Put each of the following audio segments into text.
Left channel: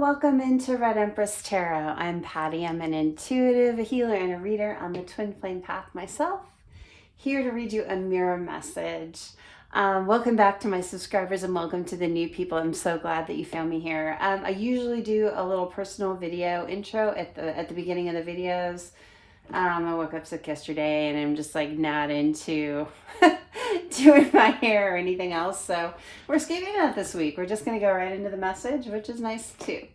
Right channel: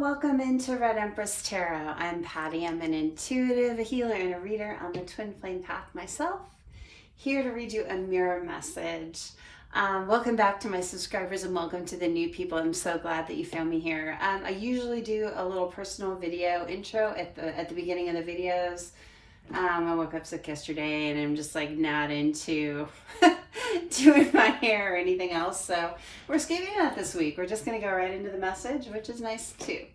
welcome into Red Empress Tarot. I'm Patty. I'm an intuitive, a healer, and a reader on the Twin Flame Path myself. Here to read you a mirror message. Welcome back to my subscribers and welcome to the new people. I'm so glad that you found me here. I usually do a little personal video intro at the beginning of the videos. I woke up sick yesterday and I'm just like not into doing my hair or anything else. So we're skipping that this week. We're just going to go right into the message, which is nice too.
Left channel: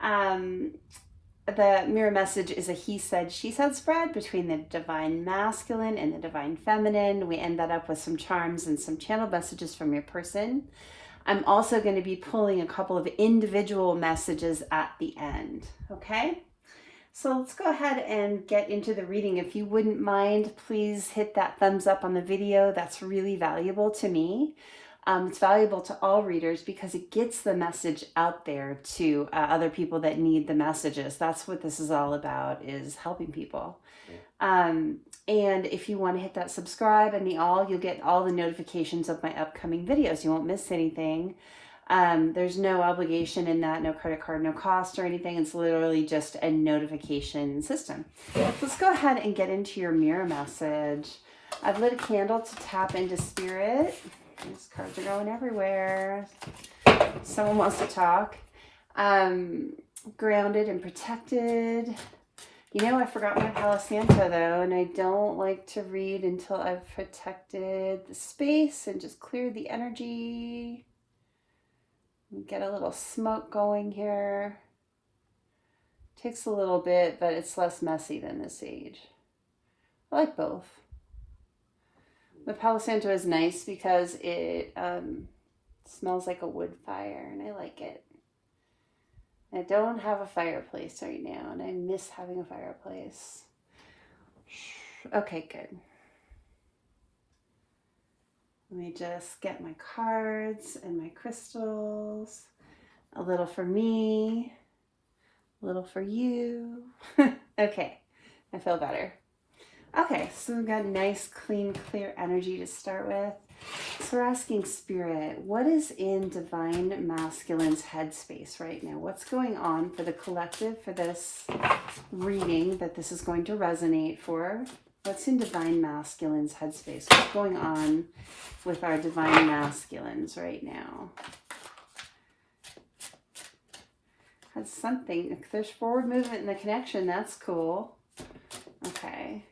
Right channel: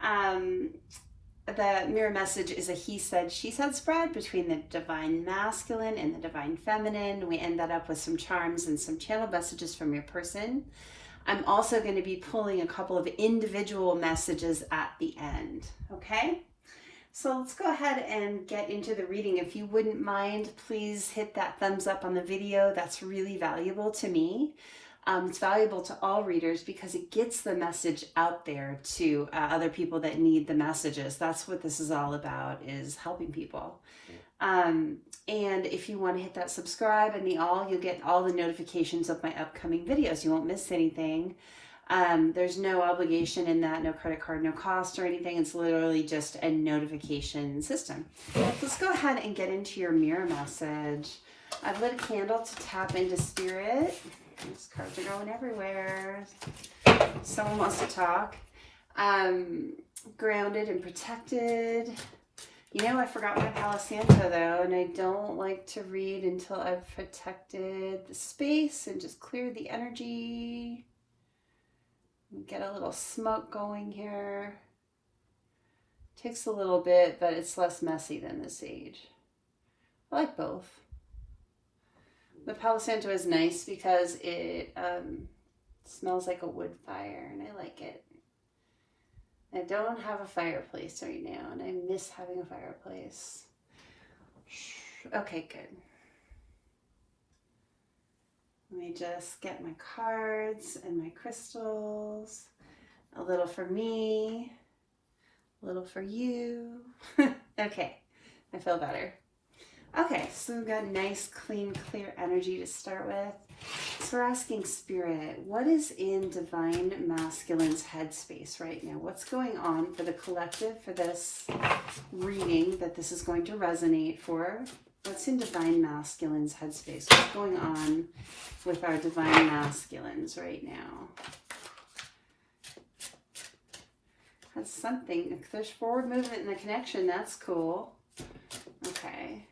The mirror message is a he said, she said spread between the divine masculine and the divine feminine. We end that up with some charms and some channel messages from your person. I'm also going to be pulling a couple of individual messages at the end. Okay? So let's go ahead and get into the reading. If you wouldn't mind, please hit that thumbs up on the video. That's really valuable to me. It's valuable to all readers because it gets the message out there to other people that need the messages. That's what this is all about, is helping people. And if you want to hit that subscribe and the all, you'll get all the notifications of my upcoming videos. You won't miss anything. There's no obligation in that, no credit card, no cost or anything. It's literally just a notification system. Let's go ahead and get into your mirror message. I've lit a candle to tap into spirit. These cards are going everywhere. Someone wants to talk. Grounded and protected. You know, I forgot my Palo Santo though, and I don't like to read until I've protected the space and just cleared the energy. Get a little smoke going here. Takes a little bit, but it's less messy than the sage. I like both. The Palo Santo is nice because it smells like a wood fire, and I like it. I don't have a fireplace right now, and I miss having a fireplace. Okay, good. Let me just get my cards and my crystals. A little for me, a little for you. Okay, I feel better. Okay, so we've got nice, clean, clear energy to start with. So we're asking Spirit, what is in Divine Masculine's headspace right now? What's going on for the collective for this reading that this is going to resonate for? What's in Divine Masculine's headspace? What's going on with our Divine Masculines right now? Has something, if there's forward movement in the connection, that's cool. Okay.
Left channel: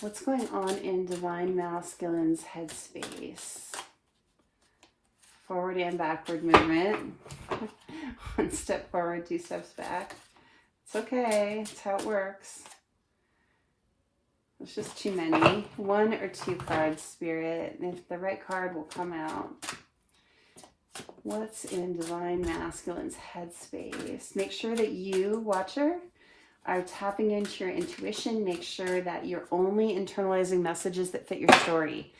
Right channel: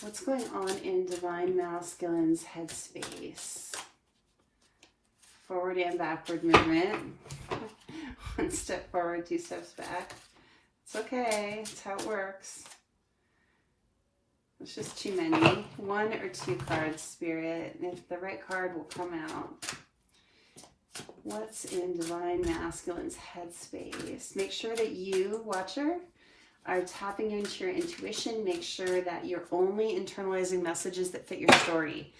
What's going on in Divine Masculine's headspace? Forward and backward movement. One step forward, two steps back. It's okay. It's how it works. It's just too many. One or two cards, Spirit. If the right card will come out. What's in Divine Masculine's headspace? Make sure that you, watcher, are tapping into your intuition. Make sure that you're only internalizing messages that fit your story.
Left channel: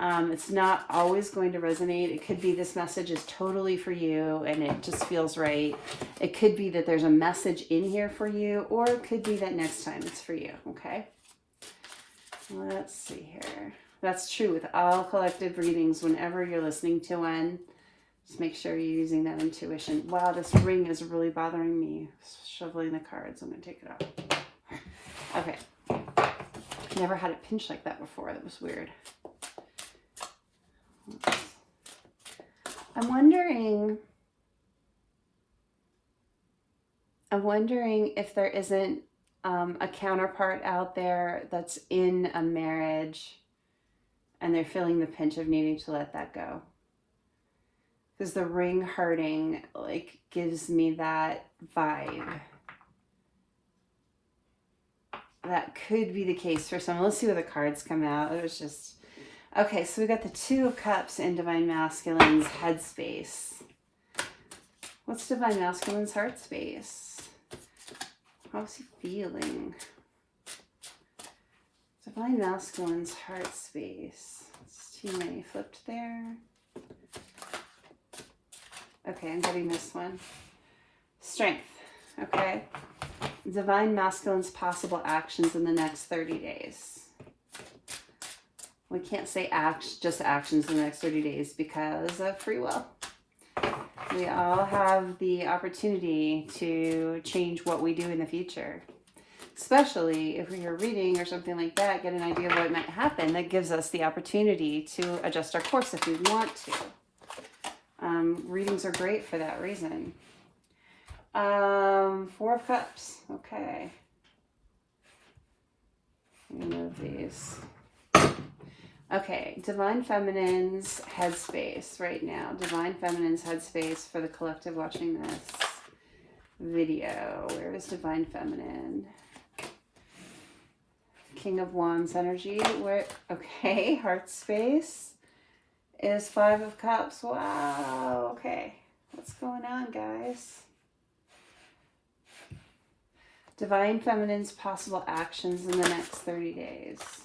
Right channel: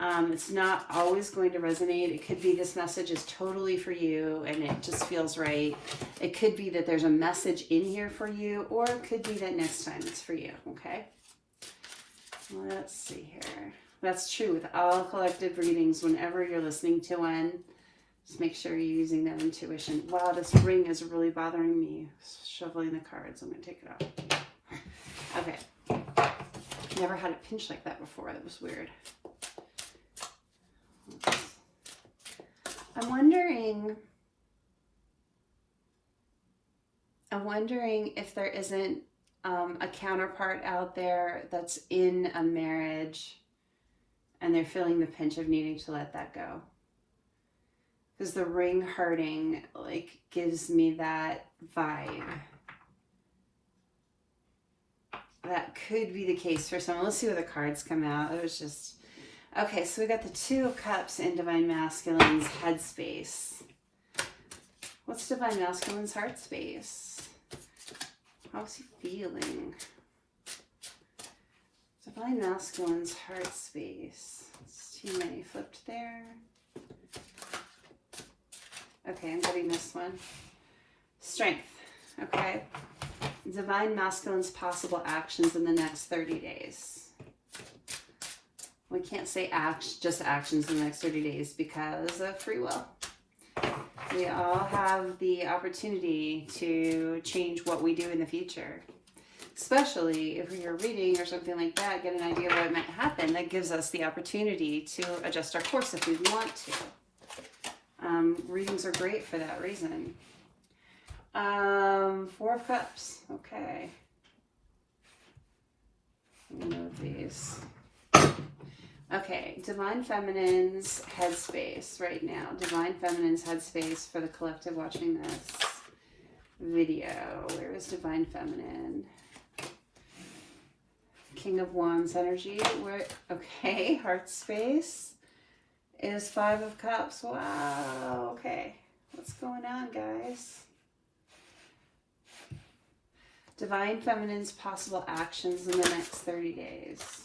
It's not always going to resonate. It could be this message is totally for you and it just feels right. It could be that there's a message in here for you, or it could be that next time it's for you, okay? Let's see here. That's true with all collective readings. Whenever you're listening to one, just make sure you're using that intuition. Wow, this ring is really bothering me. Shoveling the cards. I'm going to take it out. Okay. Never had it pinched like that before. That was weird. I'm wondering if there isn't a counterpart out there that's in a marriage and they're feeling the pinch of needing to let that go. Because the ring hurting, like, gives me that vibe. That could be the case for someone. Let's see where the cards come out. It was just... Okay, so we got the Two of Cups in Divine Masculine's headspace. What's Divine Masculine's heart space? How's he feeling? Divine Masculine's heart space. It's too many flipped there. Okay, I'm getting this one. Strength. Okay. Divine Masculine's possible actions in the next 30 days. We can't say just actions in the next 30 days because of free will. We all have the opportunity to change what we do in the future. Especially if we are reading or something like that, get an idea of what might happen. That gives us the opportunity to adjust our course if we want to. Readings are great for that reason. Four of Cups. Okay. I'm gonna move these. Okay, Divine Feminine's headspace right now. Divine Feminine's headspace for the collective watching this video. Where is Divine Feminine? King of Wands energy. Where? Okay, heart space is Five of Cups. Wow. Okay, what's going on, guys? Divine Feminine's possible actions in the next 30 days.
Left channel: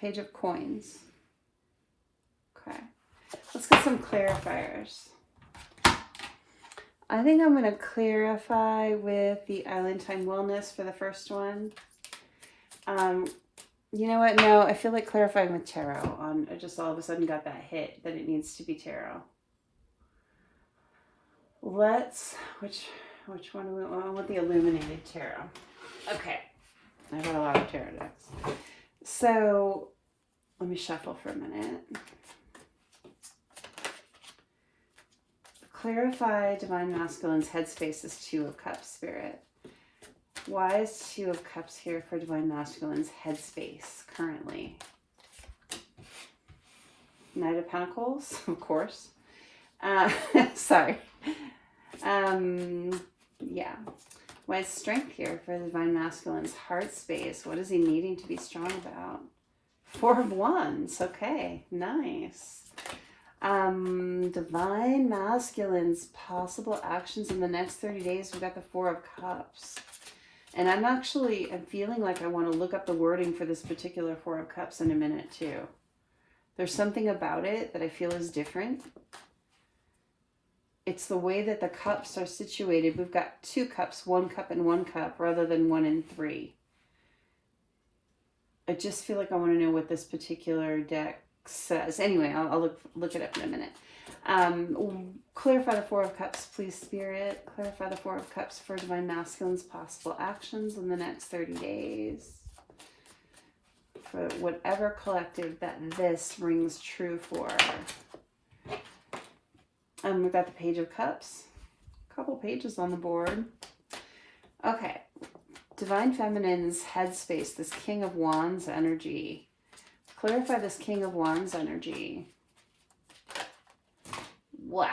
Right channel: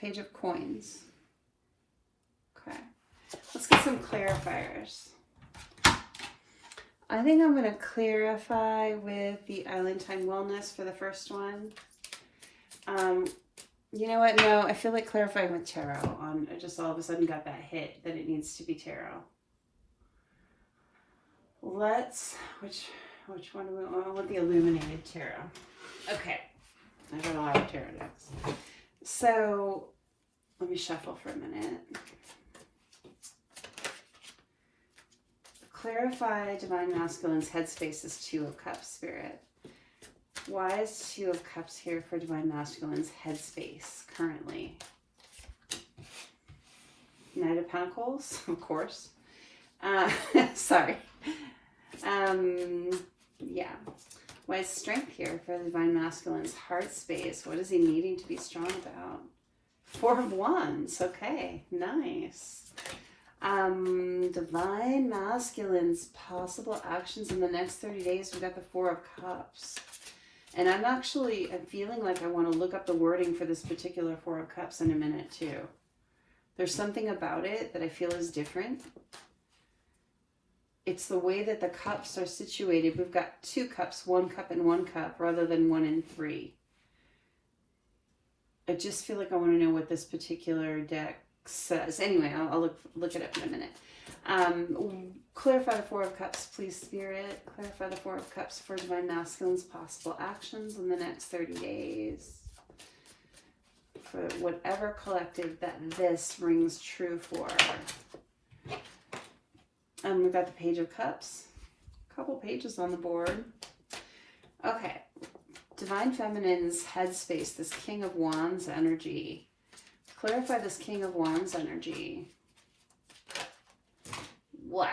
Page of Coins. Okay, let's get some clarifiers. I think I'm going to clarify with the Island Time Wellness for the first one. You know what? No, I feel like clarifying with tarot. I just all of a sudden got that hit that it needs to be tarot. Which one do we want? I want the Illuminated Tarot. Okay. I got a lot of tarot decks. So, let me shuffle for a minute. Clarify Divine Masculine's headspace is Two of Cups, Spirit. Why is Two of Cups here for Divine Masculine's headspace currently? Knight of Pentacles, of course. Sorry. Yeah. Why is strength here for the Divine Masculine's heart space? What is he needing to be strong about? Four of Wands. Okay, nice. Divine Masculine's possible actions in the next 30 days. We've got the Four of Cups. And I'm feeling like I want to look up the wording for this particular Four of Cups in a minute too. There's something about it that I feel is different. It's the way that the cups are situated. We've got two cups, one cup and one cup, rather than one and three. I just feel like I want to know what this particular deck says. Anyway, I'll look it up in a minute. Clarify the Four of Cups, please, Spirit. Clarify the Four of Cups for Divine Masculine's possible actions in the next 30 days. For whatever collective that this rings true for. We've got the Page of Cups. A couple pages on the board. Okay. Divine Feminine's headspace, this King of Wands energy. Clarify this King of Wands energy. Wow.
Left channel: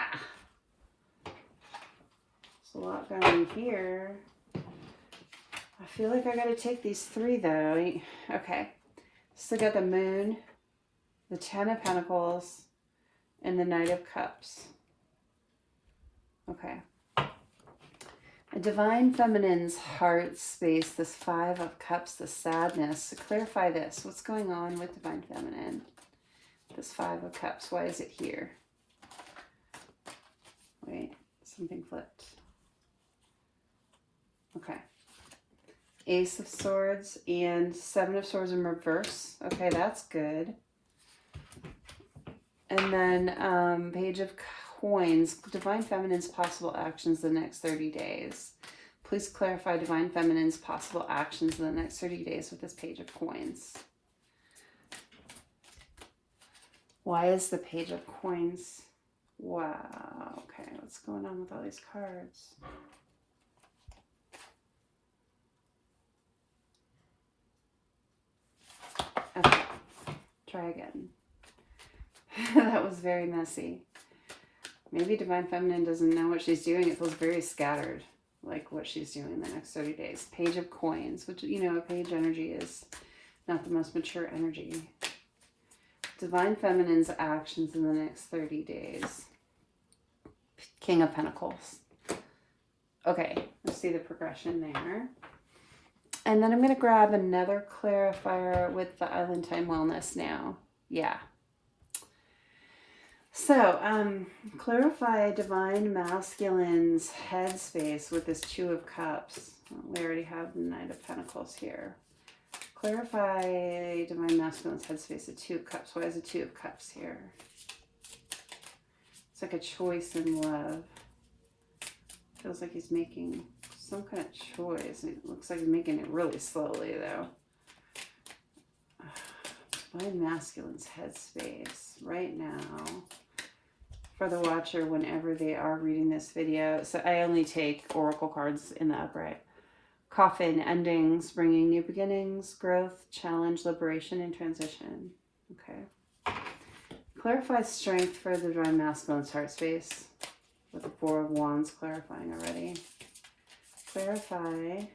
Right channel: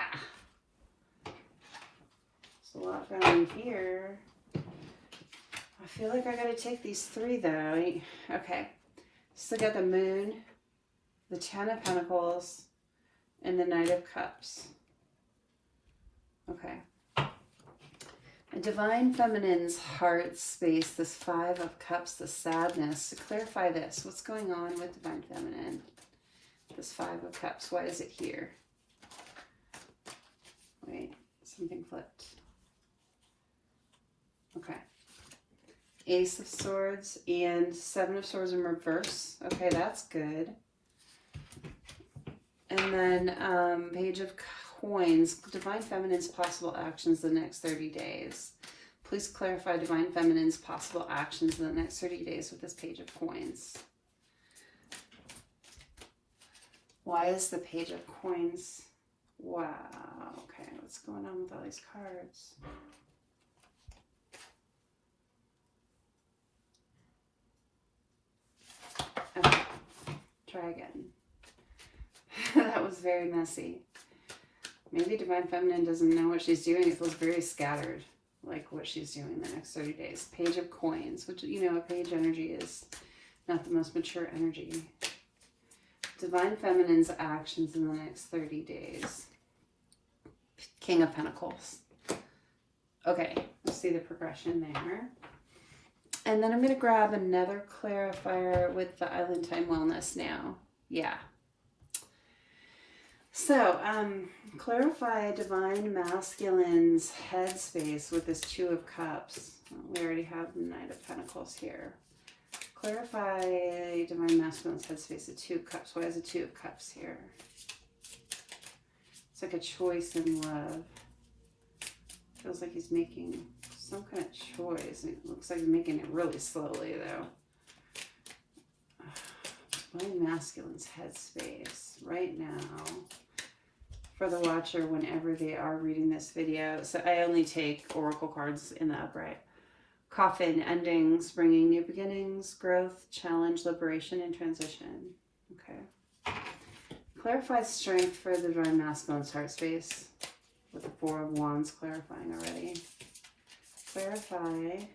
There's a lot going here. I feel like I gotta take these three though. Okay. So got the Moon, the Ten of Pentacles, and the Knight of Cups. Okay. A Divine Feminine's heart space, this Five of Cups, the sadness. To clarify this, what's going on with Divine Feminine? This Five of Cups, why is it here? Wait, something flipped. Okay. Ace of Swords and Seven of Swords in reverse. Okay, that's good. And then Page of Coins, Divine Feminine's possible actions the next 30 days. Please clarify Divine Feminine's possible actions in the next 30 days with this Page of Coins. Why is the Page of Coins? Wow. Okay, what's going on with all these cards? Okay, try again. That was very messy. Maybe Divine Feminine doesn't know what she's doing. It feels very scattered, like what she's doing in the next 30 days. Page of Coins, which, you know, a page energy is not the most mature energy. Divine Feminine's actions in the next 30 days. King of Pentacles. Okay, let's see the progression there. And then I'm going to grab another clarifier with the Island Time Wellness now. Yeah. So, clarify Divine Masculine's headspace with this Two of Cups. We already have the Knight of Pentacles here. Clarify Divine Masculine's headspace, the Two of Cups. Why is the Two of Cups here? It's like a choice in love. Feels like he's making some kind of choice. It looks like he's making it really slowly, though. Divine Masculine's headspace right now for the watcher whenever they are reading this video. So I only take oracle cards in the upright. Coffin, endings, bringing new beginnings, growth, challenge, liberation, and transition. Okay. Clarify strength for the Divine Masculine's heart space with the Four of Wands clarifying already. Clarify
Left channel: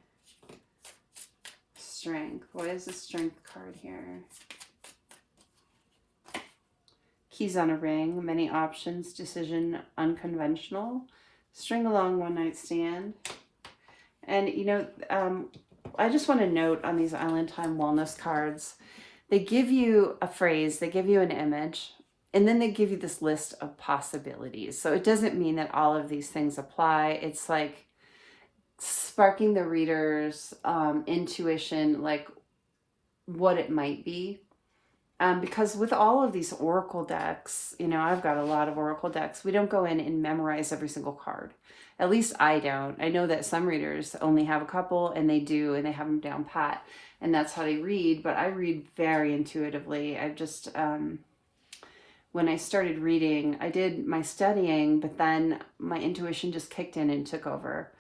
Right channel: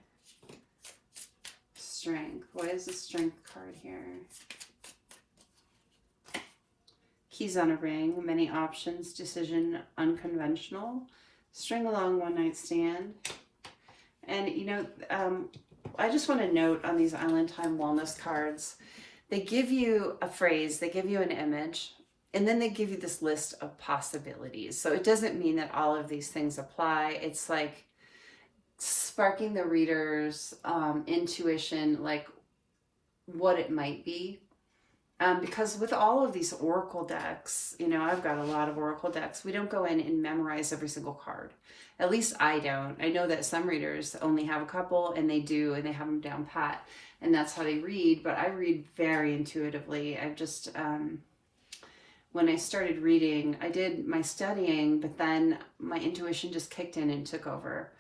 strength. What is the strength card here? Keys on a ring, many options, decision, unconventional, string along, one night stand. And, you know, I just want to note on these Island Time Wellness cards, they give you a phrase, they give you an image, and then they give you this list of possibilities. So it doesn't mean that all of these things apply. It's like sparking the reader's intuition, like what it might be. Because with all of these oracle decks, you know, I've got a lot of oracle decks. We don't go in and memorize every single card. At least I don't. I know that some readers only have a couple, and they do, and they have them down pat, and that's how they read. But I read very intuitively. I just, when I started reading, I did my studying, but then my intuition just kicked in and took over.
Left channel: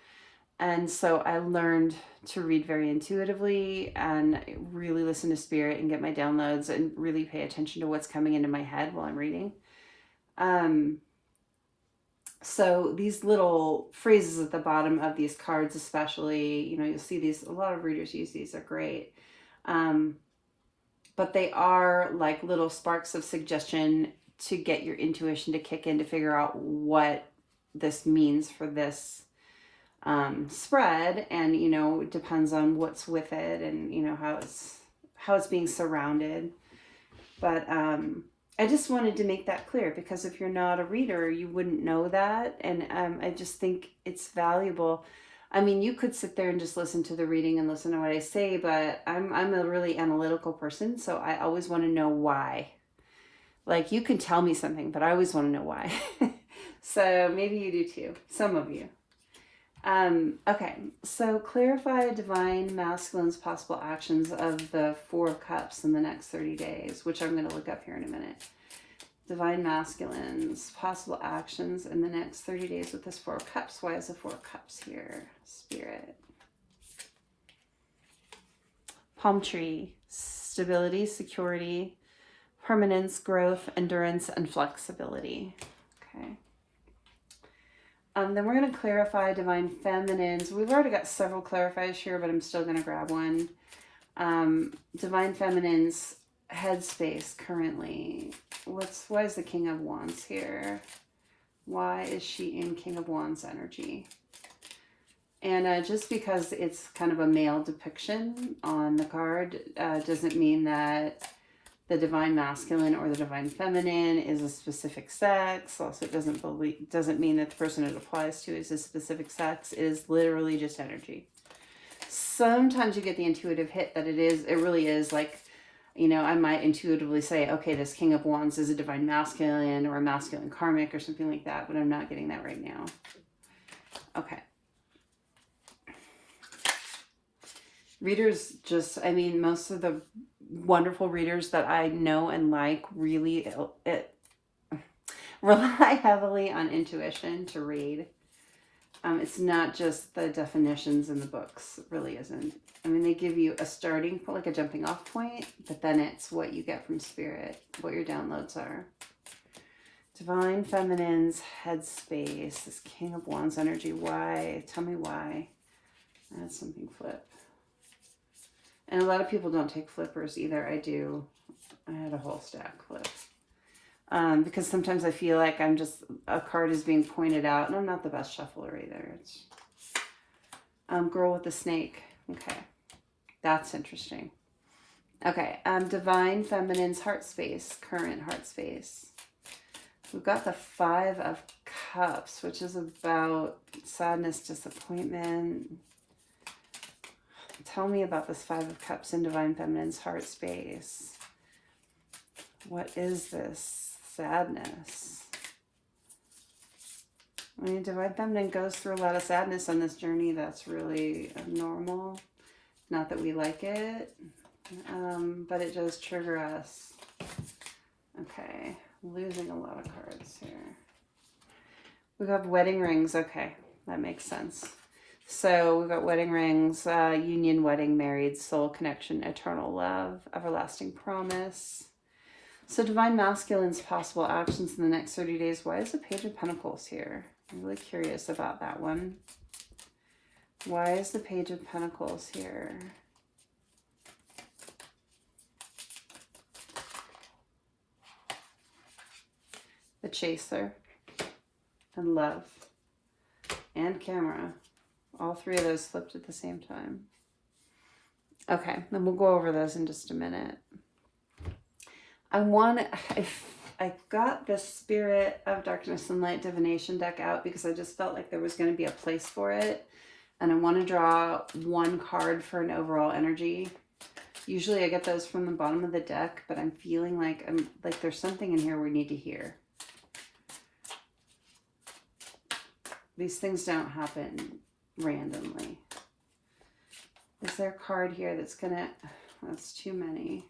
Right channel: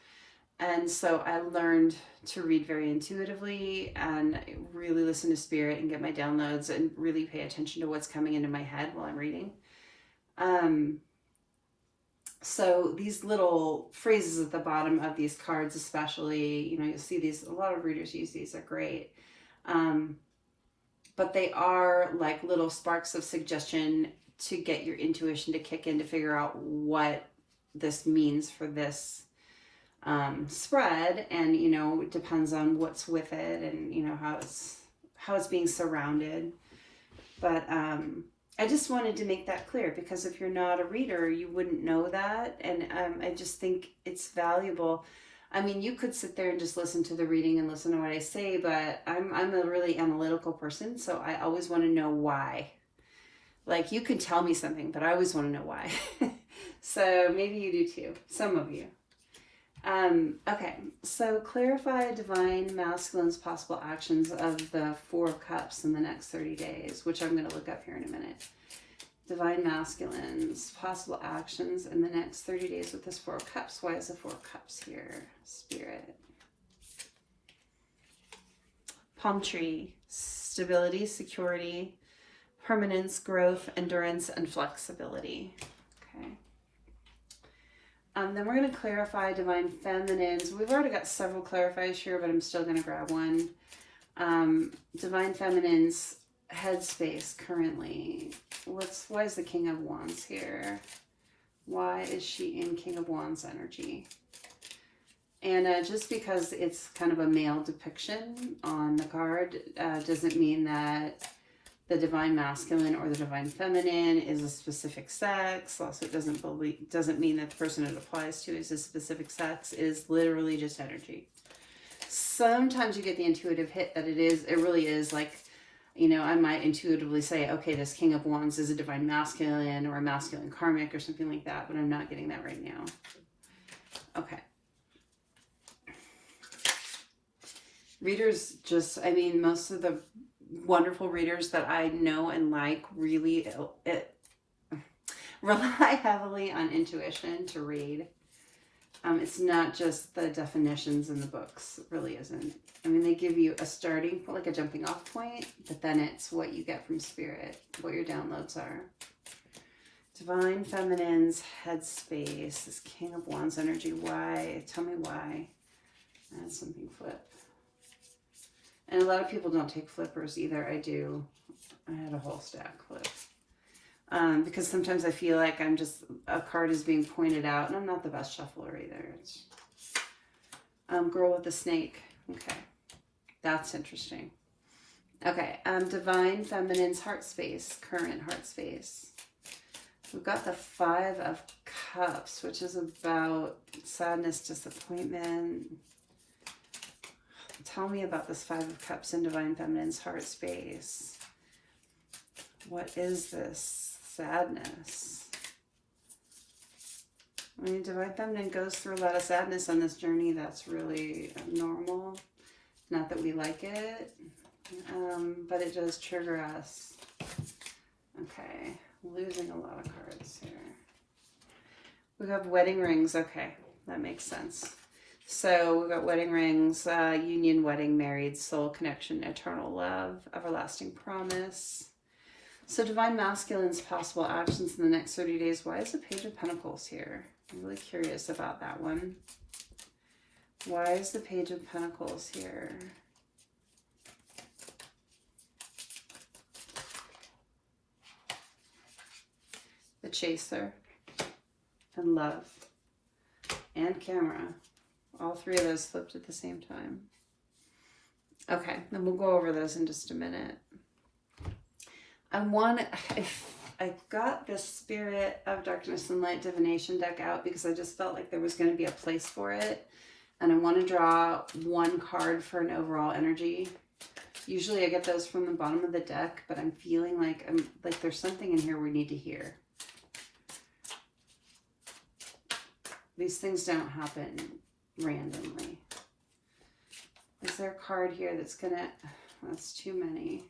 And so I learned to read very intuitively and really listen to spirit and get my downloads and really pay attention to what's coming into my head while I'm reading. So these little phrases at the bottom of these cards, especially, you know, you'll see these, a lot of readers use these, are great. But they are like little sparks of suggestion to get your intuition to kick in to figure out what this means for this spread. And, you know, it depends on what's with it and, you know, how it's being surrounded. But I just wanted to make that clear, because if you're not a reader, you wouldn't know that. And I just think it's valuable. I mean, you could sit there and just listen to the reading and listen to what I say, but I'm a really analytical person, so I always want to know why. Like, you can tell me something, but I always want to know why. So maybe you do too, some of you. Okay, so clarify Divine Masculine's possible actions of the Four of Cups in the next 30 days, which I'm going to look up here in a minute. Divine Masculine's possible actions in the next 30 days with this Four of Cups. Why is the Four of Cups here? Spirit. Palm tree. Stability, security, permanence, growth, endurance, and flexibility. Okay. Then we're going to clarify Divine Feminines. We've already got several clarifiers here, but I'm still going to grab one. Divine Feminine's headspace currently. Why is the King of Wands here? Why is she in King of Wands energy? And just because it's kind of a male depiction on the card doesn't mean that the Divine Masculine or the Divine Feminine is a specific sex. Also, it doesn't mean that the person it applies to is a specific sex. It is literally just energy. Sometimes you get the intuitive hit that it really is like, you know, I might intuitively say, okay, this King of Wands is a Divine Masculine or a Masculine Karmic or something like that, but I'm not getting that right now. Okay. Readers just, I mean, most of the wonderful readers that I know and like really rely heavily on intuition to read. It's not just the definitions in the books. It really isn't. I mean, they give you a starting point, like a jumping off point, but then it's what you get from spirit, what your downloads are. Divine Feminine's headspace, this King of Wands energy. Why? Tell me why. That's something flip. And a lot of people don't take flippers either. I do. I had a whole stack flip. Because sometimes I feel like a card is being pointed out, and I'm not the best shuffler either. It's girl with the snake. Okay. That's interesting. Okay. Divine Feminine's heart space, current heart space. We've got the Five of Cups, which is about sadness, disappointment. Tell me about this Five of Cups in Divine Feminine's heart space. What is this sadness? I mean, Divine Feminine goes through a lot of sadness on this journey. That's really normal. Not that we like it, but it does trigger us. Okay, losing a lot of cards here. We have wedding rings. Okay, that makes sense. So we've got wedding rings, union, wedding, married, soul connection, eternal love, everlasting promise. So Divine Masculine's possible actions in the next 30 days. Why is the Page of Pentacles here? I'm really curious about that one. Why is the Page of Pentacles here? The Chaser and Love and Camera. All three of those flipped at the same time. Okay, then we'll go over those in just a minute. I got the Spirit of Darkness and Light Divination deck out because I just felt like there was going to be a place for it. And I want to draw one card for an overall energy. Usually I get those from the bottom of the deck, but I'm feeling like there's something in here we need to hear. These things don't happen randomly. Is there a card here that's gonna, that's too many.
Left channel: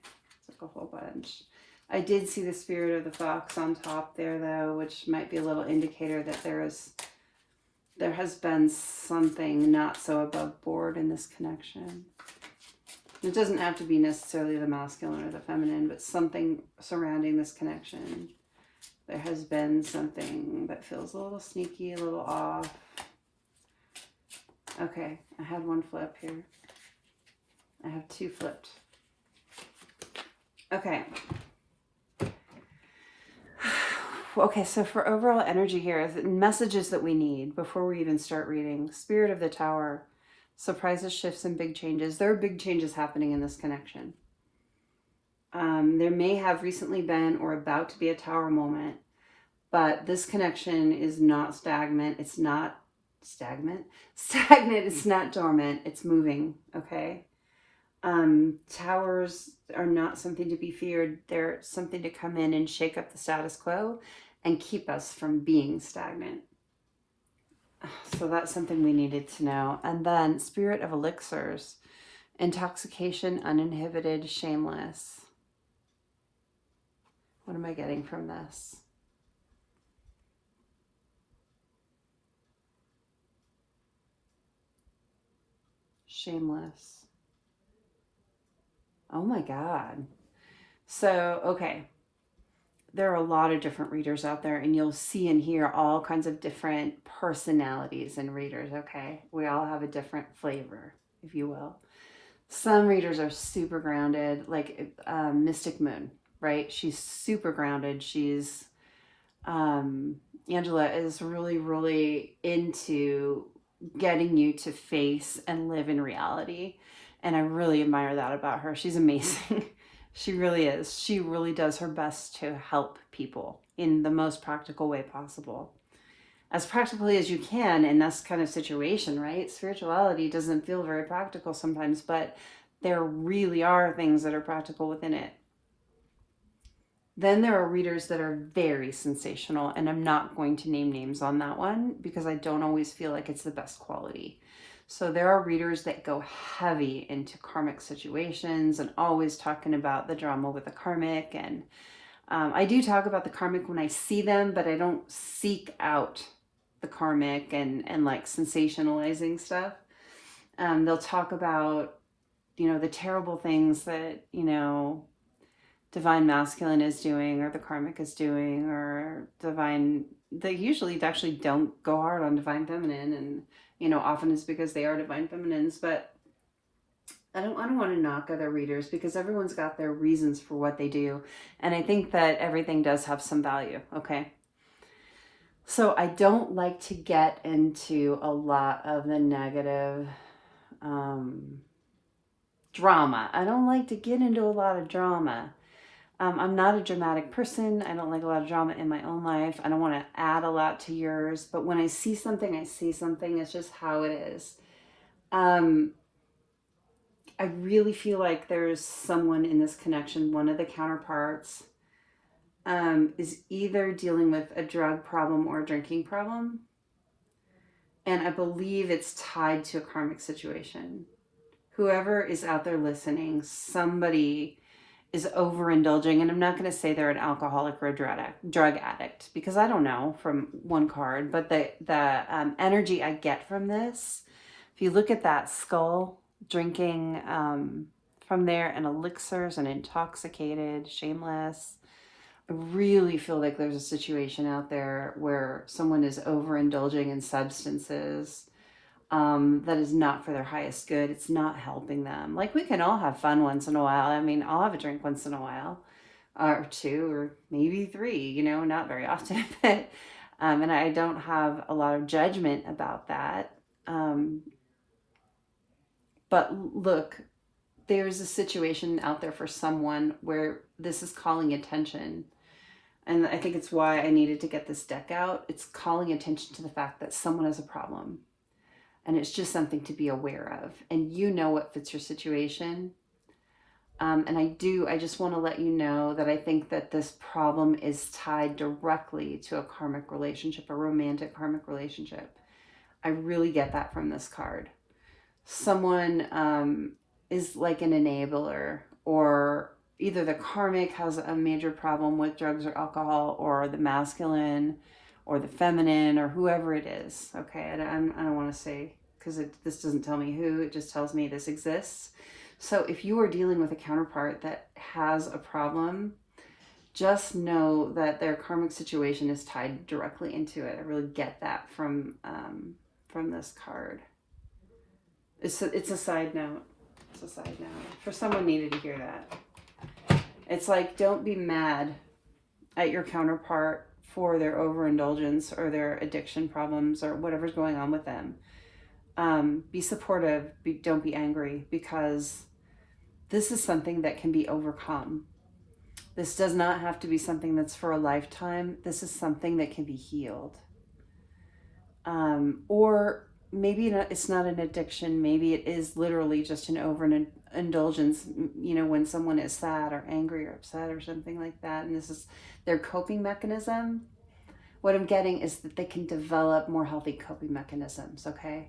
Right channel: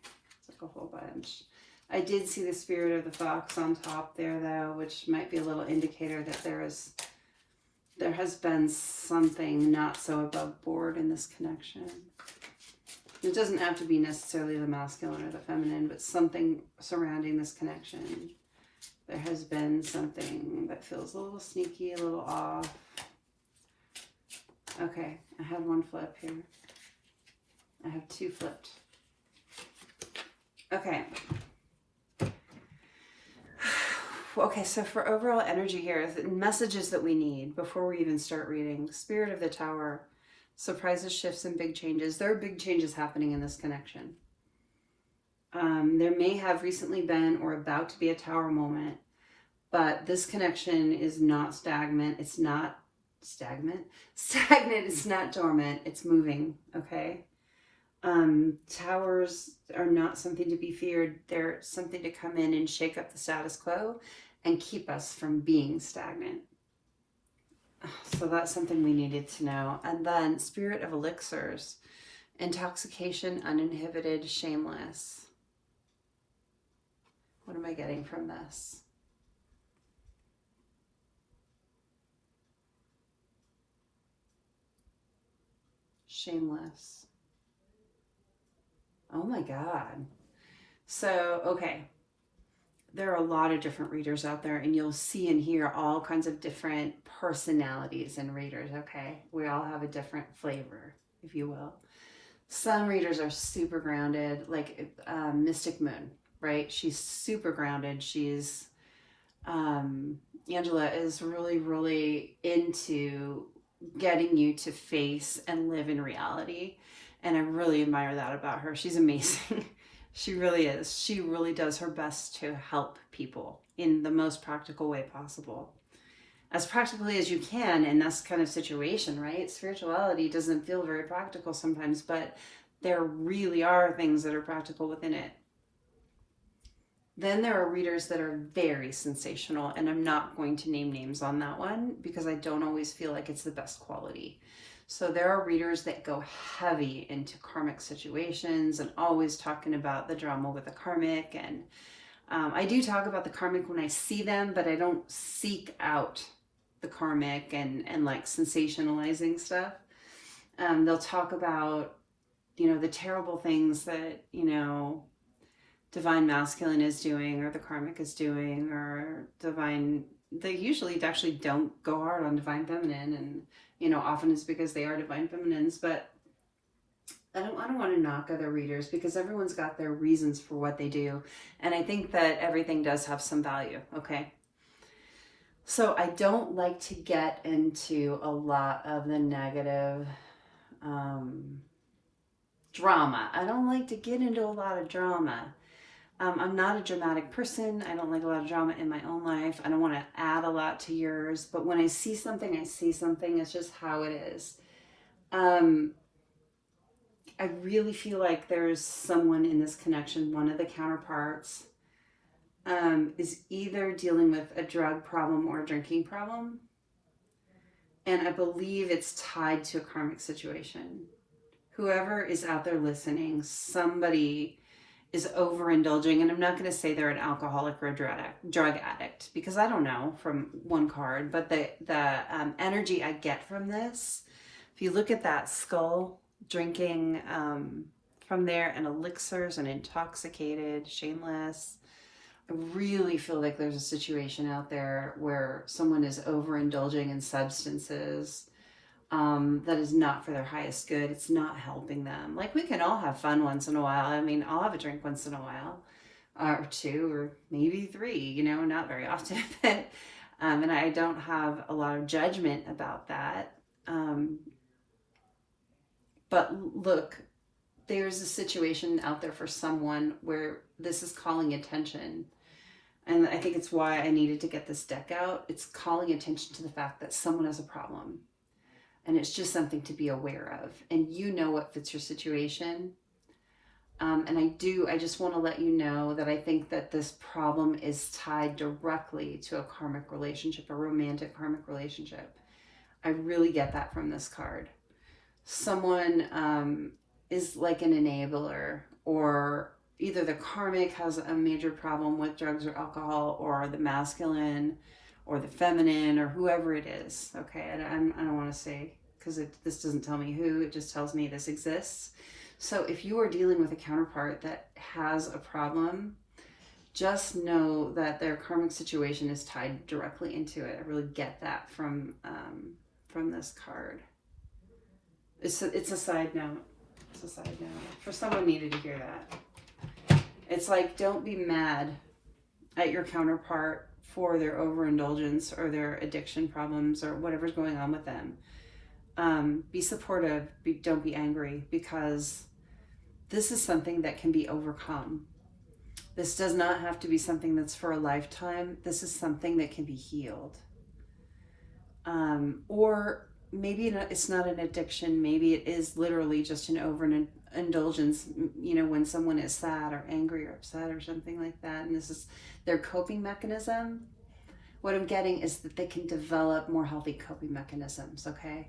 It's like a whole bunch. I did see the Spirit of the Fox on top there though, which might be a little indicator that there has been something not so above board in this connection. It doesn't have to be necessarily the masculine or the feminine, but something surrounding this connection. There has been something that feels a little sneaky, a little off. Okay, I had one flip here. I have two flipped. Okay. Okay, so for overall energy here, the messages that we need before we even start reading. Spirit of the Tower, surprises, shifts, and big changes. There are big changes happening in this connection. There may have recently been or about to be a tower moment, but this connection is not stagnant. It's not stagnant. It's not dormant. It's moving, okay? Towers are not something to be feared. They're something to come in and shake up the status quo and keep us from being stagnant. So that's something we needed to know. And then Spirit of Elixirs, intoxication, uninhibited, shameless. What am I getting from this? Shameless. Oh my God. So, okay. There are a lot of different readers out there, and you'll see and hear all kinds of different personalities in readers, okay? We all have a different flavor, if you will. Some readers are super grounded, like Mystic Moon, right? She's super grounded. She's, Angela is really, really into getting you to face and live in reality. And I really admire that about her. She's amazing. She really is. She really does her best to help people in the most practical way possible. As practically as you can in this kind of situation, right? Spirituality doesn't feel very practical sometimes, but there really are things that are practical within it. Then there are readers that are very sensational, and I'm not going to name names on that one because I don't always feel like it's the best quality. So there are readers that go heavy into karmic situations and always talking about the drama with the karmic. And I do talk about the karmic when I see them, but I don't seek out the karmic and like sensationalizing stuff. They'll talk about, the terrible things that, Divine Masculine is doing or the karmic is doing, or they usually actually don't go hard on Divine Feminine, and often it's because they are Divine Feminines, but I don't want to knock other readers because everyone's got their reasons for what they do. And I think that everything does have some value, okay? So I don't like to get into a lot of the negative drama. I don't like to get into a lot of drama. I'm not a dramatic person. I don't like a lot of drama in my own life. I don't want to add a lot to yours. But when I see something, I see something. It's just how it is. I really feel like there's someone in this connection, one of the counterparts, is either dealing with a drug problem or a drinking problem. And I believe it's tied to a karmic situation. Whoever is out there listening, somebody is overindulging, and I'm not going to say they're an alcoholic or a drug addict, because I don't know from one card, but the energy I get from this, if you look at that skull, drinking from there, and elixirs and intoxicated, shameless, I really feel like there's a situation out there where someone is overindulging in substances that is not for their highest good. It's not helping them. Like, we can all have fun once in a while. I mean, I'll have a drink once in a while, or two, or maybe three, you know, not very often, but, and I don't have a lot of judgment about that. But look, there's a situation out there for someone where this is calling attention. And I think it's why I needed to get this deck out. It's calling attention to the fact that someone has a problem. And it's just something to be aware of. And you know what fits your situation. And I just want to let you know that I think that this problem is tied directly to a karmic relationship, a romantic karmic relationship. I really get that from this card. Someone is like an enabler, or either the karmic has a major problem with drugs or alcohol, or the masculine or the feminine, or whoever it is. Okay, I don't want to say, because this doesn't tell me who, it just tells me this exists. So if you are dealing with a counterpart that has a problem, just know that their karmic situation is tied directly into it. I really get that from this card. It's a side note. It's a side note. For someone needed to hear that. It's like, don't be mad at your counterpart for their overindulgence or their addiction problems or whatever's going on with them. Be supportive. Don't be angry, because this is something that can be overcome. This does not have to be something that's for a lifetime. This is something that can be healed. Or maybe it's not an addiction. Maybe it is literally just an overindulgence, you know, when someone is sad or angry or upset or something like that. And this is their coping mechanism. What I'm getting is that they can develop more healthy coping mechanisms, okay?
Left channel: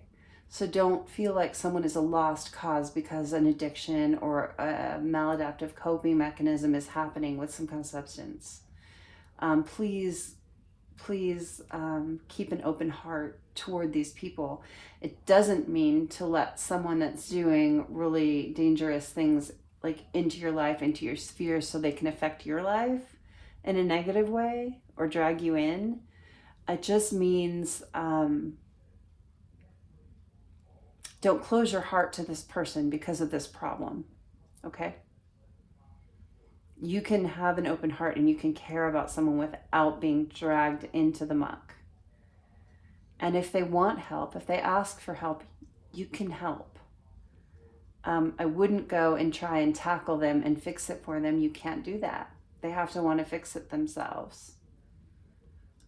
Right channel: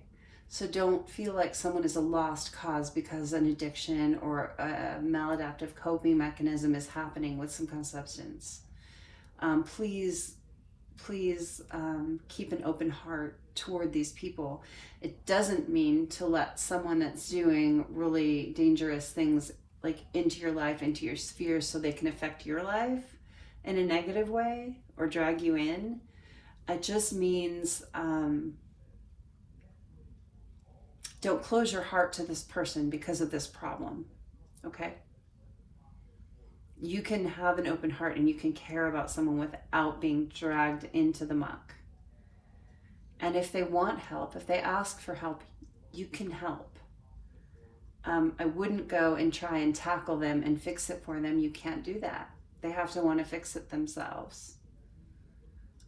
So don't feel like someone is a lost cause because an addiction or a maladaptive coping mechanism is happening with some kind of substance. Please keep an open heart toward these people. It doesn't mean to let someone that's doing really dangerous things like into your life, into your sphere, so they can affect your life in a negative way or drag you in. It just means don't close your heart to this person because of this problem, okay? You can have an open heart and you can care about someone without being dragged into the muck. And if they want help, if they ask for help, you can help. I wouldn't go and try and tackle them and fix it for them. You can't do that. They have to want to fix it themselves.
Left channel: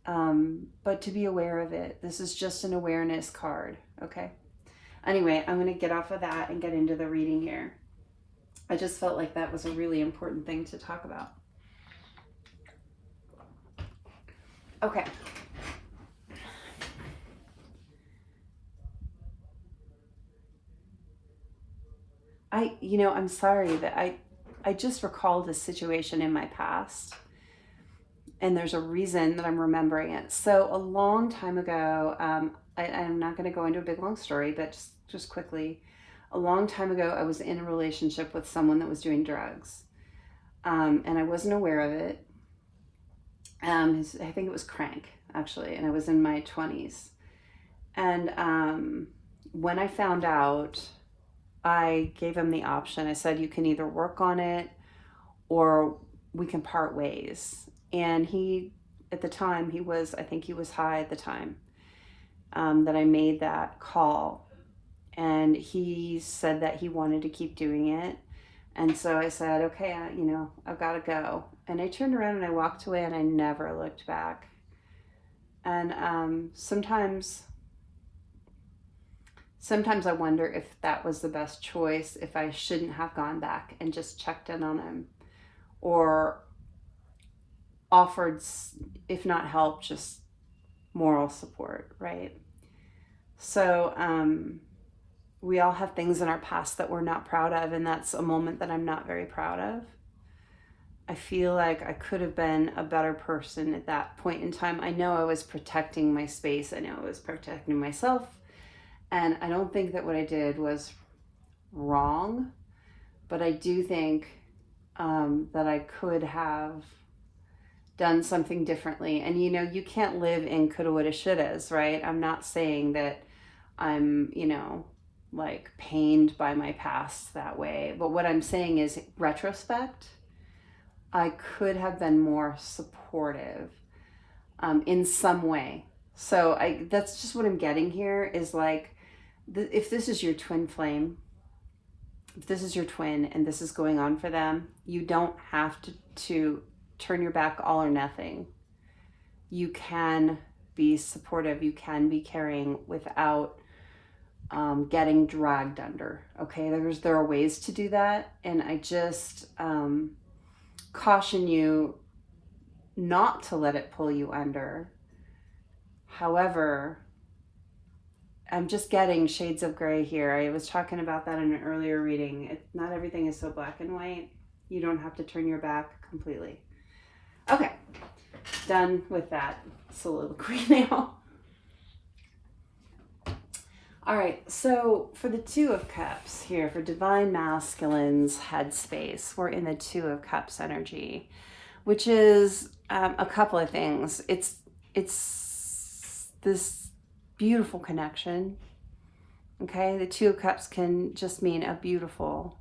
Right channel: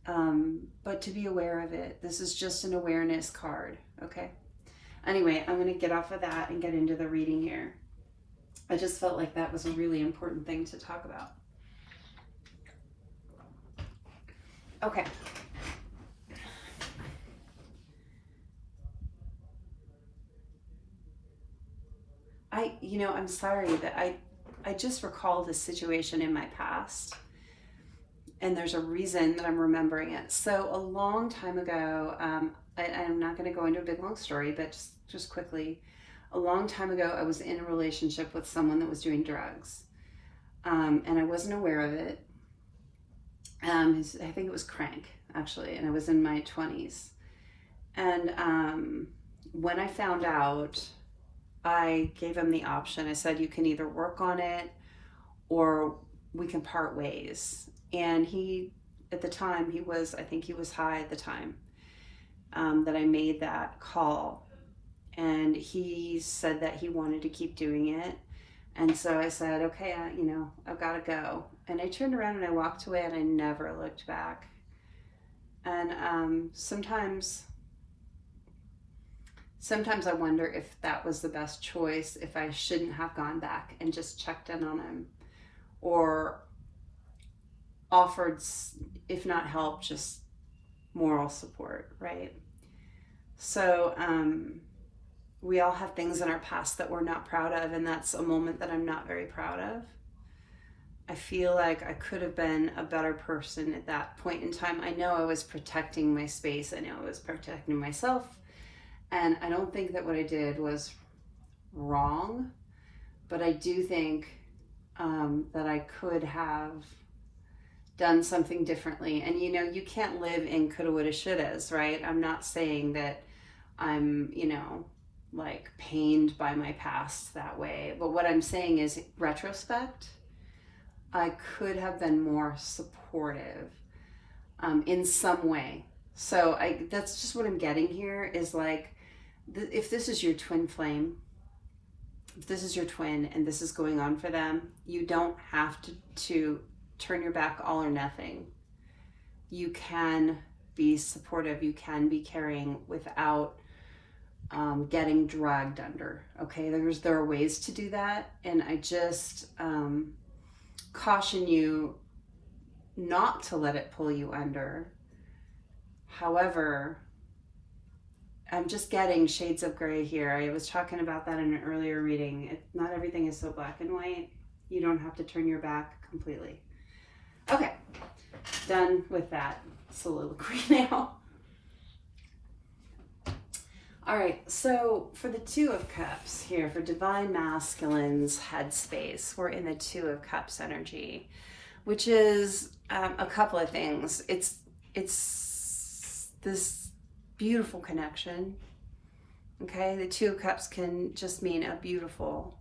But to be aware of it, this is just an awareness card, okay? Anyway, I'm going to get off of that and get into the reading here. I just felt like that was a really important thing to talk about. Okay. I'm sorry that I just recalled a situation in my past, and there's a reason that I'm remembering it. So a long time ago, I'm not going to go into a big long story, but just quickly, a long time ago, I was in a relationship with someone that was doing drugs, and I wasn't aware of it. I think it was crank, actually, and I was in my 20s. And when I found out, I gave him the option. I said, you can either work on it or we can part ways. And he, at the time, I think he was high at the time that I made that call. And he said that he wanted to keep doing it. And so I said, okay, I've got to go. And I turned around and I walked away and I never looked back. And sometimes I wonder if that was the best choice, if I shouldn't have gone back and just checked in on him or offered, if not help, just moral support, right? So we all have things in our past that we're not proud of, and that's a moment that I'm not very proud of. I feel like I could have been a better person at that point in time. I know I was protecting my space. I know I was protecting myself. And I don't think that what I did was wrong, but I do think that I could have done something differently. And you know, you can't live in coulda, woulda, shouldas, right? I'm not saying that I'm, like pained by my past that way. But what I'm saying is, retrospect, I could have been more supportive in some way. So that's just what I'm getting here is like, if this is your twin flame, if this is your twin and this is going on for them, you don't have to turn your back all or nothing. You can be supportive, you can be caring without getting dragged under. Okay, there are ways to do that, and I just caution you not to let it pull you under. However, I'm just getting shades of gray here. I was talking about that in an earlier reading. Not everything is so black and white. You don't have to turn your back completely. Okay, done with that soliloquy now. All right, so for the Two of Cups here, for Divine Masculine's headspace, we're in the Two of Cups energy, which is a couple of things. It's this beautiful connection. Okay, the Two of Cups can just mean a beautiful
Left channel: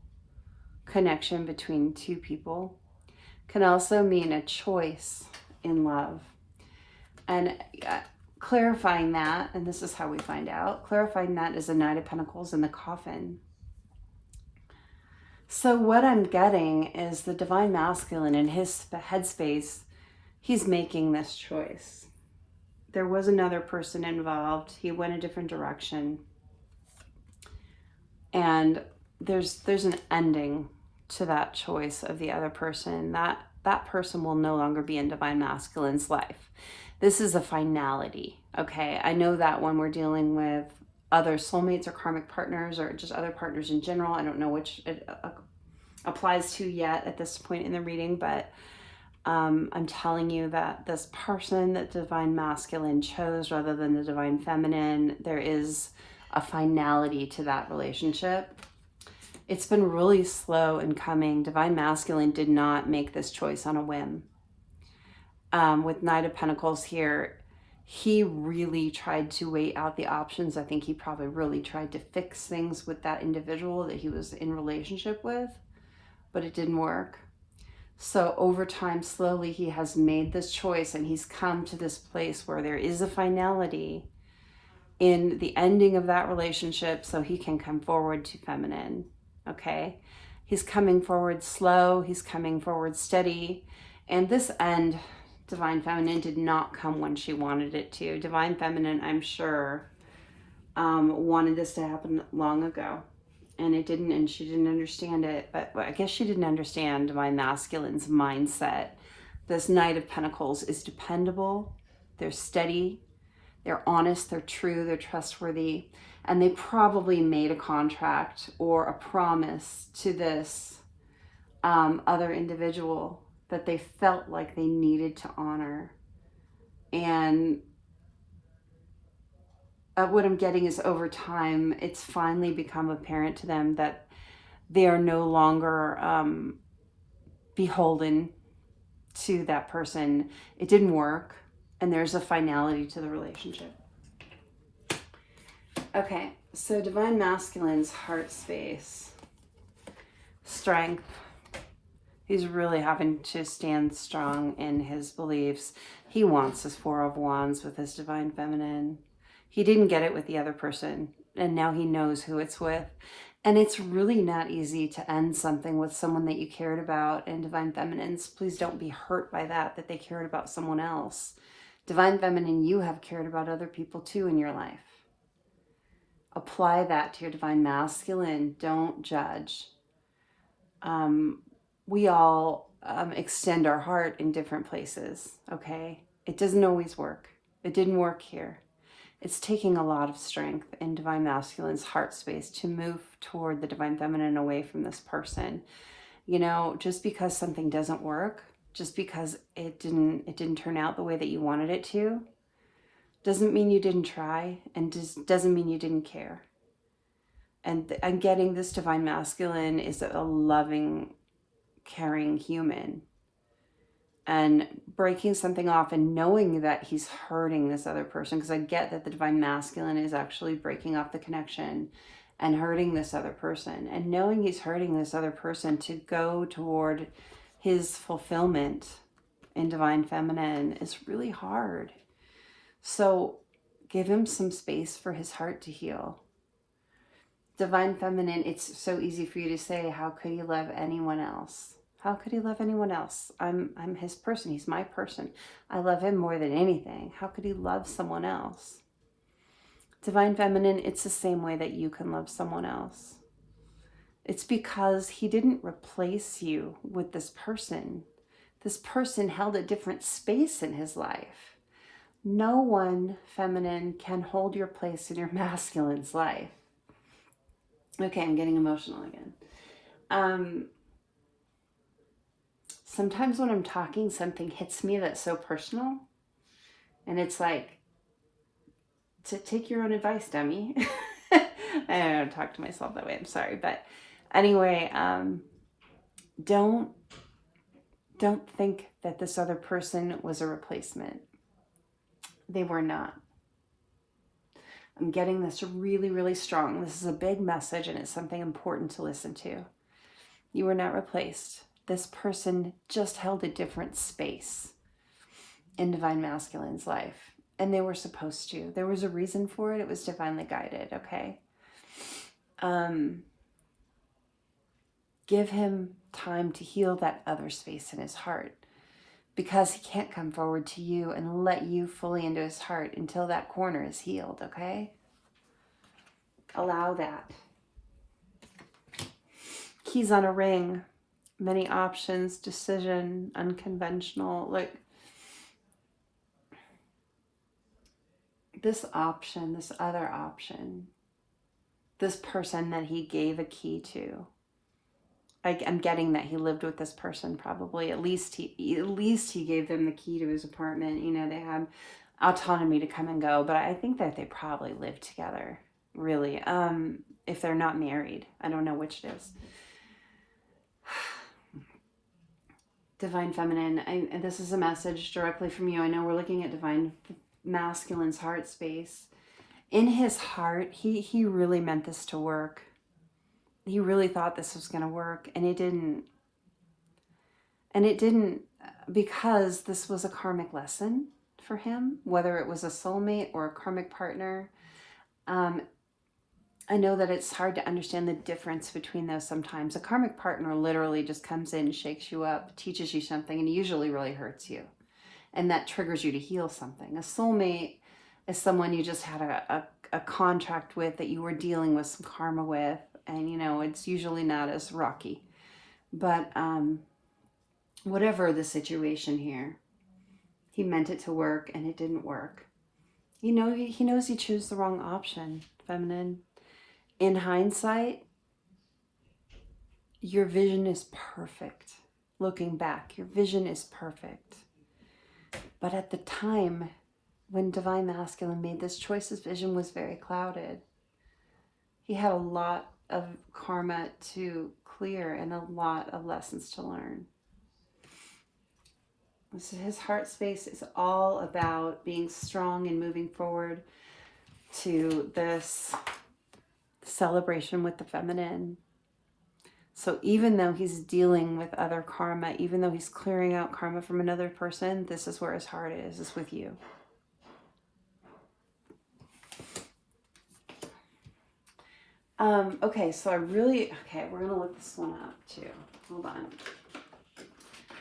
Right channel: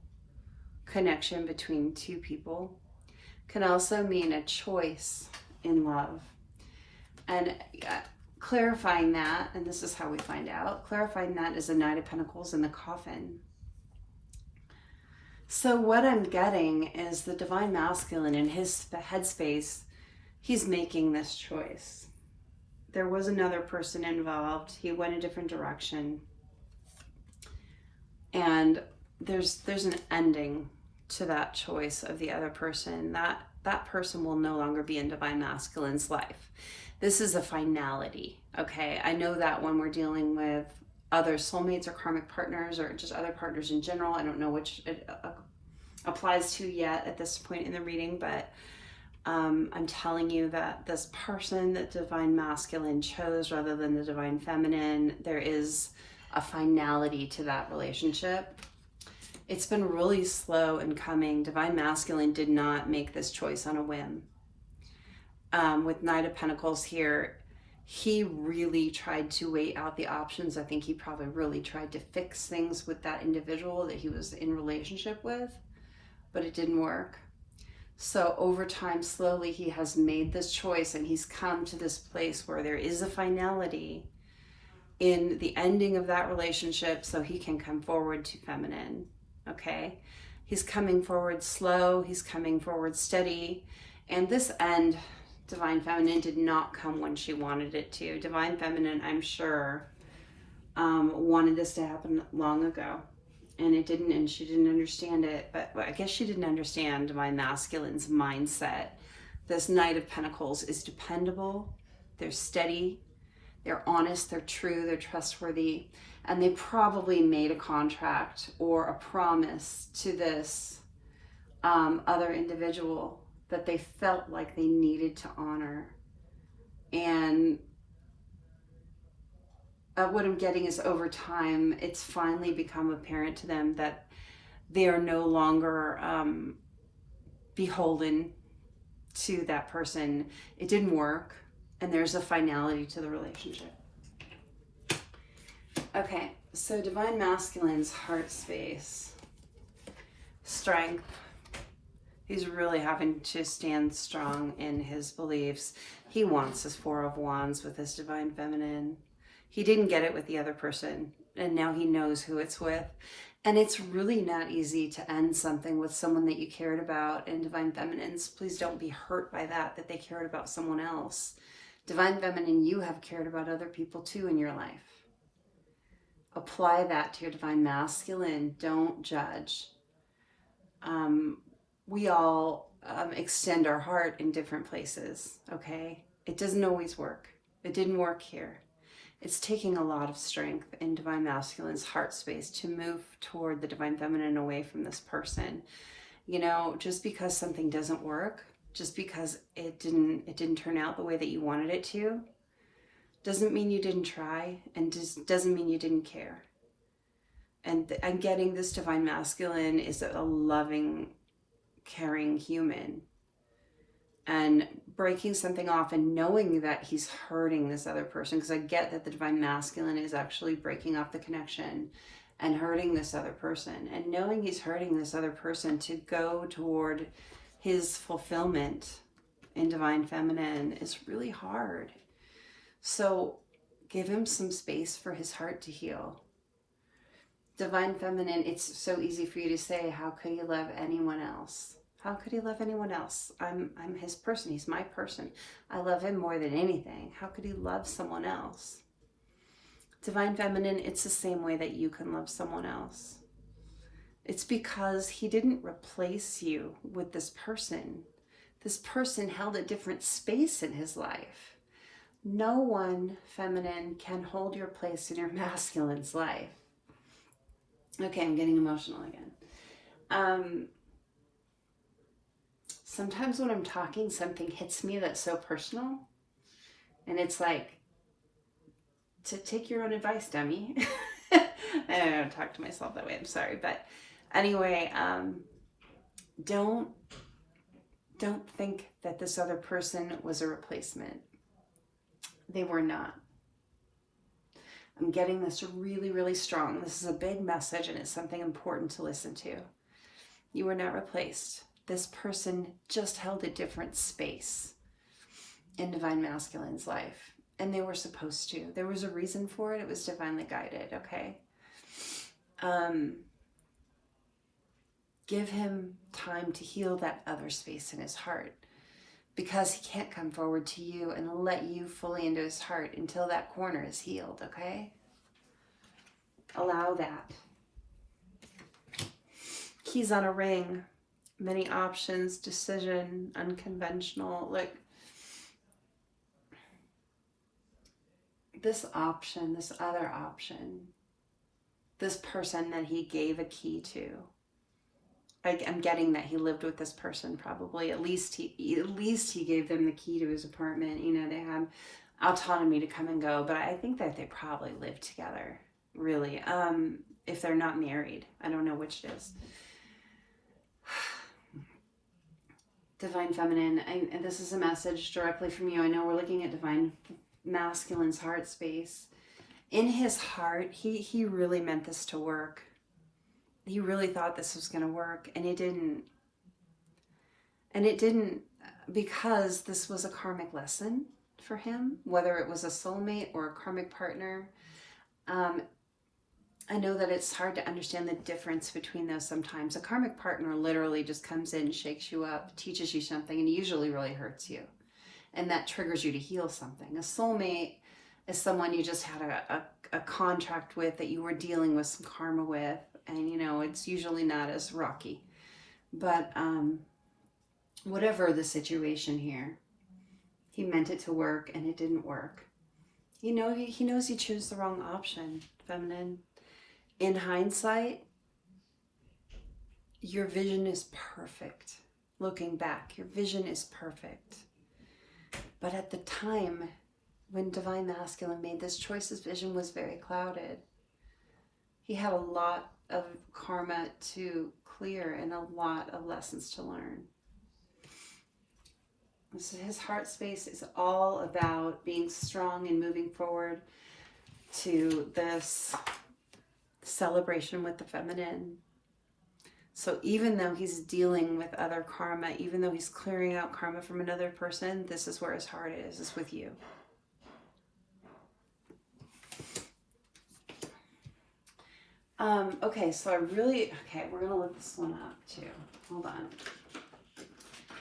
connection between two people. Can also mean a choice in love. And clarifying that, and this is how we find out, clarifying that is a Knight of Pentacles in the coffin. So what I'm getting is the Divine Masculine in his headspace, he's making this choice. There was another person involved. He went a different direction. And there's an ending to that choice of the other person. That person will no longer be in Divine Masculine's life. This is a finality, okay? I know that when we're dealing with other soulmates or karmic partners or just other partners in general, I don't know which it applies to yet at this point in the reading, but I'm telling you that this person that Divine Masculine chose rather than the Divine Feminine, there is a finality to that relationship. It's been really slow in coming. Divine Masculine did not make this choice on a whim. With Knight of Pentacles here, he really tried to weigh out the options. I think he probably really tried to fix things with that individual that he was in relationship with, but it didn't work. So over time, slowly, he has made this choice and he's come to this place where there is a finality in the ending of that relationship so he can come forward to feminine, okay? He's coming forward slow, he's coming forward steady, and this end, Divine Feminine, did not come when she wanted it to. Divine Feminine, I'm sure, wanted this to happen long ago. And it didn't, and she didn't understand it. But I guess she didn't understand Divine Masculine's mindset. This Knight of Pentacles is dependable. They're steady. They're honest. They're true. They're trustworthy. And they probably made a contract or a promise to this other individual that they felt like they needed to honor. And what I'm getting is over time, it's finally become apparent to them that they are no longer beholden to that person. It didn't work, and there's a finality to the relationship. Okay, so Divine Masculine's heart space, strength. He's really having to stand strong in his beliefs. He wants his Four of Wands with his Divine Feminine. He didn't get it with the other person, and now he knows who it's with. And it's really not easy to end something with someone that you cared about. And Divine Feminines, please don't be hurt by that they cared about someone else. Divine Feminine, you have cared about other people too in your life. Apply that to your Divine Masculine. Don't judge. We all extend our heart in different places, okay? It doesn't always work. It didn't work here. It's taking a lot of strength in Divine Masculine's heart space to move toward the Divine Feminine away from this person. You know, just because something doesn't work, just because it didn't turn out the way that you wanted it to, doesn't mean you didn't try, and just doesn't mean you didn't care. And getting this Divine Masculine is a loving, caring human. And breaking something off and knowing that he's hurting this other person, because I get that the Divine Masculine is actually breaking off the connection and hurting this other person, and knowing he's hurting this other person to go toward his fulfillment in Divine Feminine is really hard. So give him some space for his heart to heal. Divine Feminine, it's so easy for you to say, how could he love anyone else? How could he love anyone else? I'm his person. He's my person. I love him more than anything. How could he love someone else? Divine Feminine, it's the same way that you can love someone else. It's because he didn't replace you with this person. This person held a different space in his life. No one, Feminine, can hold your place in your masculine's life. Okay, I'm getting emotional again. Sometimes when I'm talking, something hits me that's so personal. And it's like, to take your own advice, dummy. I don't talk to myself that way. I'm sorry. But anyway, don't think that this other person was a replacement. They were not. I'm getting this really, really strong. This is a big message, and it's something important to listen to. You were not replaced. This person just held a different space in Divine Masculine's life. And they were supposed to. There was a reason for it. It was divinely guided, okay? Give him time to heal that other space in his heart, because he can't come forward to you and let you fully into his heart until that corner is healed, okay? Allow that. Keys on a ring. Many options, decision, unconventional, like this option, this other option, this person that he gave a key to. I'm getting that he lived with this person probably. At least he gave them the key to his apartment. You know, they had autonomy to come and go, but I think that they probably lived together, really. If they're not married, I don't know which it is. Divine Feminine, and this is a message directly from you. I know we're looking at Divine Masculine's heart space. In his heart, he really meant this to work. He really thought this was going to work, and it didn't. And it didn't, because this was a karmic lesson for him, whether it was a soulmate or a karmic partner. I know that it's hard to understand the difference between those sometimes. A karmic partner literally just comes in, shakes you up, teaches you something, and usually really hurts you. And that triggers you to heal something. A soulmate is someone you just had a contract with, that you were dealing with some karma with, and you know, it's usually not as rocky. But whatever the situation here, he meant it to work and it didn't work. You know, he knows he chose the wrong option, Feminine. In hindsight, your vision is perfect. Looking back, your vision is perfect. But at the time when Divine Masculine made this choice, his vision was very clouded. He had a lot of karma to clear and a lot of lessons to learn. So his heart space is all about being strong and moving forward to this celebration with the feminine. So even though he's dealing with other karma, even though he's clearing out karma from another person, this is where his heart is with you. Okay, so we're going to look this one up too. Hold on.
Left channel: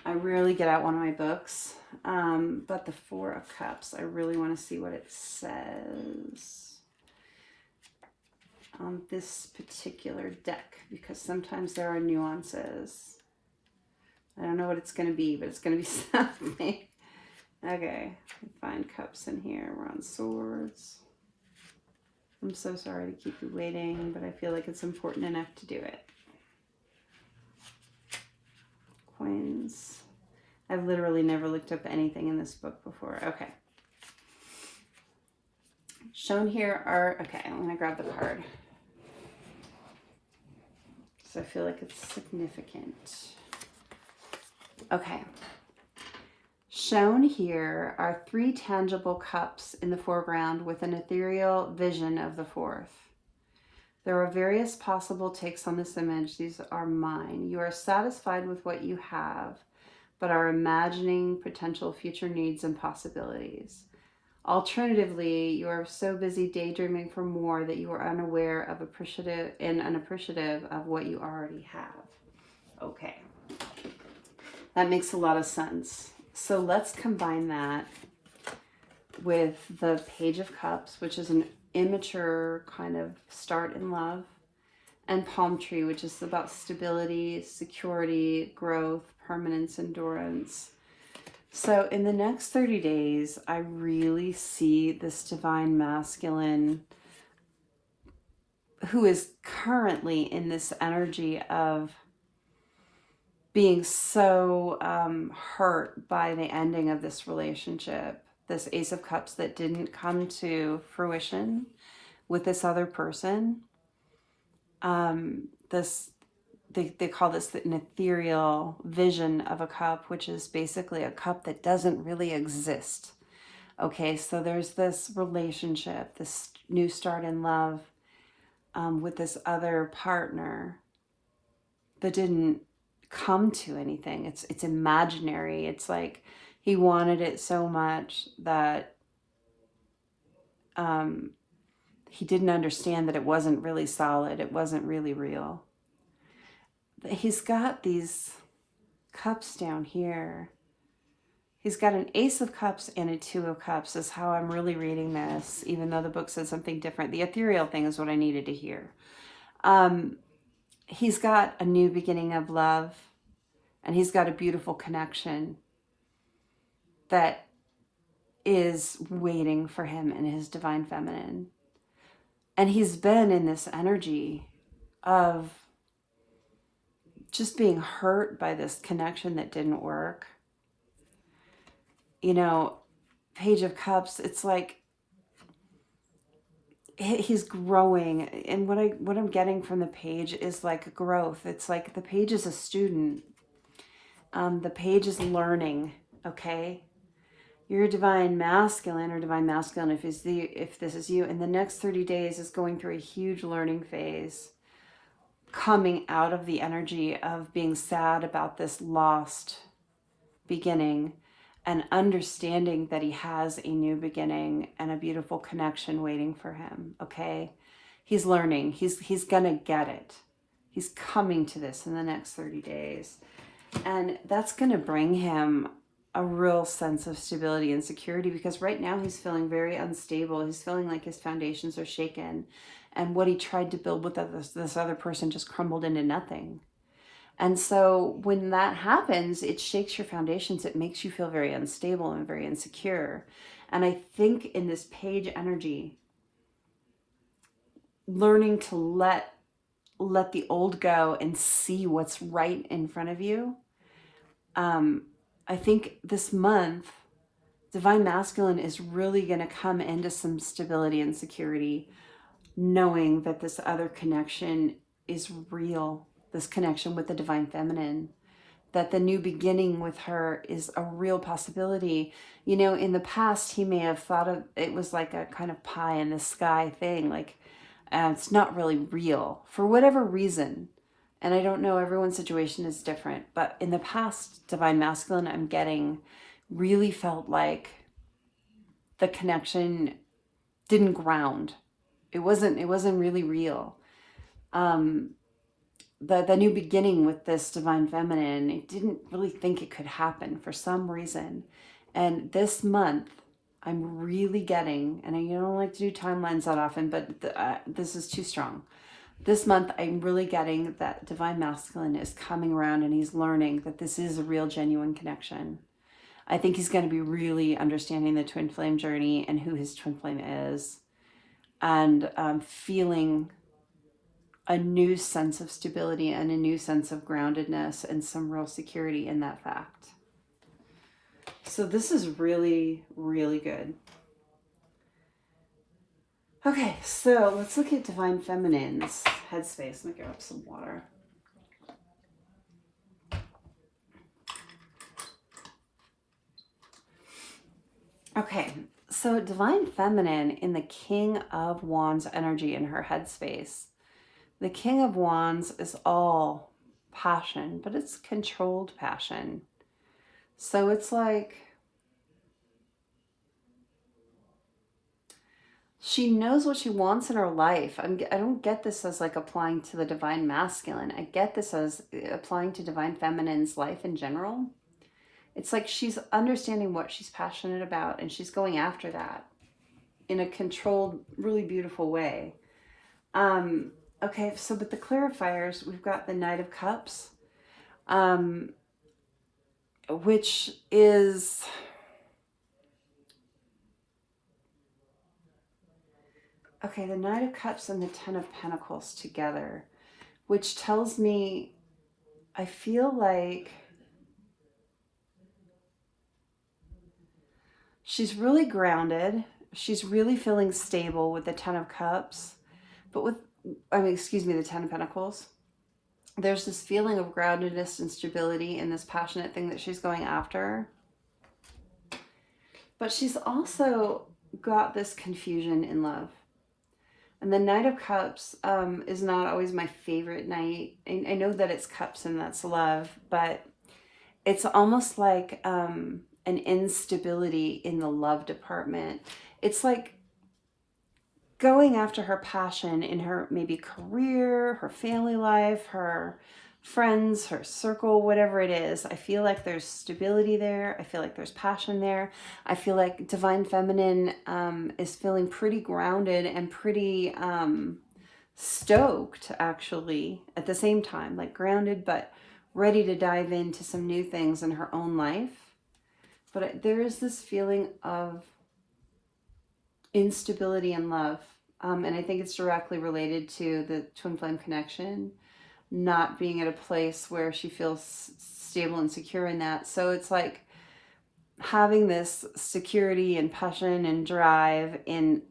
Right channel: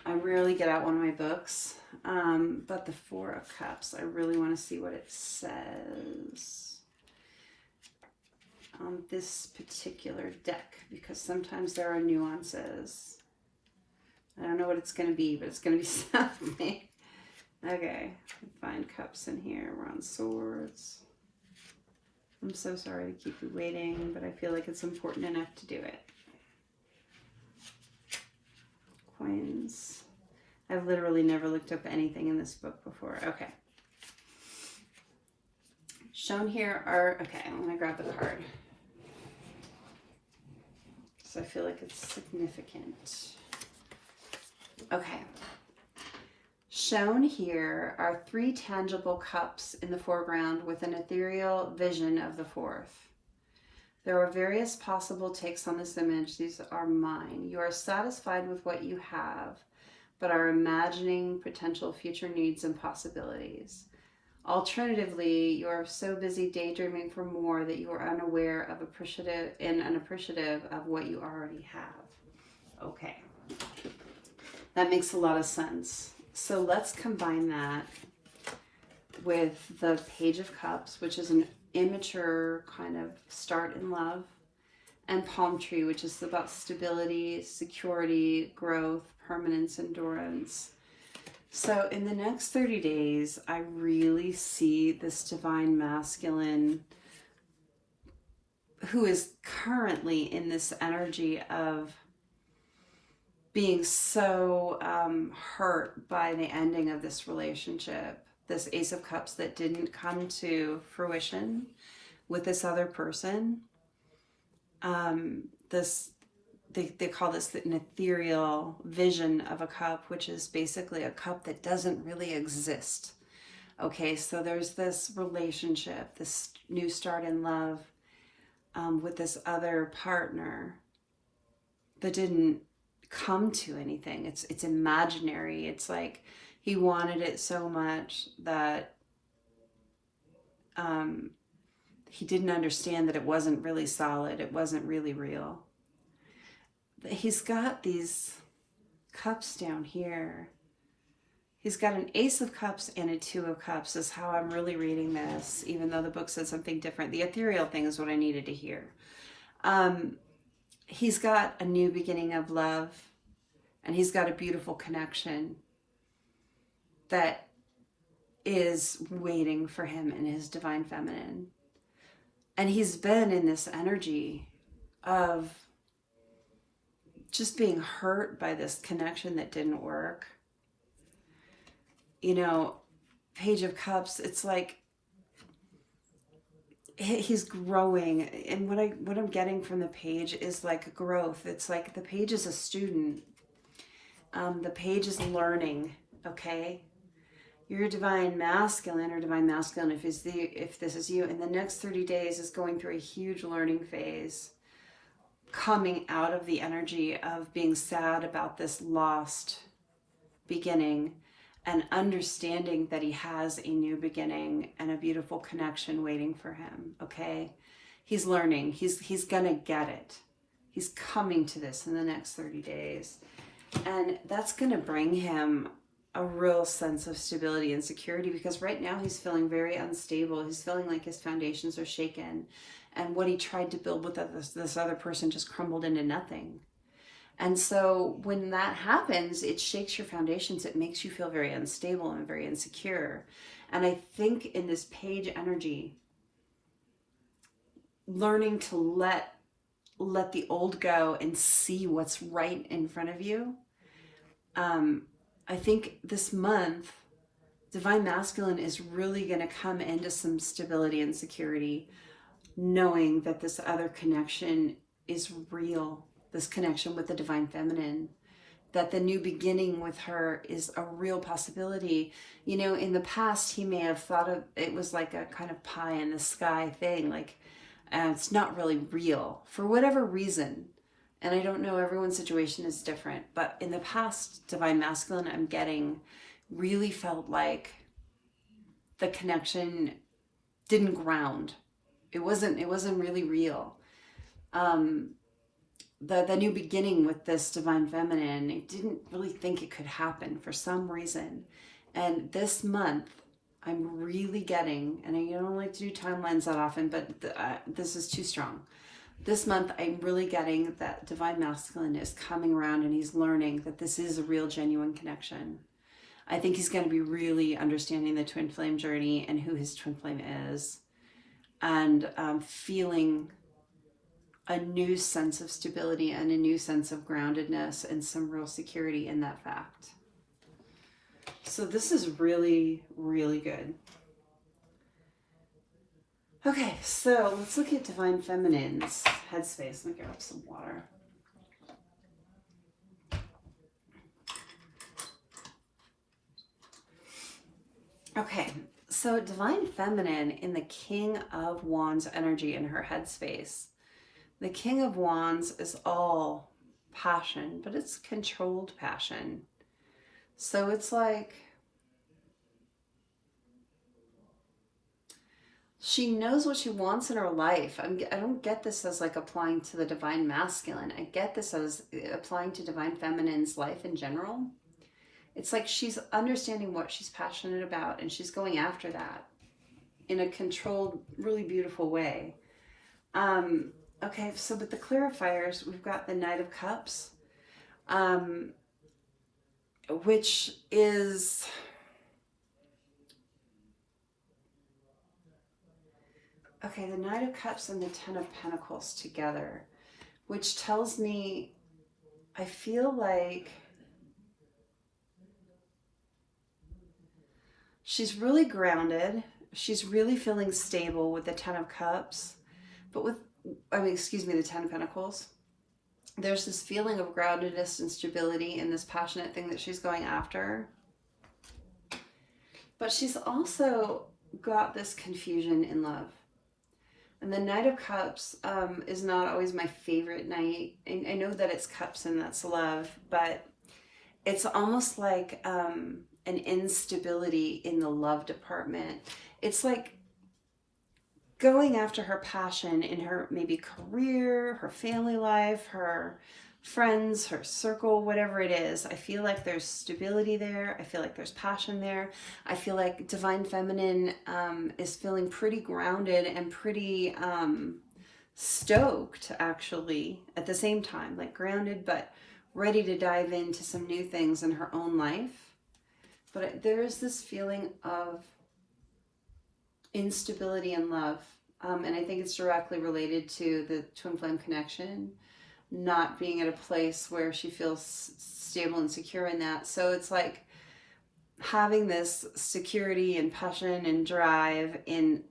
I rarely get out one of my books, but the Four of Cups, I really want to see what it says on this particular deck, because sometimes there are nuances. I don't know what it's going to be, but it's going to be something. Okay, find cups in here. We're on swords. I'm so sorry to keep you waiting, but I feel like it's important enough to do it. Coins. I've literally never looked up anything in this book before. Okay. Shown here are, okay, I'm going to grab the card. So I feel like it's significant. Okay. Shown here are 3 tangible cups in the foreground with an ethereal vision of the 4th. There are various possible takes on this image. These are mine. You are satisfied with what you have, but are imagining potential future needs and possibilities. Alternatively, you are so busy daydreaming for more that you are unaware of unappreciative of what you already have. Okay. That makes a lot of sense. So let's combine that with the Page of Cups, which is an immature kind of start in love, and Palm Tree, which is about stability, security, growth, permanence, endurance. So in the next 30 days, I really see this divine masculine who is currently in this energy of being so hurt by the ending of this relationship, this Ace of Cups that didn't come to fruition with this other person. They call this an ethereal vision of a cup, which is basically a cup that doesn't really exist. Okay, so there's this relationship, this new start in love with this other partner that didn't come to anything. It's imaginary. It's like he wanted it so much that he didn't understand that it wasn't really solid. It wasn't really real. He's got these cups down here. He's got an Ace of Cups and a 2 of Cups is how I'm really reading this, even though the book said something different. The ethereal thing is what I needed to hear. He's got a new beginning of love, and he's got a beautiful connection that is waiting for him in his divine feminine. And he's been in this energy of just being hurt by this connection that didn't work. You know, Page of Cups, it's like he's growing, and what I'm getting from the page is like growth. It's like the page is a student. The page is learning. Okay, you're a divine masculine or divine masculine if this is you. In the next 30 days is going through a huge learning phase, coming out of the energy of being sad about this lost beginning, and understanding that he has a new beginning and a beautiful connection waiting for him. Okay, he's learning. He's gonna get it. He's coming to this in the next 30 days, and that's gonna bring him a real sense of stability and security, because right now he's feeling very unstable. He's feeling like his foundations are shaken, and what he tried to build with this other person just crumbled into nothing. And so when that happens, it shakes your foundations. It makes you feel very unstable and very insecure. And I think in this page energy, learning to let the old go and see what's right in front of you. I think this month, Divine Masculine is really going to come into some stability and security, knowing that this other connection is real. This connection with the Divine Feminine, that the new beginning with her is a real possibility. You know, in the past, he may have thought of it was like a kind of pie in the sky thing, like it's not really real for whatever reason. And I don't know, everyone's situation is different, but in the past, Divine Masculine, I'm getting really felt like the connection didn't ground. It wasn't really real. The new beginning with this Divine Feminine, I didn't really think it could happen for some reason. And this month, I'm really getting, and I don't like to do timelines that often, but this is too strong. This month, I'm really getting that Divine Masculine is coming around, and he's learning that this is a real, genuine connection. I think he's going to be really understanding the twin flame journey and who his twin flame is. and feeling a new sense of stability and a new sense of groundedness and some real security in that fact. So this is really, really good. Okay, so let's look at Divine Feminine's headspace. Let me grab some water. Okay, so Divine Feminine in the King of Wands energy in her headspace. The King of Wands is all passion, but it's controlled passion. So it's like she knows what she wants in her life. I don't get this as like applying to the Divine Masculine. I get this as applying to Divine Feminine's life in general. It's like she's understanding what she's passionate about and she's going after that in a controlled, really beautiful way. Okay, so with the clarifiers, we've got the Knight of Cups, which is... Okay, the Knight of Cups and the Ten of Pentacles together, which tells me, I feel like she's really grounded. She's really feeling stable with the Ten of Cups, but with, the Ten of Pentacles. There's this feeling of groundedness and stability in this passionate thing that she's going after. But she's also got this confusion in love. And the Knight of Cups is not always my favorite knight. I know that it's cups and that's love, but it's almost like an instability in the love department. It's like going after her passion in her maybe career, her family life, her friends, her circle, whatever it is. I feel like there's stability there. I feel like there's passion there. I feel like Divine Feminine is feeling pretty grounded and pretty stoked, actually, at the same time. Like grounded, but ready to dive into some new things in her own life. But there is this feeling of instability in love. And I think it's directly related to the twin flame connection, not being at a place where she feels stable and secure in that. So it's like having this security and passion and drive in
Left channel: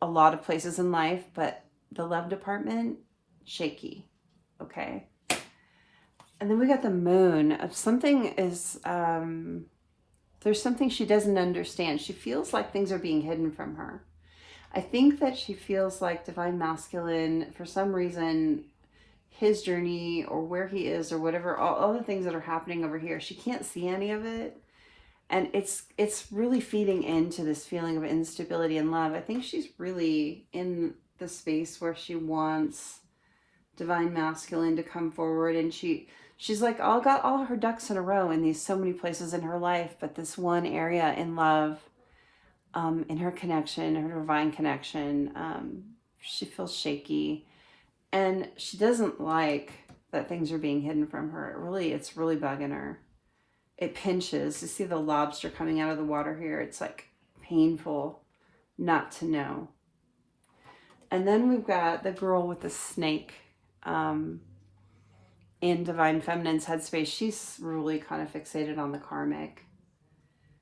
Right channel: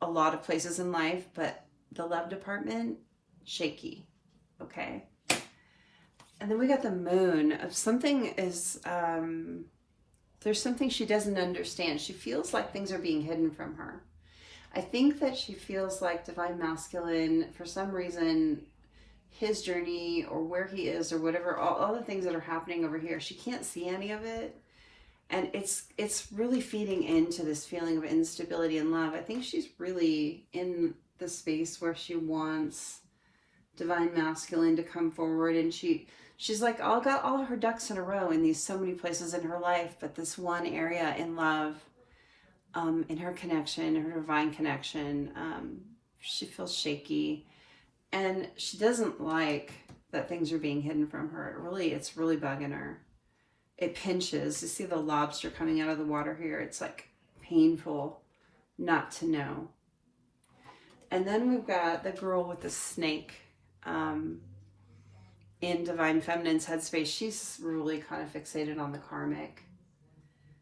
a lot of places in life, but the love department, shaky. Okay. And then we got the Moon of something is, there's something she doesn't understand. She feels like things are being hidden from her. I think that she feels like Divine Masculine, for some reason, his journey or where he is or whatever, all the things that are happening over here, she can't see any of it. And it's really feeding into this feeling of instability in love. I think she's really in the space where she wants Divine Masculine to come forward, and she's like got all her ducks in a row in these so many places in her life, but this one area in love, in her connection, her divine connection, she feels shaky, and she doesn't like that things are being hidden from her. It's really bugging her. It pinches. You see the lobster coming out of the water here. It's like painful not to know. And then we've got the girl with the snake in Divine Feminine's headspace. She's really kind of fixated on the karmic.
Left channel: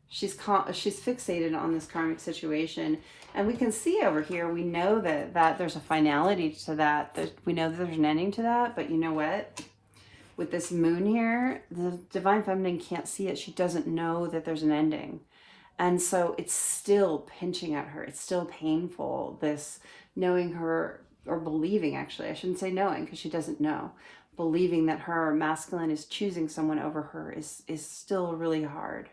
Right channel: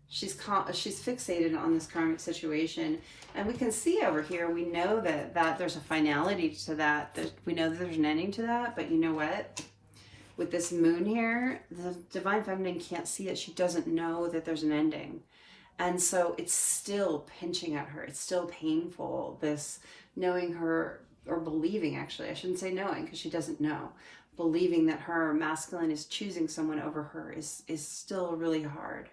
She's fixated on this karmic situation. And we can see over here, we know that there's a finality to that. We know that there's an ending to that. But you know what? With this moon here, the Divine Feminine can't see it. She doesn't know that there's an ending. And so it's still pinching at her. It's still painful, this knowing her, or believing, actually. I shouldn't say knowing, because she doesn't know. Believing that her masculine is choosing someone over her is still really hard.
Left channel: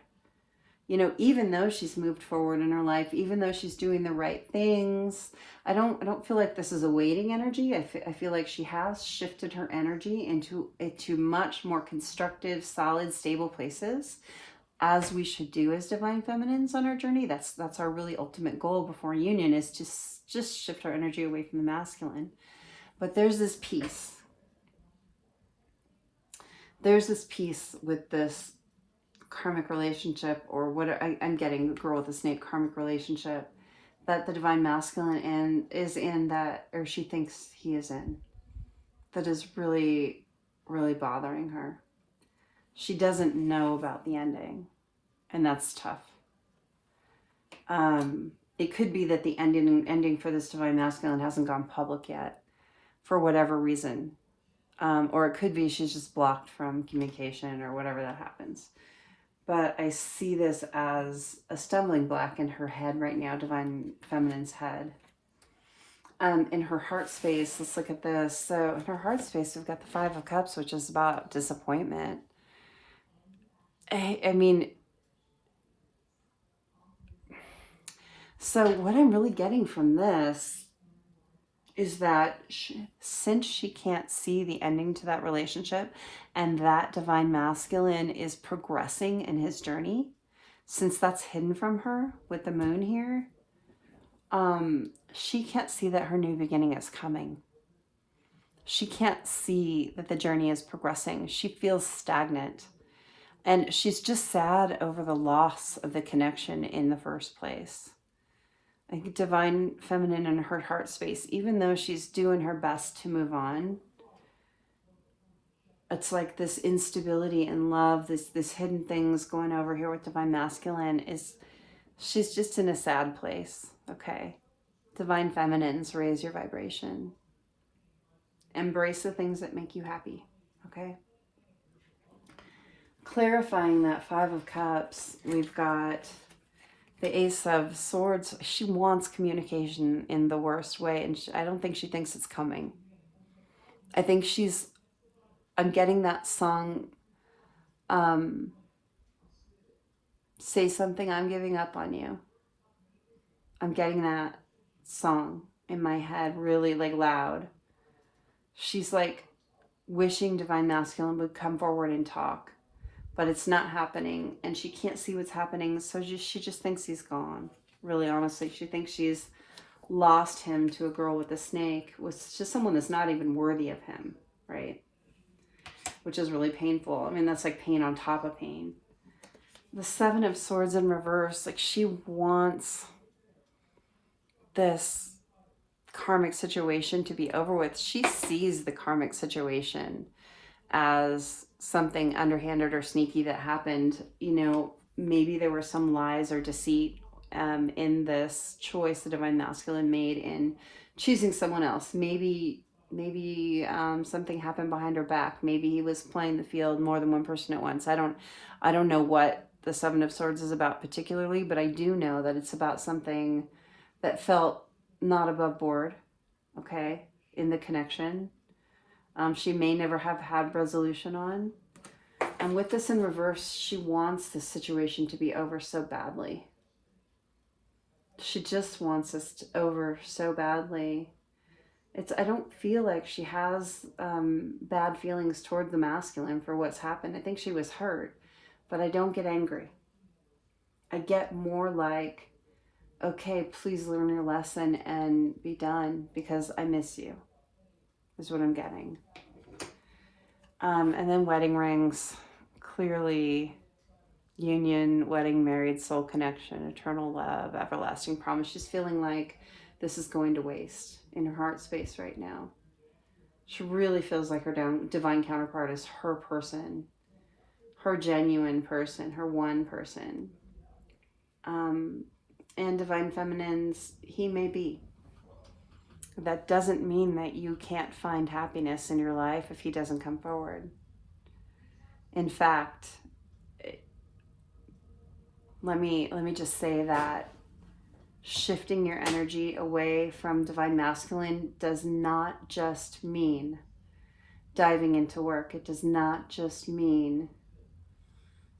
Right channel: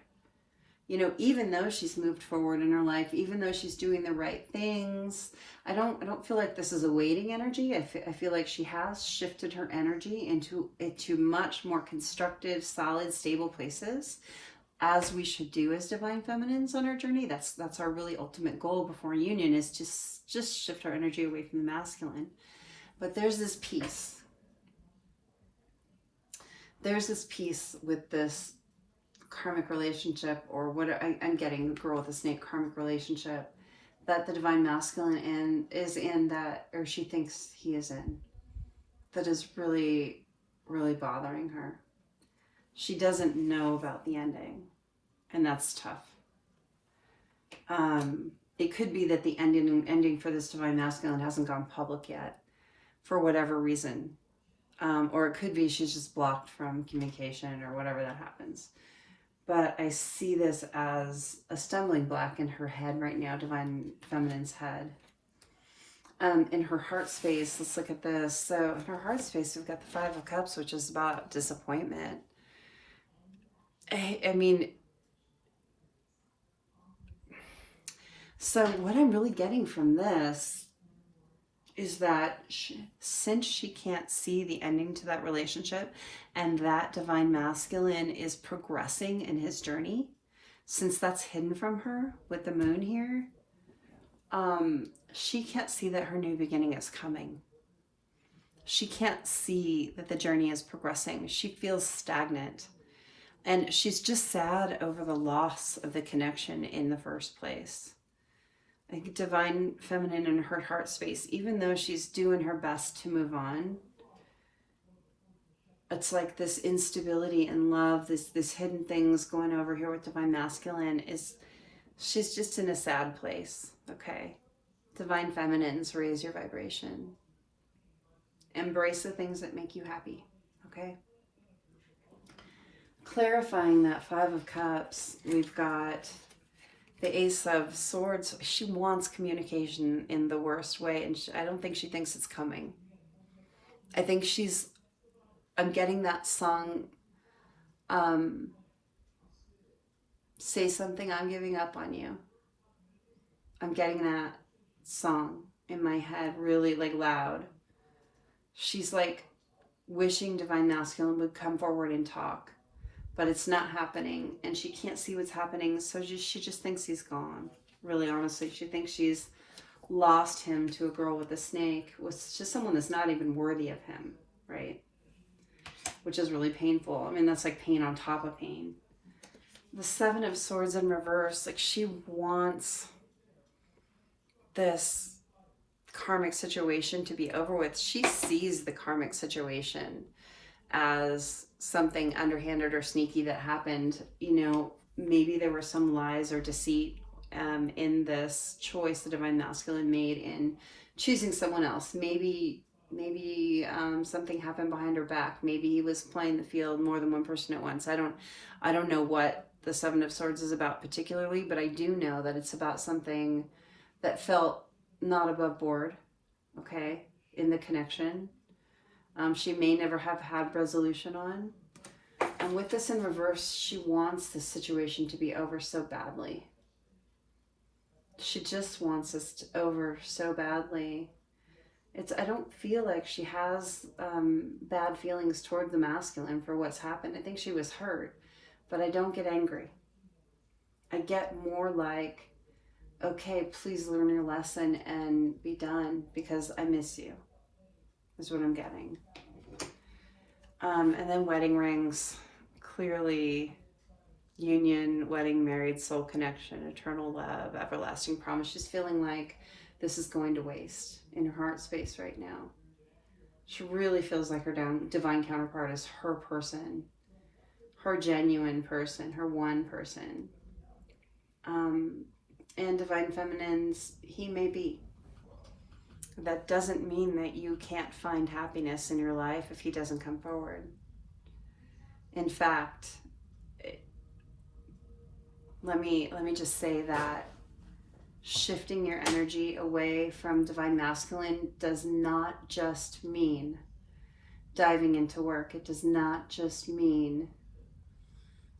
You know, even though she's moved forward in her life, even though she's doing the right things, I don't feel like this is a waiting energy. I feel like she has shifted her energy into much more constructive, solid, stable places, as we should do as Divine Feminines on our journey. That's our really ultimate goal before union, is to just shift our energy away from the masculine. But there's this piece. There's this piece with this karmic relationship, or what I'm getting, the girl with the snake karmic relationship, that the divine masculine is in that, or she thinks he is in, that is really, really bothering her. She doesn't know about the ending, and that's tough. It could be that the ending for this divine masculine hasn't gone public yet, for whatever reason. Or it could be she's just blocked from communication or whatever that happens. But I see this as a stumbling block in her head right now, divine feminine's head. In her heart space, let's look at this. So in her heart space, we've got the Five of Cups, which is about disappointment. I mean, so what I'm really getting from this is that since she can't see the ending to that relationship, and that divine masculine is progressing in his journey, since that's hidden from her with the moon here, she can't see that her new beginning is coming. She can't see that the journey is progressing. She feels stagnant. And she's just sad over the loss of the connection in the first place. Like divine feminine in her heart space, even though she's doing her best to move on, it's like this instability in love, this hidden things going over here with divine masculine is, she's just in a sad place, okay? Divine feminines, raise your vibration. Embrace the things that make you happy, okay? Clarifying that Five of Cups, we've got the Ace of Swords. She wants communication in the worst way, and I don't think she thinks it's coming. I think I'm getting that song, Say Something, I'm Giving Up on You. I'm getting that song in my head really like loud. She's like wishing divine masculine would come forward and talk, but it's not happening, and she can't see what's happening, so she just thinks he's gone. Really, honestly, she thinks she's lost him to a girl with a snake, with just someone that's not even worthy of him, right? Which is really painful. I mean, that's like pain on top of pain. The Seven of Swords in reverse, like she wants this karmic situation to be over with. She sees the karmic situation as something underhanded or sneaky that happened. You know, maybe there were some lies or deceit in this choice the divine masculine made in choosing someone else. Maybe something happened behind her back. Maybe he was playing the field more than one person at once. I don't know what the Seven of Swords is about particularly, but I do know that it's about something that felt not above board, okay, in the connection. She may never have had resolution on. And with this in reverse, she wants this situation to be over so badly. She just wants this over so badly. I don't feel like she has bad feelings toward the masculine for what's happened. I think she was hurt, but I don't get angry. I get more like, okay, please learn your lesson and be done because I miss you, is what I'm getting. And then wedding rings, clearly union, wedding, married, soul connection, eternal love, everlasting promise. She's feeling like this is going to waste in her heart space right now. She really feels like her divine counterpart is her person, her genuine person, her one person. And divine feminines, he may be. That doesn't mean that you can't find happiness in your life if he doesn't come forward. In fact, let me just say that shifting your energy away from divine masculine does not just mean diving into work. It does not just mean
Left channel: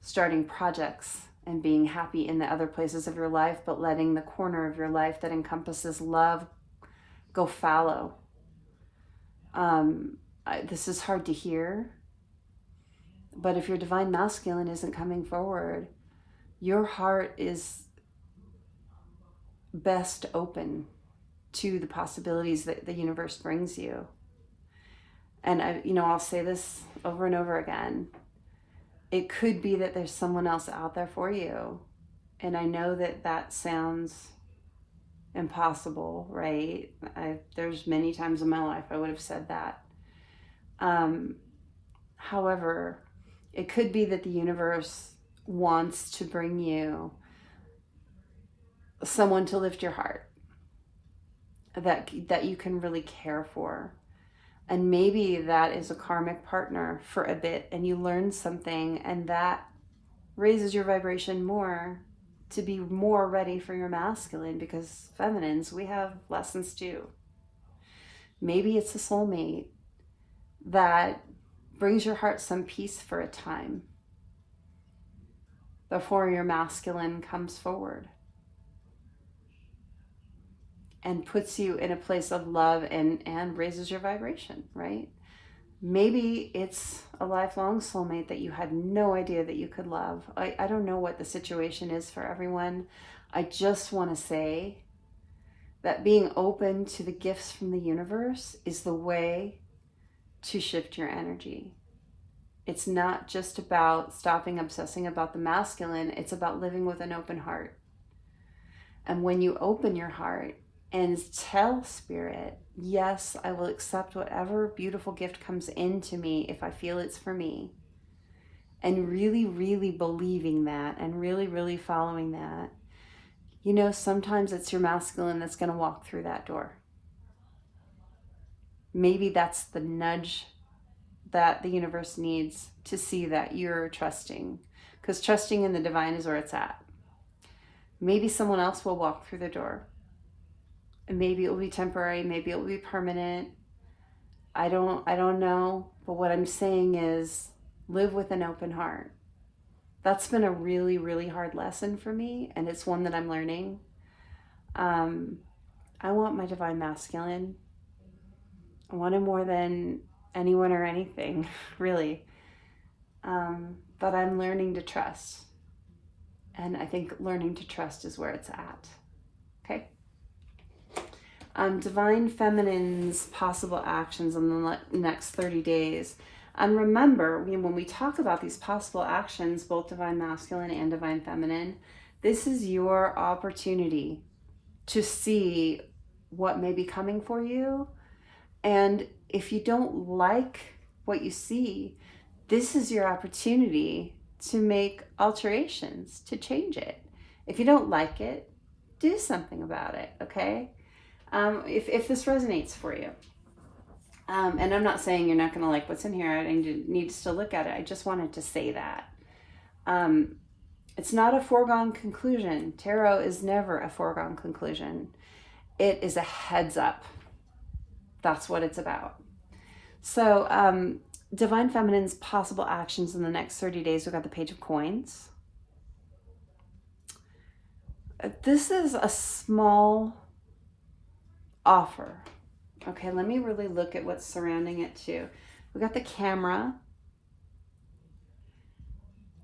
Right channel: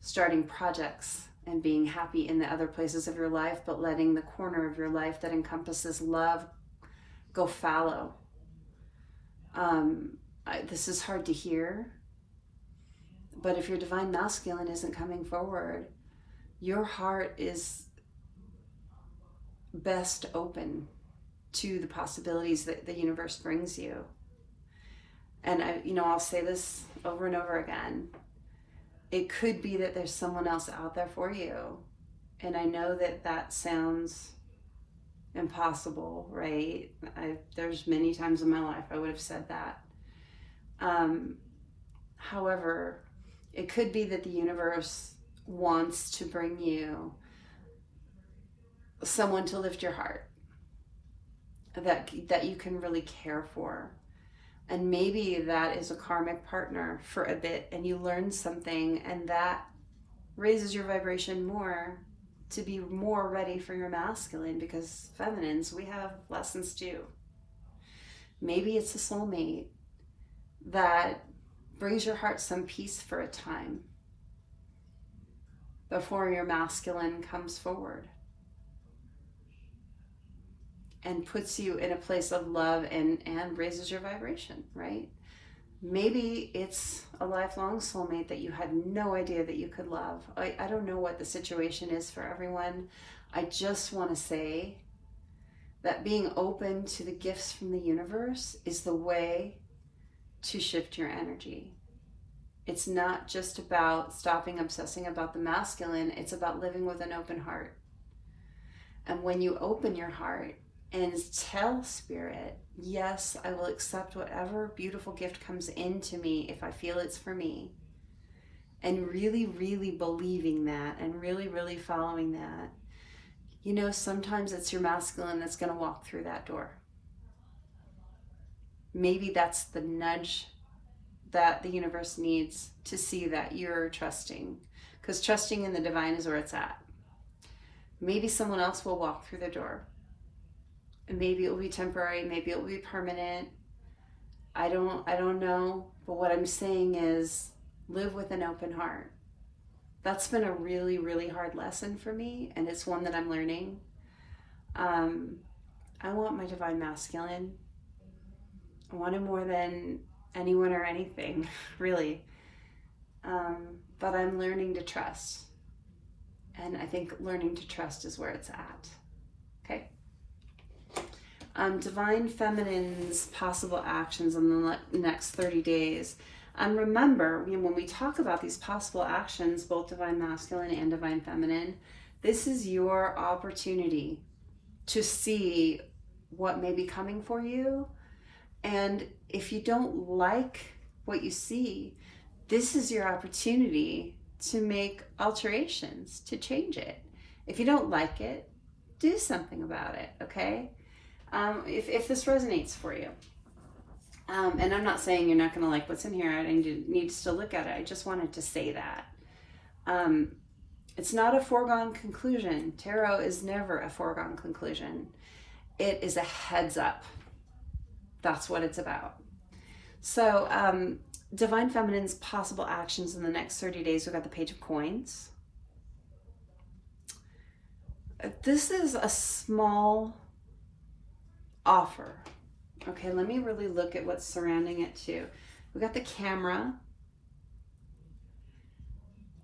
starting projects and being happy in the other places of your life, but letting the corner of your life that encompasses love go fallow. This is hard to hear, but if your divine masculine isn't coming forward, your heart is best open to the possibilities that the universe brings you. And I'll say this over and over again. It could be that there's someone else out there for you. And I know that sounds impossible, right? There's many times in my life I would have said that. However, it could be that the universe wants to bring you someone to lift your heart, that you can really care for. And maybe that is a karmic partner for a bit, and you learn something, and that raises your vibration more to be more ready for your masculine, because feminines, we have lessons too. Maybe it's a soulmate that brings your heart some peace for a time before your masculine comes forward and puts you in a place of love and raises your vibration, right? Maybe it's a lifelong soulmate that you had no idea that you could love. I don't know what the situation is for everyone. I just want to say that being open to the gifts from the universe is the way to shift your energy. It's not just about stopping obsessing about the masculine. It's about living with an open heart. And when you open your heart and tell Spirit, yes, I will accept whatever beautiful gift comes into me if I feel it's for me, and really, really believing that and really, really following that, you know, sometimes it's your masculine that's going to walk through that door. Maybe that's the nudge that the universe needs to see that you're trusting, because trusting in the divine is where it's at. Maybe someone else will walk through the door. And maybe it will be temporary, maybe it will be permanent. I don't know, but what I'm saying is live with an open heart. That's been a really, really hard lesson for me, and it's one that I'm learning. I want my divine masculine. I want him more than anyone or anything, really. But I'm learning to trust. And I think learning to trust is where it's at. Okay? Divine Feminine's possible actions in the next 30 days. And remember, when we talk about these possible actions, both Divine Masculine and Divine Feminine, this is your opportunity to see what may be coming for you. And if you don't like what you see, this is your opportunity to make alterations, to change it. If you don't like it, do something about it, okay? If this resonates for you. And I'm not saying you're not going to like what's in here and you need to still look at it. I just wanted to say that. It's not a foregone conclusion. Tarot is never a foregone conclusion. It is a heads up. That's what it's about. So, Divine Feminine's possible actions in the next 30 days. We've got the Page of Coins. This is a small offer. Okay, let me really look at what's surrounding it too. We got the camera,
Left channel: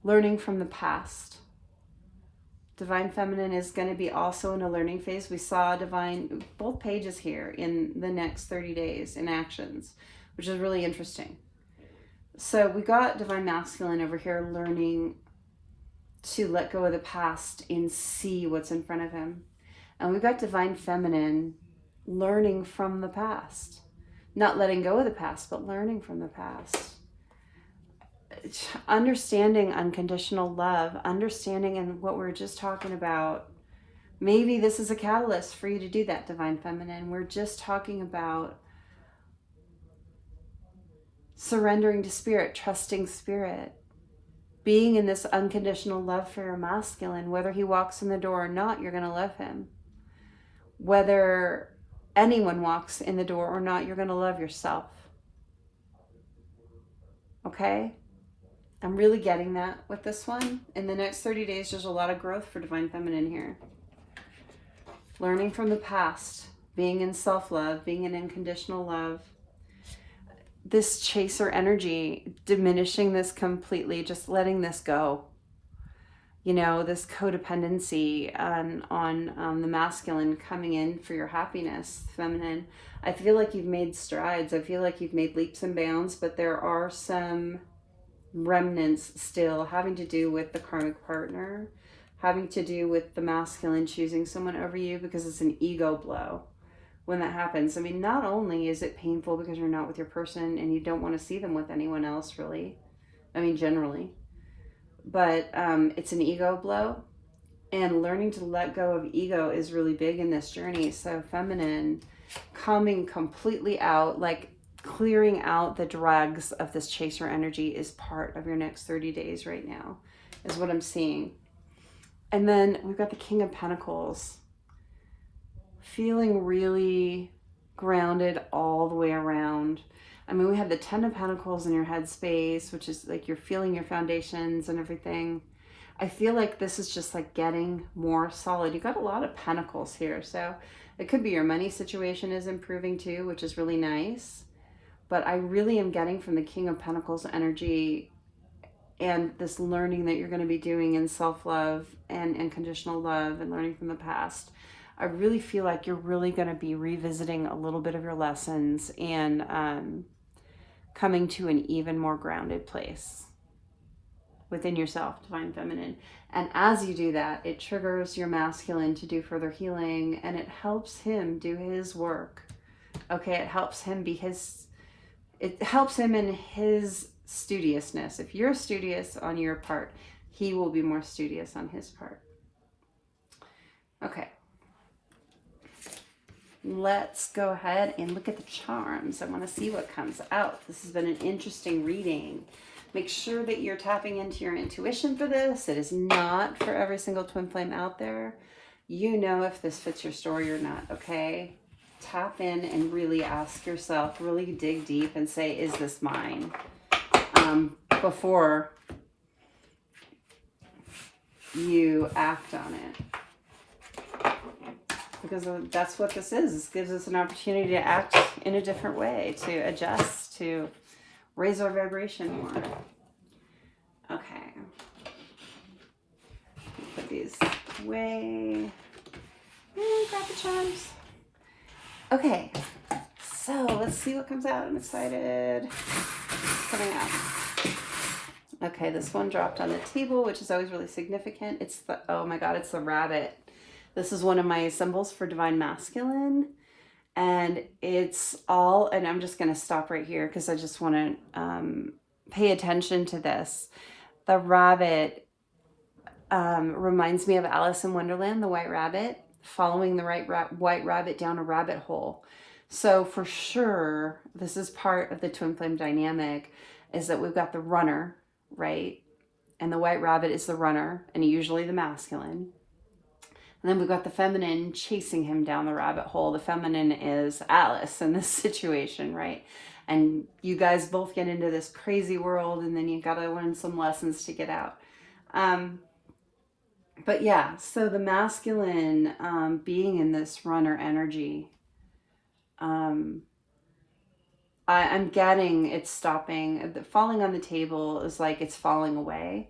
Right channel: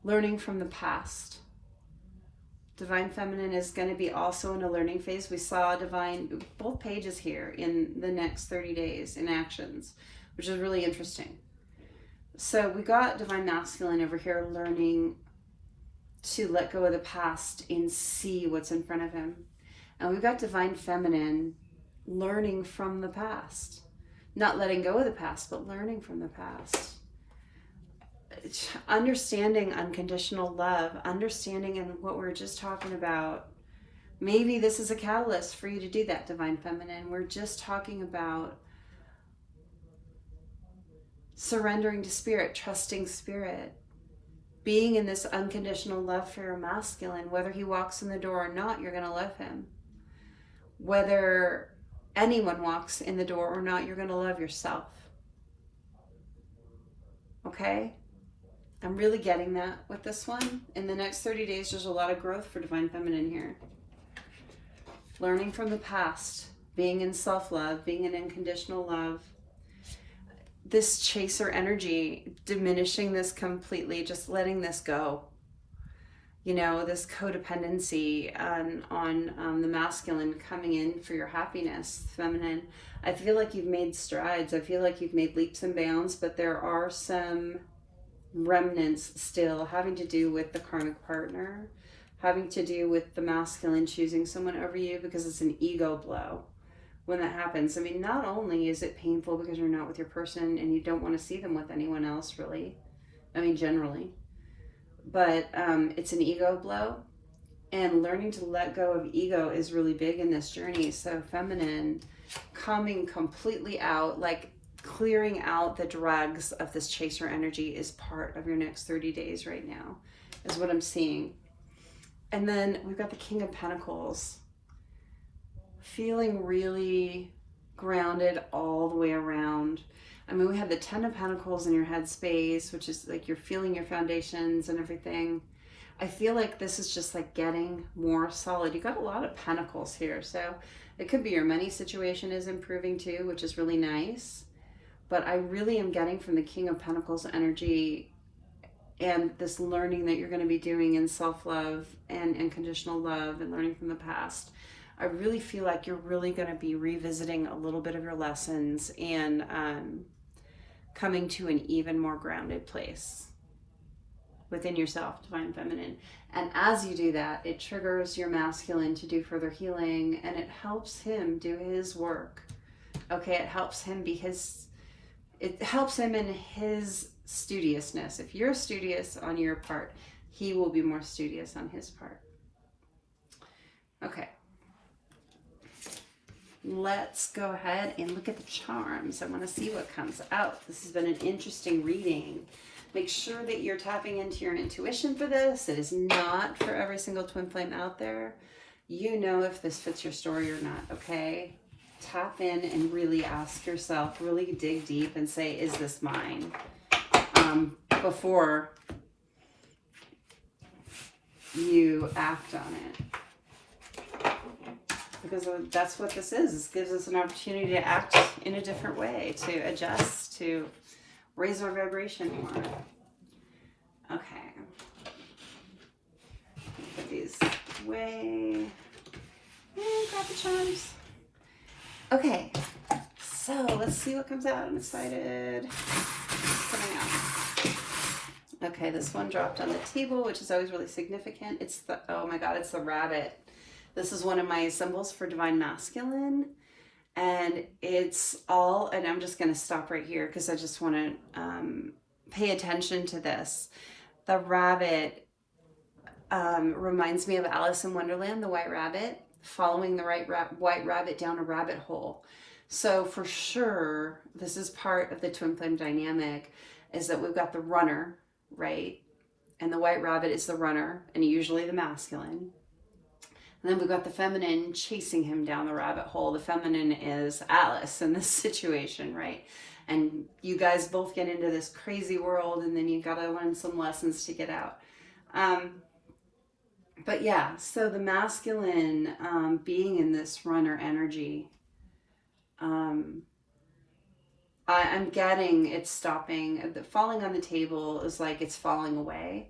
learning from the past. Divine Feminine is going to be also in a learning phase. We saw Divine, both pages here in the next 30 days in actions, which is really interesting. So we got Divine Masculine over here learning to let go of the past and see what's in front of him. And we've got Divine Feminine learning from the past. Not letting go of the past, but learning from the past. Understanding unconditional love, understanding, and what we're just talking about. Maybe this is a catalyst for you to do that, Divine Feminine. We're just talking about surrendering to Spirit, trusting Spirit, being in this unconditional love for your masculine. Whether he walks in the door or not, you're going to love him. Whether anyone walks in the door or not, you're going to love yourself. Okay? I'm really getting that with this one. In the next 30 days, there's a lot of growth for Divine Feminine here. Learning from the past, being in self-love, being in unconditional love. This chaser energy, diminishing this completely, just letting this go. You know, this codependency on the masculine coming in for your happiness, feminine. I feel like you've made strides. I feel like you've made leaps and bounds, but there are some remnants still having to do with the karmic partner, having to do with the masculine choosing someone over you, because it's an ego blow when that happens. I mean, not only is it painful because you're not with your person and you don't want to see them with anyone else, really, I mean, generally, but it's an ego blow. And learning to let go of ego is really big in this journey. So feminine, coming completely out, like clearing out the dregs of this chaser energy, is part of your next 30 days right now, is what I'm seeing. And then we've got the King of Pentacles, feeling really grounded all the way around. I mean, we have the Ten of Pentacles in your headspace, which is like you're feeling your foundations and everything. I feel like this is just like getting more solid. You got a lot of pentacles here, so it could be your money situation is improving too, which is really nice. But I really am getting from the King of Pentacles energy and this learning that you're going to be doing in self-love and unconditional love and learning from the past. I really feel like you're really going to be revisiting a little bit of your lessons and coming to an even more grounded place within yourself, divine feminine. And as you do that, it triggers your masculine to do further healing, and it helps him do his work. Okay, it helps him in his studiousness. If you're studious on your part, he will be more studious on his part. Okay. Let's go ahead and look at the charms. I want to see what comes out. This has been an interesting reading. Make sure that you're tapping into your intuition for this. It is not for every single twin flame out there. You know if this fits your story or not, okay? Tap in and really ask yourself, really dig deep and say, is this mine? Before you act on it. Because that's what this is. This gives us an opportunity to act in a different way, to adjust, to raise our vibration more. Okay. Put these away. And grab the charms. Okay. So let's see what comes out. I'm excited. Coming out. Okay, this one dropped on the table, which is always really significant. It's the, oh my God, it's the rabbit. This is one of my symbols for divine masculine. And it's all, and I'm just going to stop right here because I just want to pay attention to this. The rabbit reminds me of Alice in Wonderland, the white rabbit, following the white rabbit down a rabbit hole. So for sure, this is part of the twin flame dynamic, is that we've got the runner, right? And the white rabbit is the runner, and usually the masculine. And then we've got the feminine chasing him down the rabbit hole. The feminine is Alice in this situation, right? And you guys both get into this crazy world, and then you got to learn some lessons to get out. But yeah, so the masculine being in this runner energy, I'm getting it's stopping. The falling on the table is like it's falling away.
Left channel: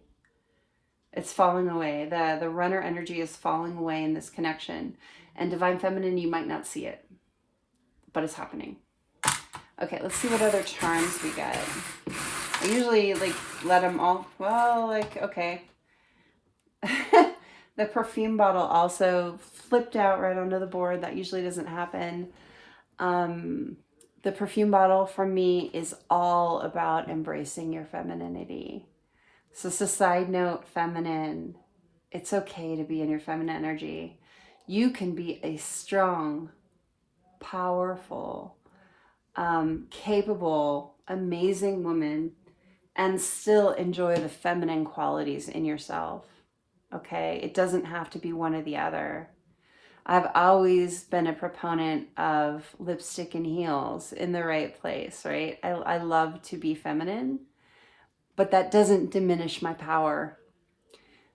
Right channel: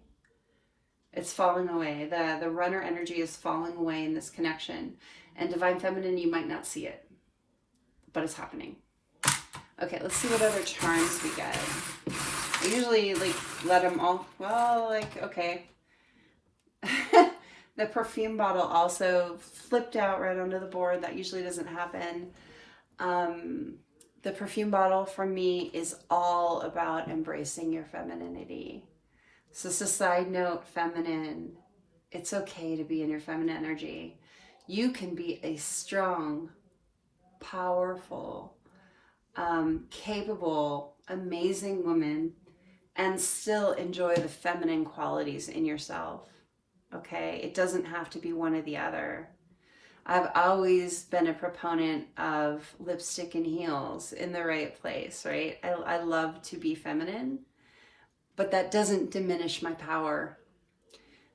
It's falling away. The runner energy is falling away in this connection. And divine feminine, you might not see it, but it's happening. Okay, let's see what other charms we get. I usually like let them all, well, like, okay. The perfume bottle also flipped out right onto the board. That usually doesn't happen. The perfume bottle for me is all about embracing your femininity. So it's a side note, feminine. It's okay to be in your feminine energy. You can be a strong, powerful, capable, amazing woman and still enjoy the feminine qualities in yourself. Okay? It doesn't have to be one or the other. I've always been a proponent of lipstick and heels in the right place, right? I love to be feminine, but that doesn't diminish my power.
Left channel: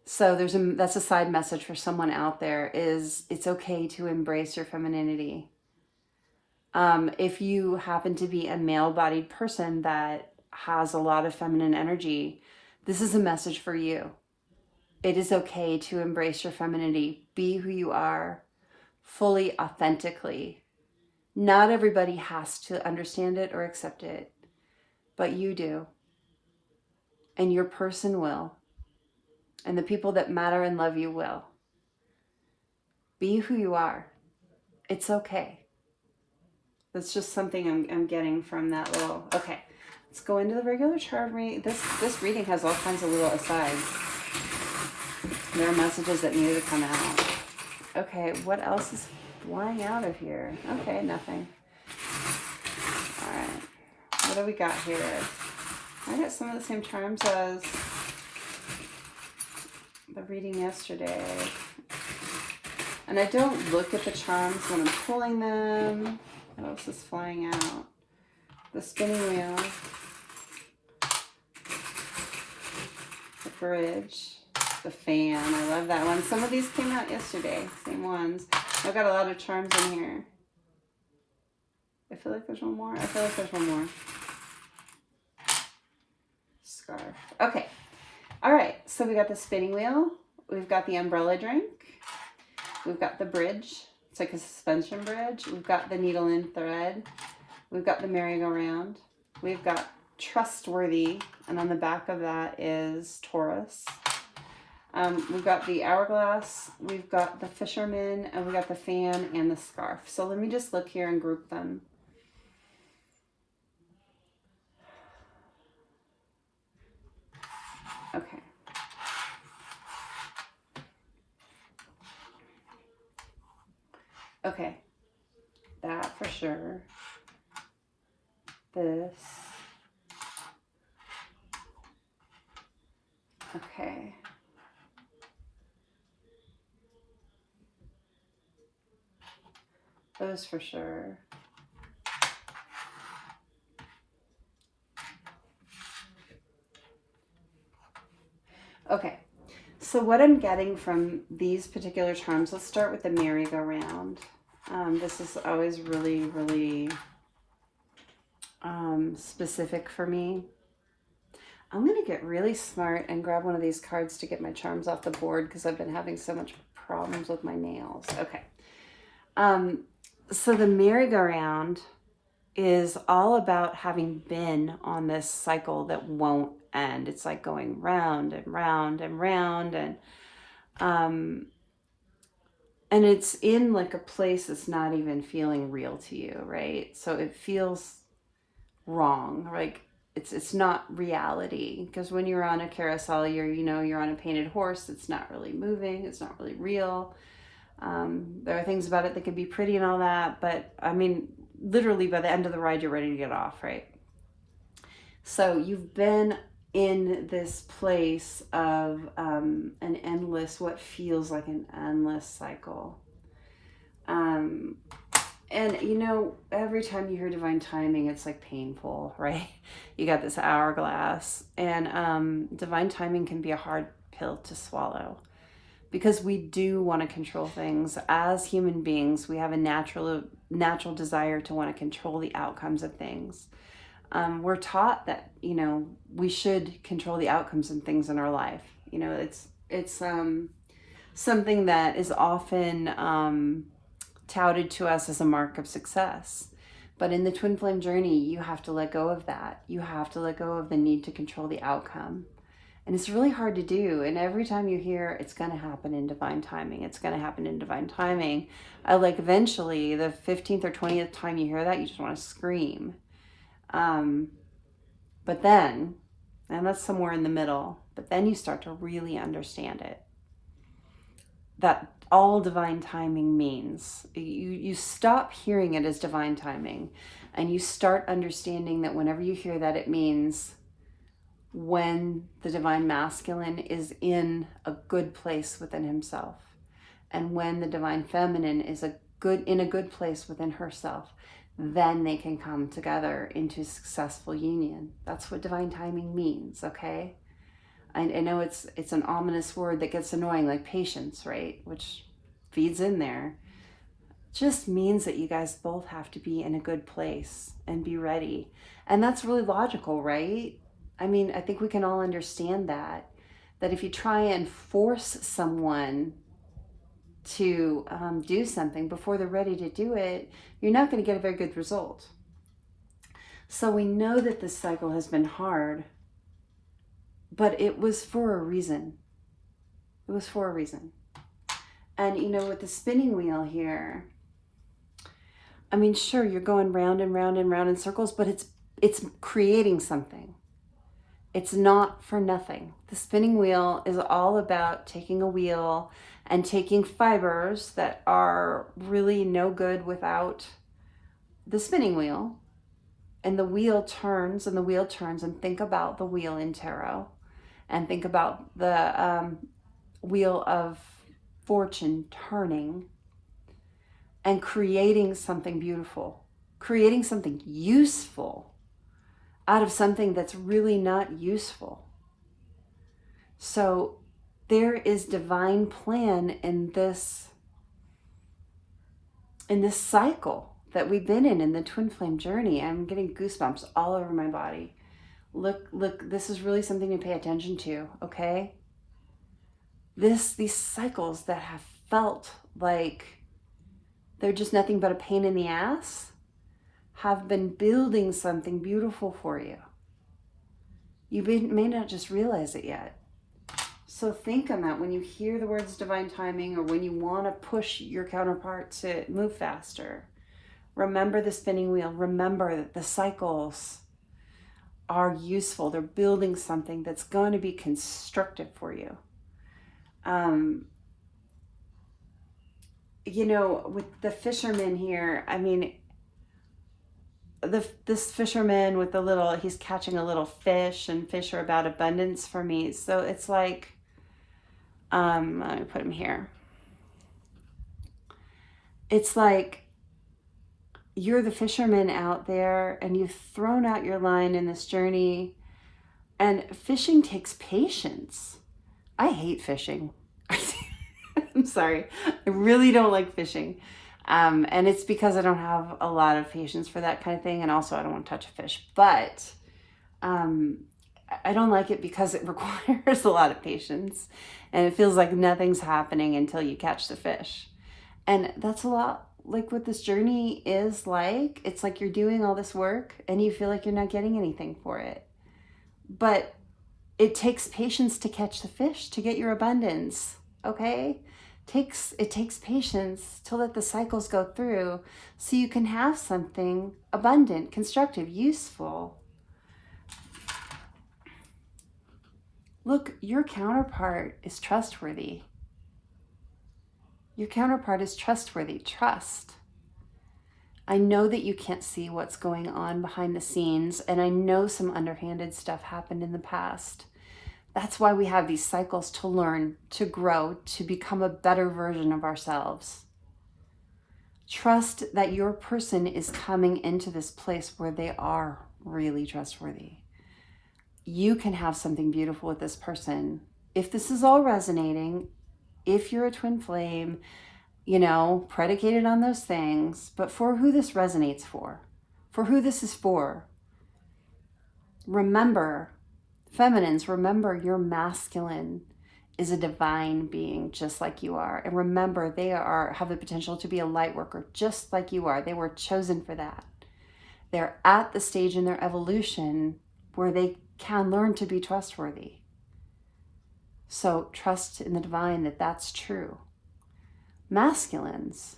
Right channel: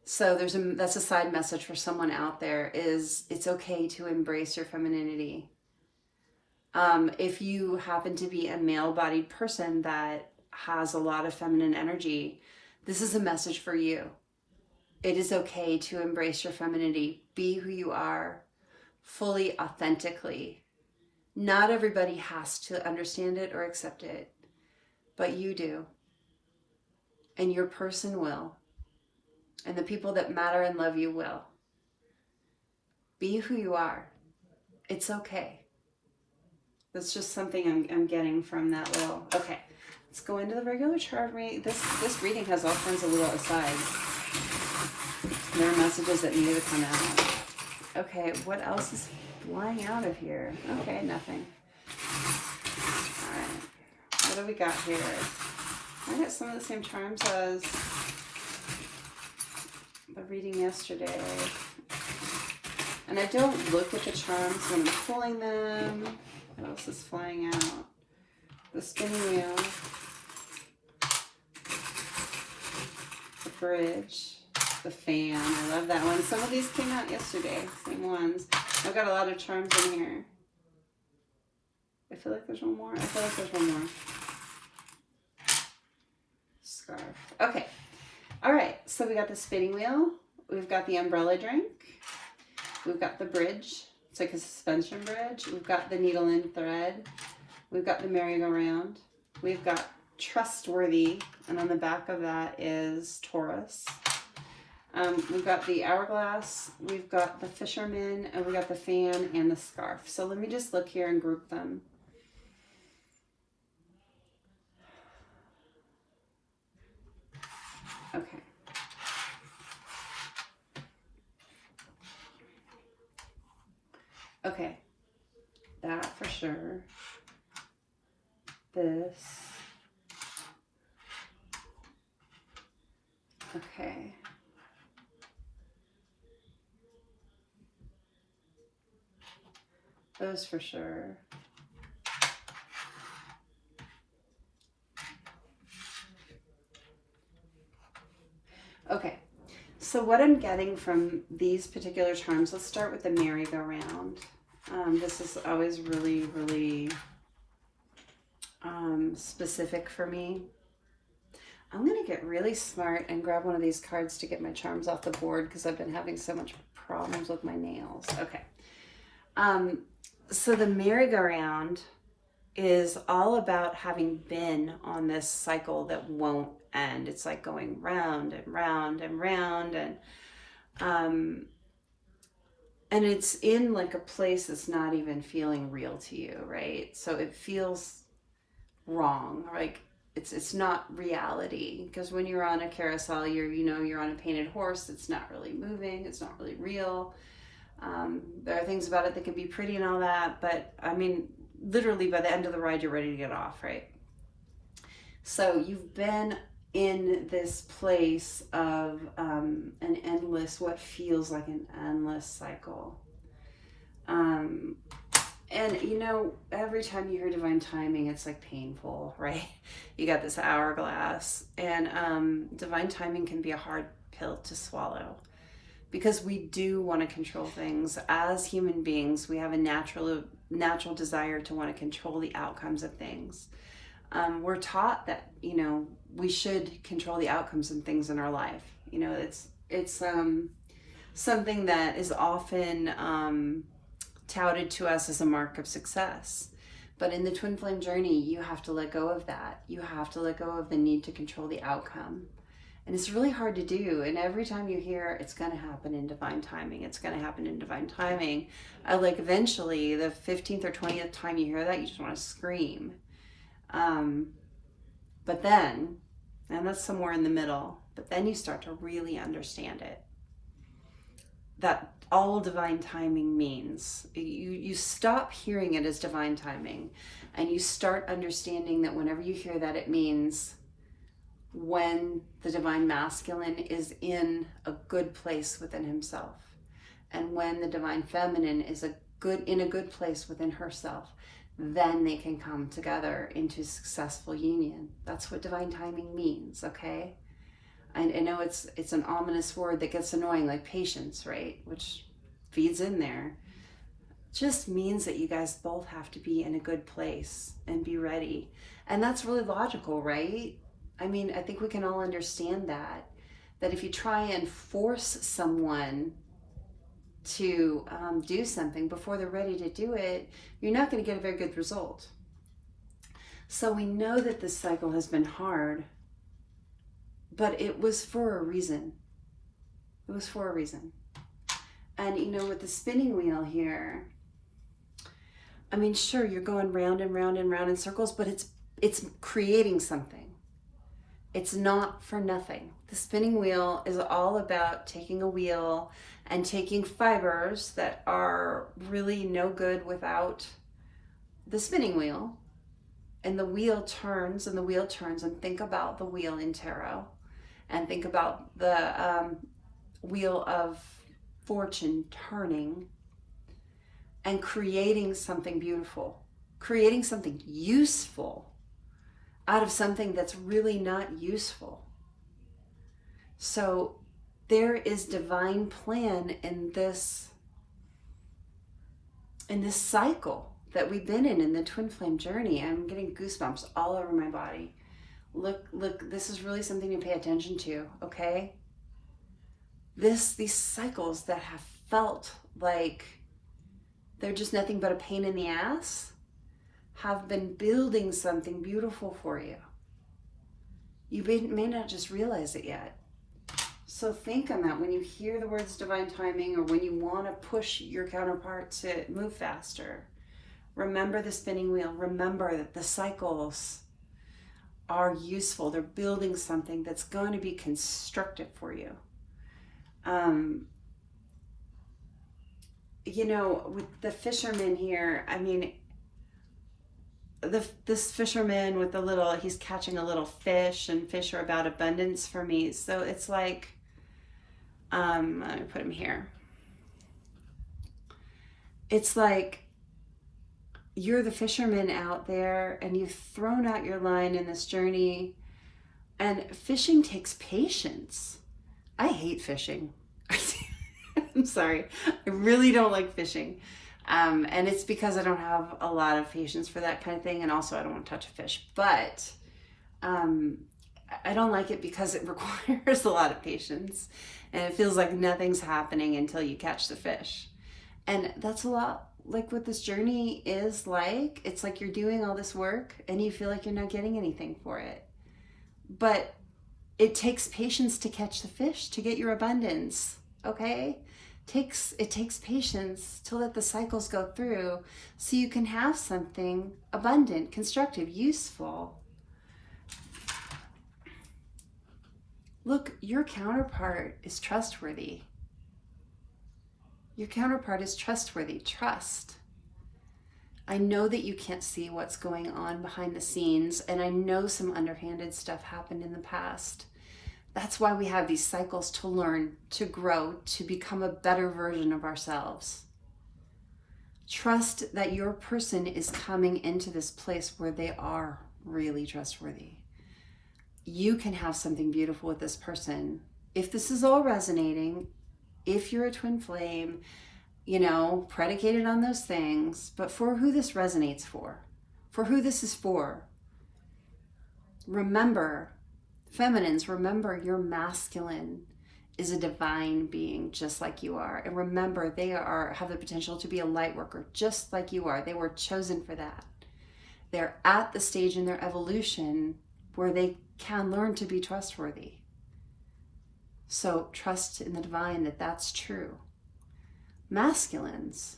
So that's a side message for someone out there, is it's okay to embrace your femininity. If you happen to be a male-bodied person that has a lot of feminine energy, this is a message for you. It is okay to embrace your femininity. Be who you are, fully, authentically. Not everybody has to understand it or accept it, but you do. And your person will. And the people that matter and love you will. Be who you are. It's okay. That's just something I'm getting from that little... Okay, let's go into the regular chart reading. This reading has all kinds of little asides. There are messages that need to come out. Okay, what else is flying out of here? Okay, nothing. All right, what do we got here? I got some of the same charms as the reading yesterday. And I don't look at the charms when I'm pulling them. What else is flying out? The spinning wheel. The bridge. The fan. I love that one. Some of these came out yesterday. Same ones. I've got a lot of charms in here. I feel like there's one more. I feel like there's one more. Scarf. Okay. All right. So we got the spinning wheel. We've got the umbrella drink. We've got the bridge. It's like a suspension bridge. We've got the needle and thread. We've got the merry-go-round. We've got trustworthy. And on the back of that is Taurus. We've got the hourglass, we've got the fisherman, and we got the fan and the scarf. So let me just look here and group them. Okay. Okay. That for sure. This. Okay. Those for sure. Okay, so what I'm getting from these particular charms, let's start with the merry-go-round. This is always really, really specific for me. I'm going to get really smart and grab one of these cards to get my charms off the board because I've been having so much problems with my nails. Okay. So the merry-go-round is all about having been on this cycle that won't end. It's like going round and round and round, and it's in like a place that's not even feeling real to you, right? So it feels wrong, like it's not reality, because when you're on a carousel, you're on a painted horse that's not really moving, it's not really real. There are things about it that can be pretty and all that, but I mean, literally by the end of the ride, you're ready to get off, right? So you've been in this place of an endless, what feels like an endless cycle. And every time you hear divine timing, it's like painful, right? You got this hourglass, and divine timing can be a hard pill to swallow. Because we do want to control things. As human beings, we have a natural desire to want to control the outcomes of things. We're taught that, we should control the outcomes and things in our life. It's something that is often touted to us as a mark of success. But in the twin flame journey, you have to let go of that. You have to let go of the need to control the outcome. And it's really hard to do. And every time you hear it's going to happen in divine timing, it's going to happen in divine timing, eventually the 15th or 20th time you hear that, you just want to scream. But then, and that's somewhere in the middle, but then you start to really understand it. That all divine timing means. You stop hearing it as divine timing, and you start understanding that whenever you hear that, it means when the divine masculine is in a good place within himself, and when the divine feminine is in a good place within herself, then they can come together into successful union. That's what divine timing means, okay? I know it's an ominous word that gets annoying, like patience, right? Which feeds in there. Just means that you guys both have to be in a good place and be ready. And that's really logical, right? I mean, I think we can all understand that if you try and force someone to do something before they're ready to do it, you're not going to get a very good result. So we know that this cycle has been hard, but it was for a reason. It was for a reason. And you know, with the spinning wheel here, I mean, sure, you're going round and round and round in circles, but it's creating something. It's not for nothing. The spinning wheel is all about taking a wheel and taking fibers that are really no good without the spinning wheel. And the wheel turns and the wheel turns, and think about the wheel in tarot and think about the wheel of fortune turning and creating something beautiful, creating something useful out of something that's really not useful. So there is divine plan in this cycle that we've been in the twin flame journey. I'm getting goosebumps all over my body. Look, this is really something to pay attention to, okay? These cycles that have felt like they're just nothing but a pain in the ass have been building something beautiful for you. You may not just realize it yet. So think on that when you hear the words divine timing, or when you want to push your counterpart to move faster. Remember the spinning wheel. Remember that the cycles are useful. They're building something that's going to be constructive for you. You know, with the fisherman here, I mean, this fisherman with the little, he's catching a little fish, and fish are about abundance for me. So it's like, let me put him here. It's like you're the fisherman out there, and you've thrown out your line in this journey, and fishing takes patience. I hate fishing. I'm sorry. I really don't like fishing. And it's because I don't have a lot of patience for that kind of thing. And also I don't want to touch a fish, but I don't like it because it requires a lot of patience, and it feels like nothing's happening until you catch the fish. And that's a lot like what this journey is like. It's like you're doing all this work and you feel like you're not getting anything for it. But it takes patience to catch the fish, to get your abundance, okay? It takes patience to let the cycles go through so you can have something abundant, constructive, useful. Look, your counterpart is trustworthy. Your counterpart is trustworthy. Trust. I know that you can't see what's going on behind the scenes, and I know some underhanded stuff happened in the past. That's why we have these cycles, to learn, to grow, to become a better version of ourselves. Trust that your person is coming into this place where they are really trustworthy. You can have something beautiful with this person. If this is all resonating, if you're a twin flame, you know, predicated on those things, but for who this resonates for who this is for, remember, feminines, remember your masculine is a divine being just like you are. And remember, they have the potential to be a light worker just like you are. They were chosen for that. They're at the stage in their evolution where they can learn to be trustworthy. So trust in the divine that that's true. Masculines,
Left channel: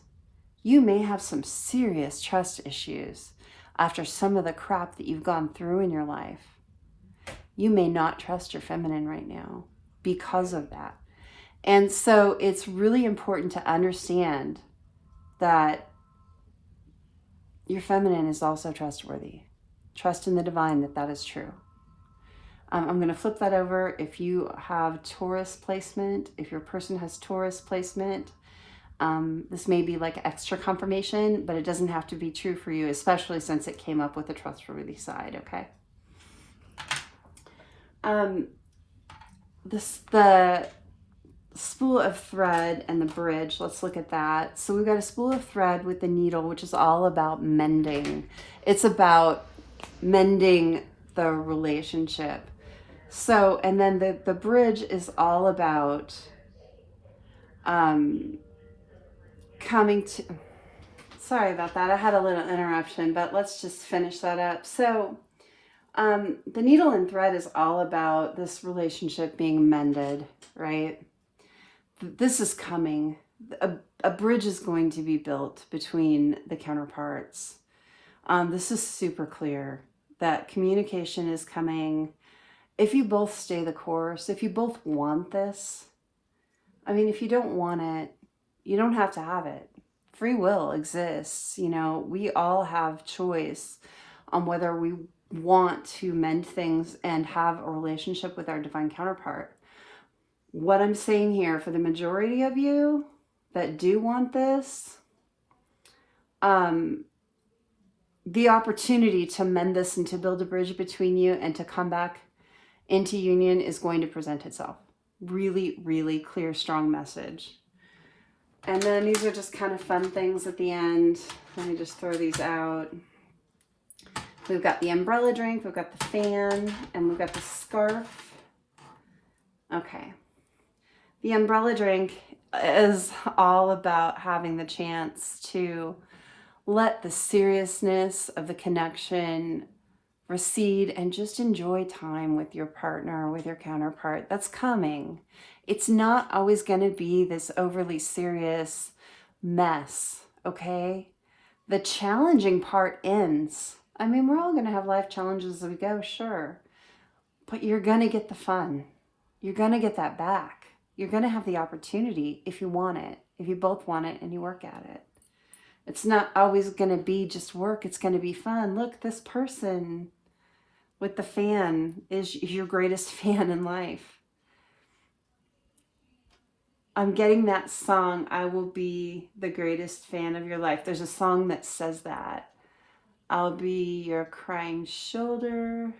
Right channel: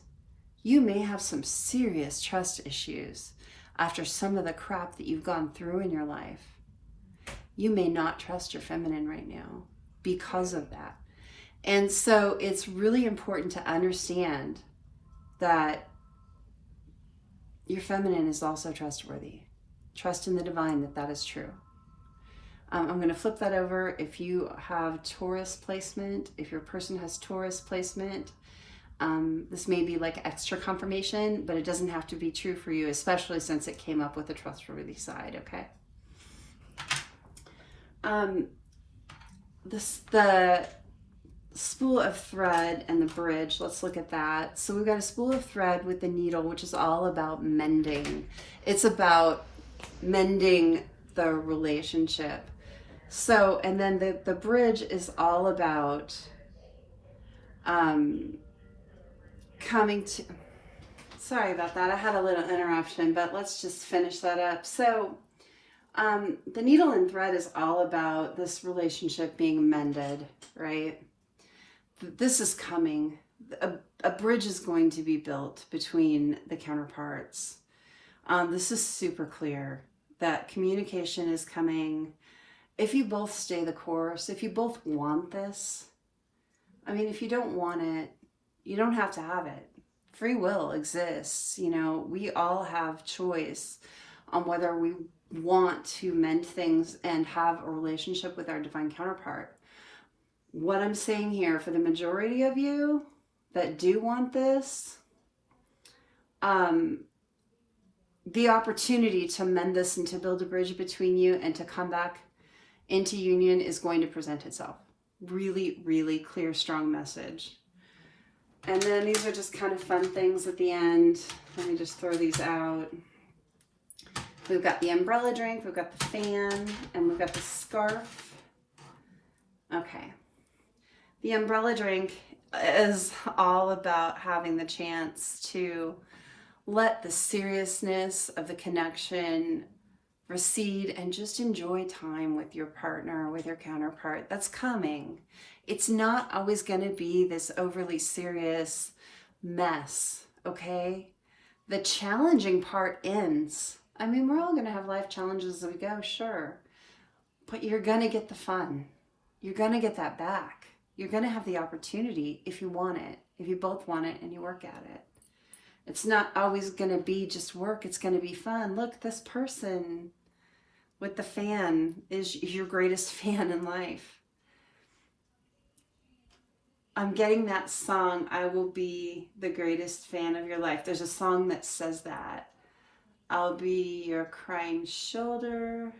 you may have some serious trust issues after some of the crap that you've gone through in your life. You may not trust your feminine right now because of that. And so it's really important to understand that your feminine is also trustworthy. Trust in the divine that that is true. I'm going to flip that over. If you have Taurus placement, if your person has Taurus placement, this may be like extra confirmation, but it doesn't have to be true for you, especially since it came up with the trustworthy side, okay? The spool of thread and the bridge, let's look at that. So we've got a spool of thread with the needle, which is all about mending. It's about mending the relationship. So, and then the bridge is all about coming to, sorry about that, I had a little interruption, but let's just finish that up. So the needle and thread is all about this relationship being mended, right? this is coming. A bridge is going to be built between the counterparts. This is super clear that communication is coming. If you both stay the course, if you both want this, I mean, if you don't want it, you don't have to have it. Free will exists. You know, we all have choice on whether we want to mend things and have a relationship with our divine counterpart. What I'm saying here, for the majority of you that do want this, the opportunity to mend this and to build a bridge between you and to come back into union is going to present itself. Really, really clear, strong message. And then these are just kind of fun things at the end. Let me just throw these out. We've got the umbrella drink, we've got the fan, and we've got the scarf. Okay. The umbrella drink is all about having the chance to let the seriousness of the connection recede and just enjoy time with your partner, with your counterpart. That's coming. It's not always going to be this overly serious mess, okay? The challenging part ends. I mean, we're all going to have life challenges as we go, sure. But you're going to get the fun. You're going to get that back. You're going to have the opportunity if you want it, if you both want it and you work at it. It's not always going to be just work. It's going to be fun. Look, this person with the fan is your greatest fan in life. I'm getting that song, I will be the greatest fan of your life. There's a song that says that. I'll be your crying shoulder.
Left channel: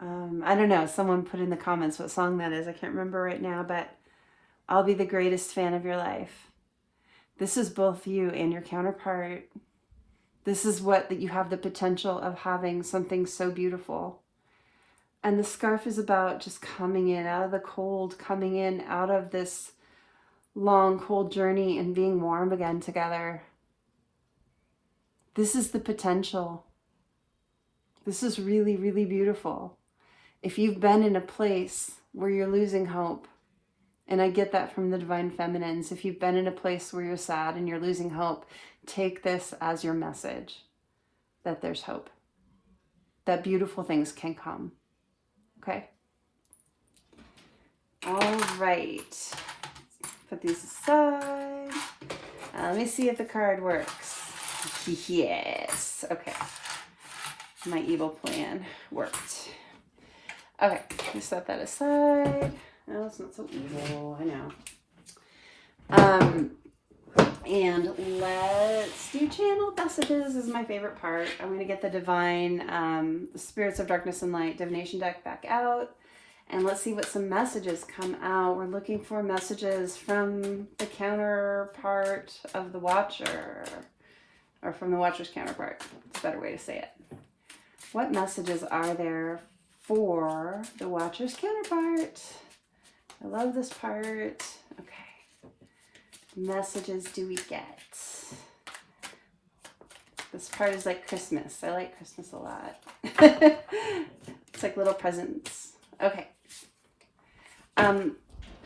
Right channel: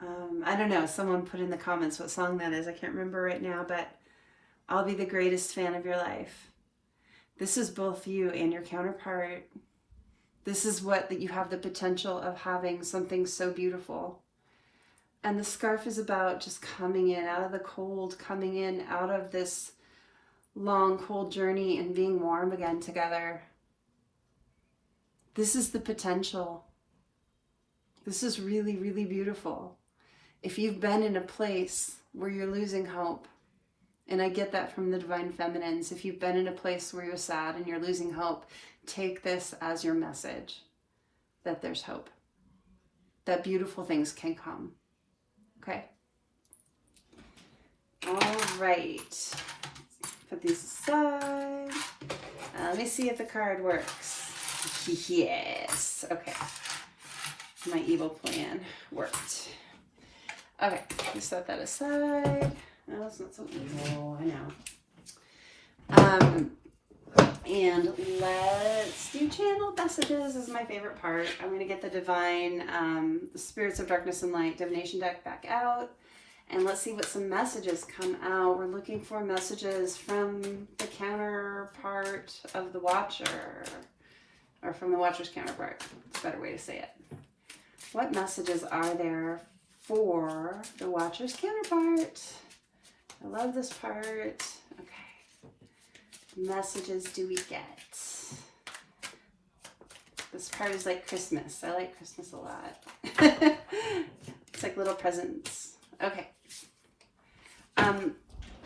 I don't know. Someone put in the comments what song that is. I can't remember right now, but I'll be the greatest fan of your life. This is both you and your counterpart. This is what that you have the potential of having something so beautiful. And the scarf is about just coming in out of the cold, coming in out of this long, cold journey and being warm again together. This is the potential. This is really, really beautiful. If you've been in a place where you're losing hope, and I get that from the divine feminines, if you've been in a place where you're sad and you're losing hope, take this as your message that there's hope, that beautiful things can come. Okay? All right. Put these aside. Let me see if the card works. Yes. Okay. My evil plan worked. Okay. Let's set that aside. No, it's not so evil. I know. And let's do channel messages. This is my favorite part. I'm going to get the divine, the spirits of darkness and light divination deck back out. And let's see what some messages come out. We're looking for messages from the counterpart of the watcher. Or from the watcher's counterpart. It's a better way to say it. What messages are there for the watcher's counterpart? I love this part. Okay. Messages do we get? This part is like Christmas. I like Christmas a lot. It's like little presents. Okay.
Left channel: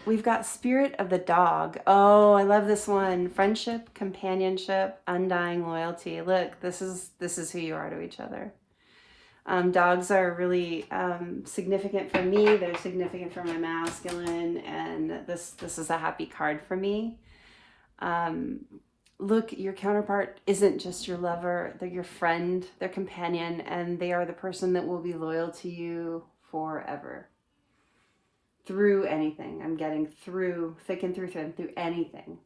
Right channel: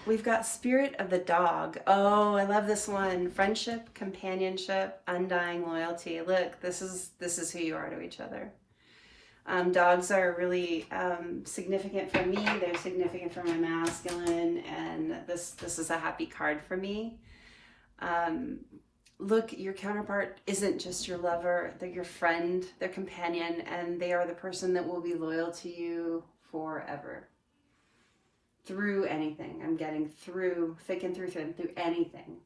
We've got spirit of the dog. Oh, I love this one. Friendship, companionship, undying loyalty. Look, this is who you are to each other. Dogs are really significant for me. They're significant for my masculine, and this is a happy card for me. Look, your counterpart isn't just your lover. They're your friend, their companion, and they are the person that will be loyal to you forever. Through anything. I'm getting through, thick and through thin, through anything.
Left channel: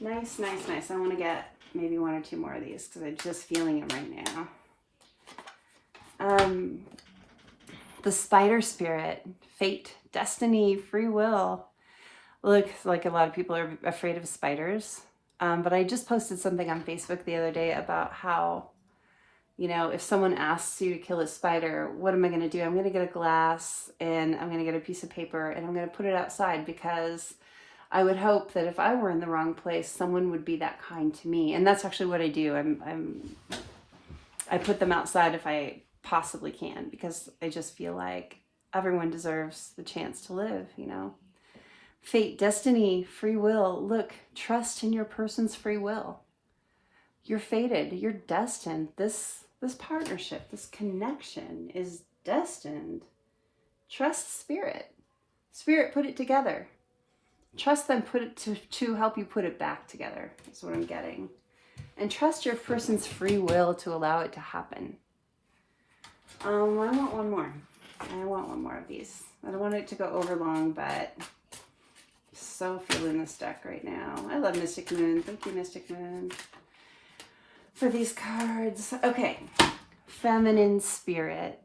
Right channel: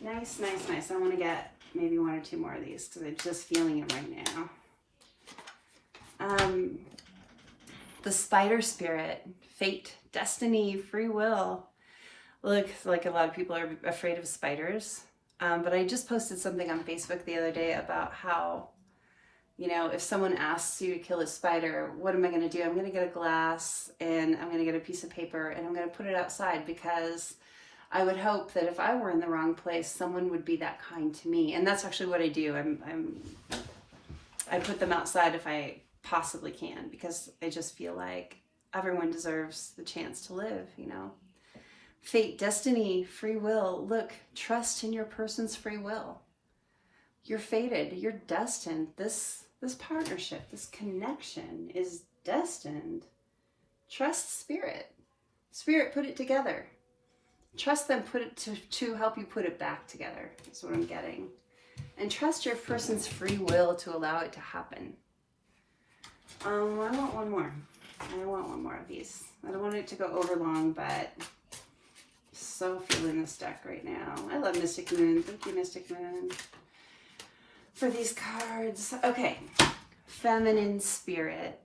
Nice, nice, nice. I want to get maybe one or two more of these because I'm just feeling it right now. The spider spirit, fate, destiny, free will. Look, like a lot of people are afraid of spiders. But I just posted something on Facebook the other day about how, you know, if someone asks you to kill a spider, what am I going to do? I'm going to get a glass and I'm going to get a piece of paper and I'm going to put it outside, because I would hope that if I were in the wrong place, someone would be that kind to me. And that's actually what I do. I put them outside if I possibly can, because I just feel like everyone deserves the chance to live, you know. Fate, destiny, free will. Look, trust in your person's free will. You're fated. You're destined. This partnership, this connection is destined. Trust spirit. Spirit put it together. Trust them put it to help you put it back together. That's what I'm getting. And trust your person's free will to allow it to happen. I want one more. I want one more of these. I don't want it to go over long, but I'm so feeling this deck right now. I love Mystic Moon. Thank you, Mystic Moon, for these cards. Okay. Feminine spirit.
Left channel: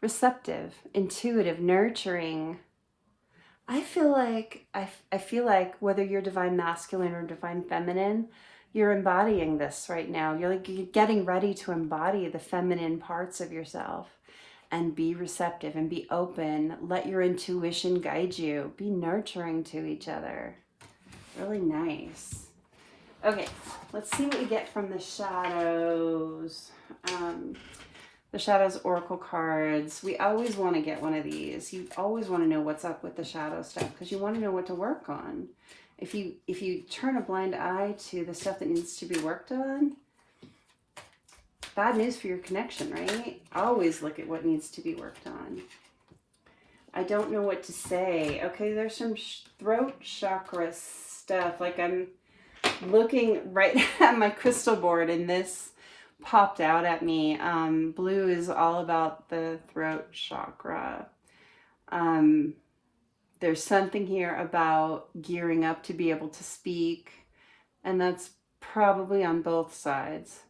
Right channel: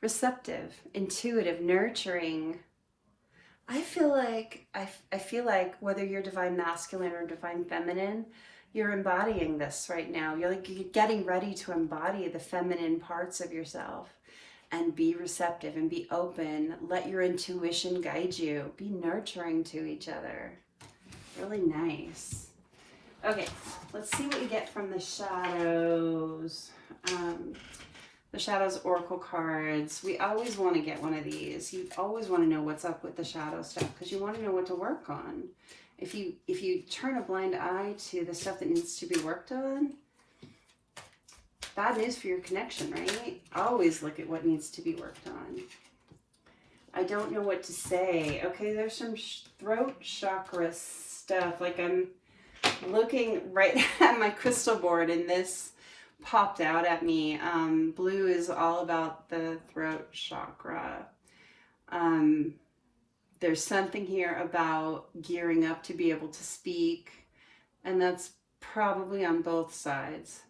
Receptive, intuitive, nurturing. I feel like whether you're divine masculine or divine feminine, you're embodying this right now. You're getting ready to embody the feminine parts of yourself and be receptive and be open. Let your intuition guide you. Be nurturing to each other. Really nice. Okay, let's see what we get from the shadows. The Shadows Oracle cards. We always want to get one of these. You always want to know what's up with the shadow stuff because you want to know what to work on. If you turn a blind eye to the stuff that needs to be worked on, bad news for your connection, right? Always look at what needs to be worked on. I don't know what to say. Okay, there's some throat chakra stuff. Like I'm looking right at my crystal board and this popped out at me. Blue is all about the throat chakra. There's something here about gearing up to be able to speak, and that's probably on both sides.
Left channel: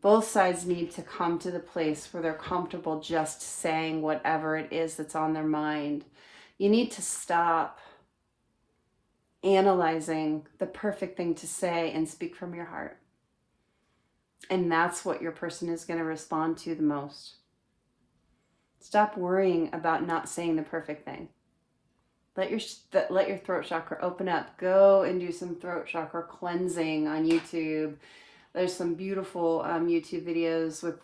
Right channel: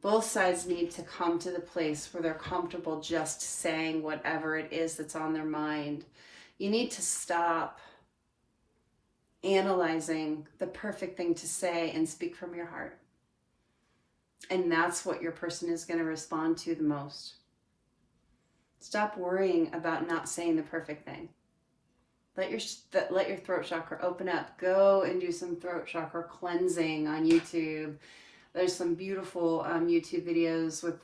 Both sides need to come to the place where they're comfortable just saying whatever it is that's on their mind. You need to stop analyzing the perfect thing to say and speak from your heart. And that's what your person is going to respond to the most. Stop worrying about not saying the perfect thing. Let your throat chakra open up. Go and do some throat chakra cleansing on YouTube. There's some beautiful YouTube videos with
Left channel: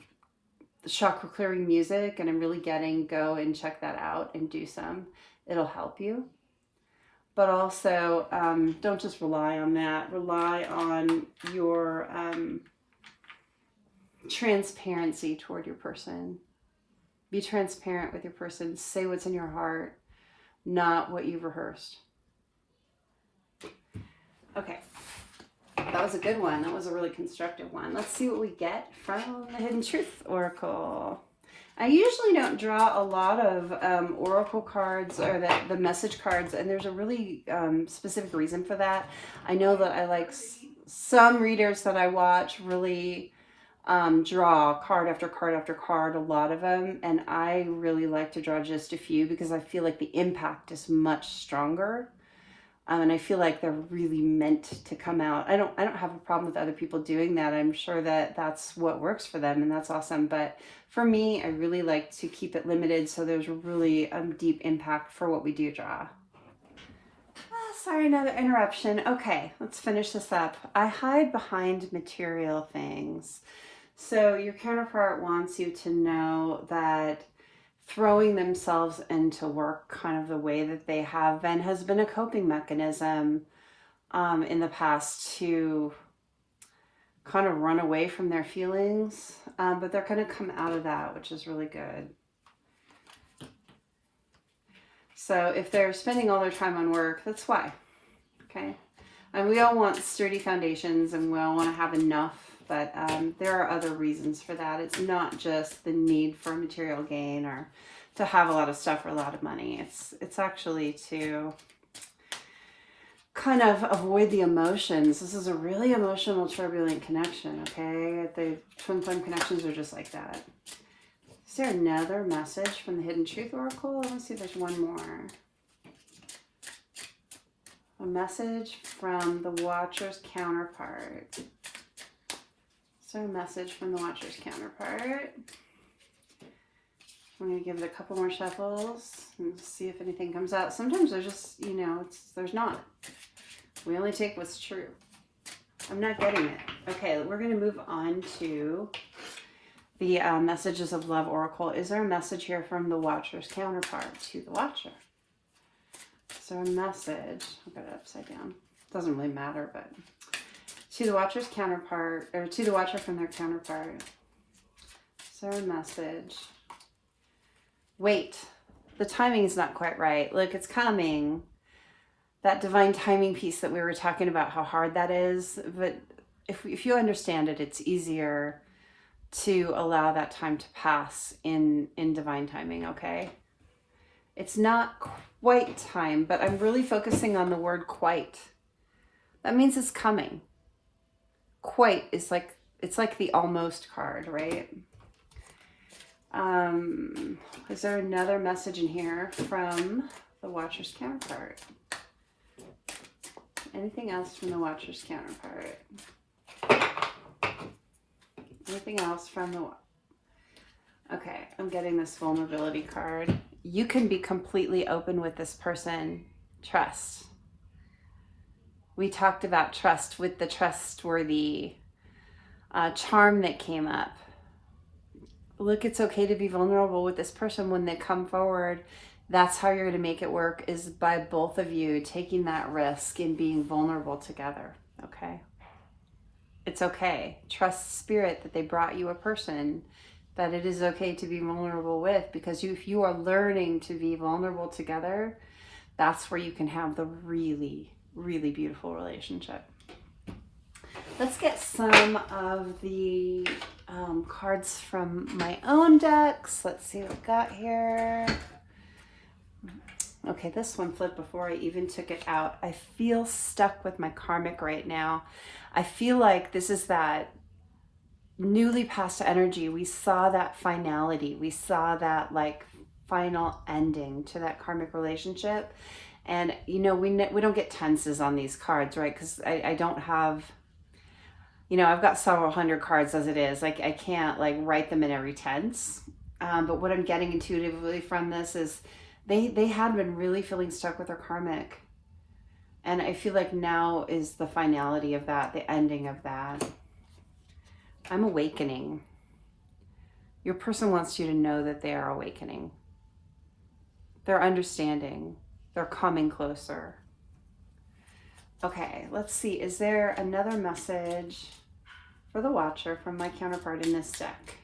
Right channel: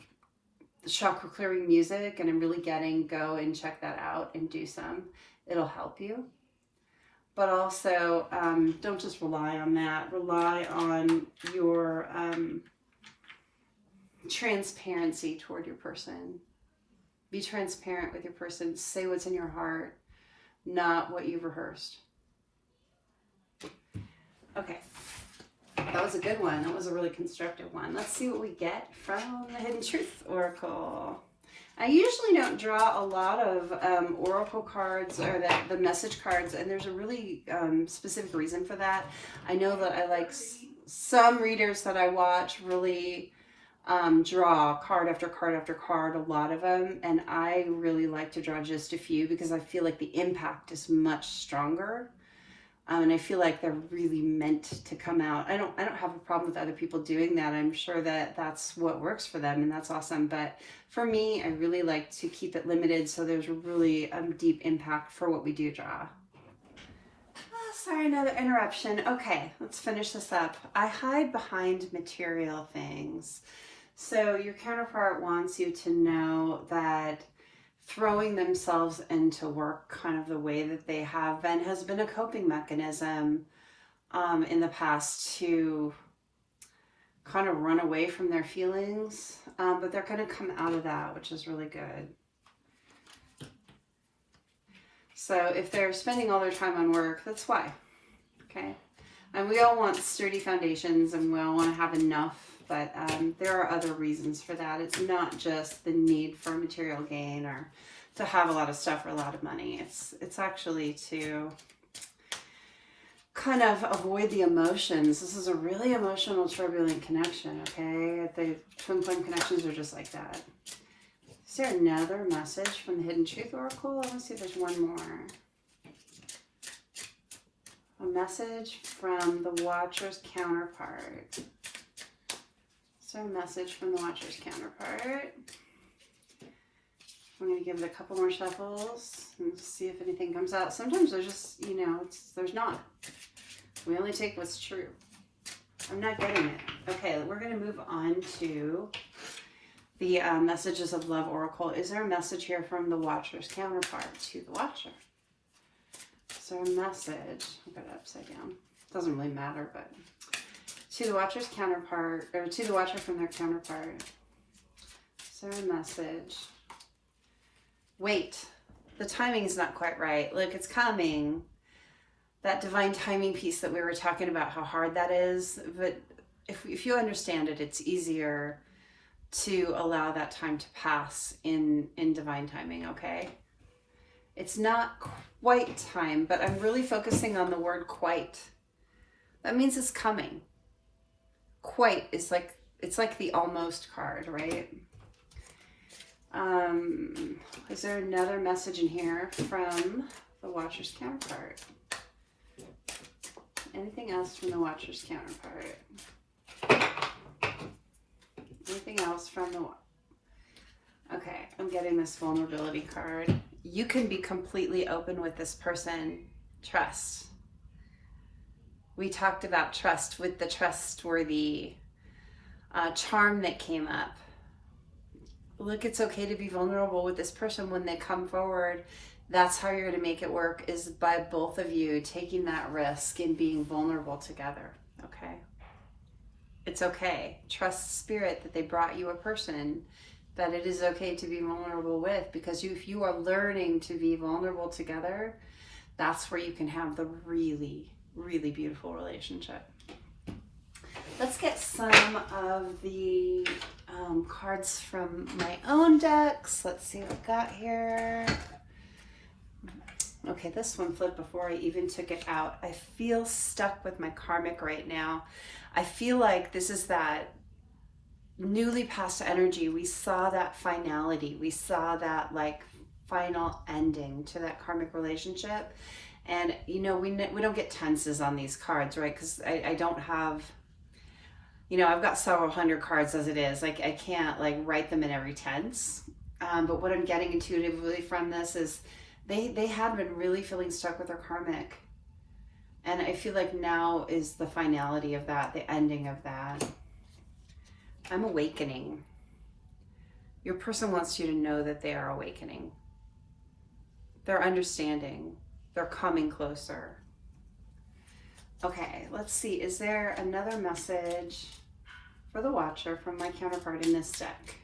the chakra clearing music, and I'm really getting, go and check that out and do some. It'll help you. But also, don't just rely on that. Rely on your transparency toward your person. Be transparent with your person. Say what's in your heart, not what you've rehearsed. Okay. That was a good one. That was a really constructive one. Let's see what we get from the Hidden Truth Oracle. I usually don't draw a lot of oracle cards or the message cards, and there's a really specific reason for that. I know that I like some readers that I watch really draw card after card after card, a lot of them, and I really like to draw just a few because I feel like the impact is much stronger. And I feel like they're really meant to come out. I don't have a problem with other people doing that. I'm sure that that's what works for them, and that's awesome. But for me, I really like to keep it limited so there's really deep impact for what we do draw. Oh, sorry, another interruption. Okay, let's finish this up. I hide behind material things. So your counterpart wants you to know that throwing themselves into work kind of the way that they have been has been a coping mechanism in the past to kind of run away from their feelings, but they're going to come out of that, which is really good. So if they're spending all their time on work, that's why. Okay, and we all want sturdy foundations and we all want to have enough, but there are other reasons for that. It's not just the need for material gain or to have a lot of stuff or a lot of money. It's actually to kind of avoid the emotions. This is a really emotional, turbulent connection, okay? The twin flame connections are just like that. Is there another message from the Hidden Truth Oracle? Let me see if there's one more. A message from the Watcher's counterpart. So a message from the Watcher's counterpart. I'm going to give it a couple more shuffles and see if anything comes out. Sometimes there's just, there's not. We only take what's true. I'm not getting it. Okay, we're going to move on to the Messages of Love Oracle. Is there a message here from the Watcher's counterpart to the Watcher? So a message, I'll get it upside down. Doesn't really matter, but to the Watcher's counterpart, or to the Watcher from their counterpart. So a message. Wait, the timing is not quite right. Look, it's coming. That divine timing piece that we were talking about, how hard that is. But if you understand it, it's easier to allow that time to pass in divine timing, okay? It's not quite time, but I'm really focusing on the word quite. That means it's coming. Quite is like, it's like the almost card, right? Is there another message in here from the Watcher's counterpart? Anything else from the Watcher's counterpart? Anything else from the... Okay, I'm getting this vulnerability card. You can be completely open with this person. Trust. We talked about trust with the trustworthy charm that came up. Look, it's okay to be vulnerable with this person when they come forward. That's how you're going to make it work, is by both of you taking that risk and being vulnerable together, okay? It's okay. Trust spirit that they brought you a person that it is okay to be vulnerable with, because if you are learning to be vulnerable together, that's where you can have the really, really beautiful relationship. Let's get some of the cards from my own decks. Let's see what I got here. Okay, this one flipped before I even took it out. I feel stuck with my karmic right now. I feel like this is that newly passed energy. We saw that finality. We saw that like final ending to that karmic relationship. And you know, we don't get tenses on these cards, right? Because I don't have, you know, I've got several hundred cards as it is. Like I can't like write them in every tense. But what I'm getting intuitively from this is they had been really feeling stuck with their karmic. And I feel like now is the finality of that, the ending of that. I'm awakening. Your person wants you to know that they are awakening. They're understanding. They're coming closer. Okay, let's see. Is there another message for the Watcher from my counterpart in this deck?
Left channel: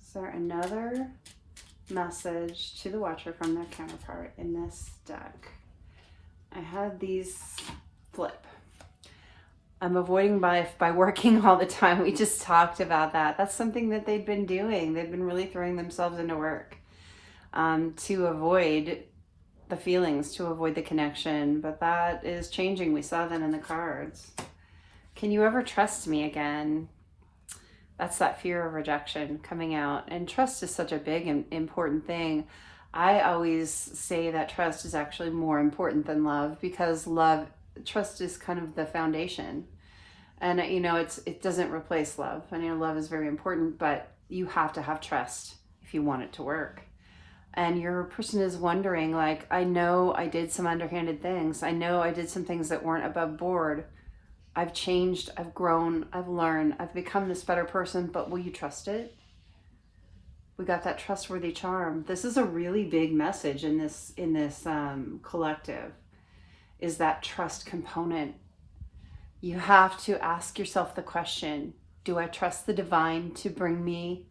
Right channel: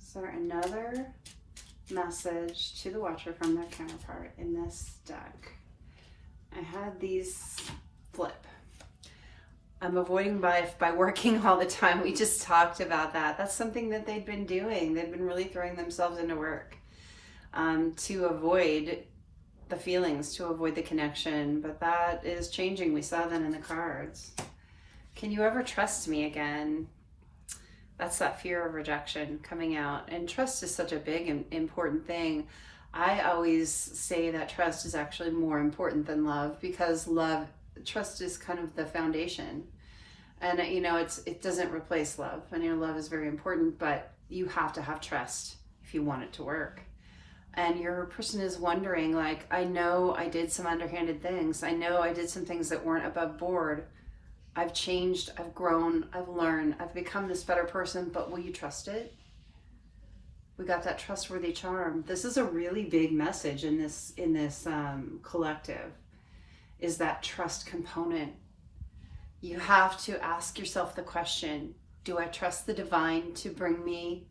Is there another message to the Watcher from their counterpart in this deck? I had these flip. I'm avoiding by working all the time. We just talked about that. That's something that they've been doing. They've been really throwing themselves into work to avoid the feelings, to avoid the connection. But that is changing. We saw that in the cards. Can you ever trust me again? That's that fear of rejection coming out. And trust is such a big and important thing. I always say that trust is actually more important than love, because trust is kind of the foundation. And you know, it doesn't replace love. I know love is very important, but you have to have trust if you want it to work. And your person is wondering, like, I know I did some underhanded things. I know I did some things that weren't above board. I've changed, I've grown, I've learned, I've become this better person, but will you trust it? We got that trustworthy charm. This is a really big message in this collective, is that trust component. You have to ask yourself the question, do I trust the divine to bring me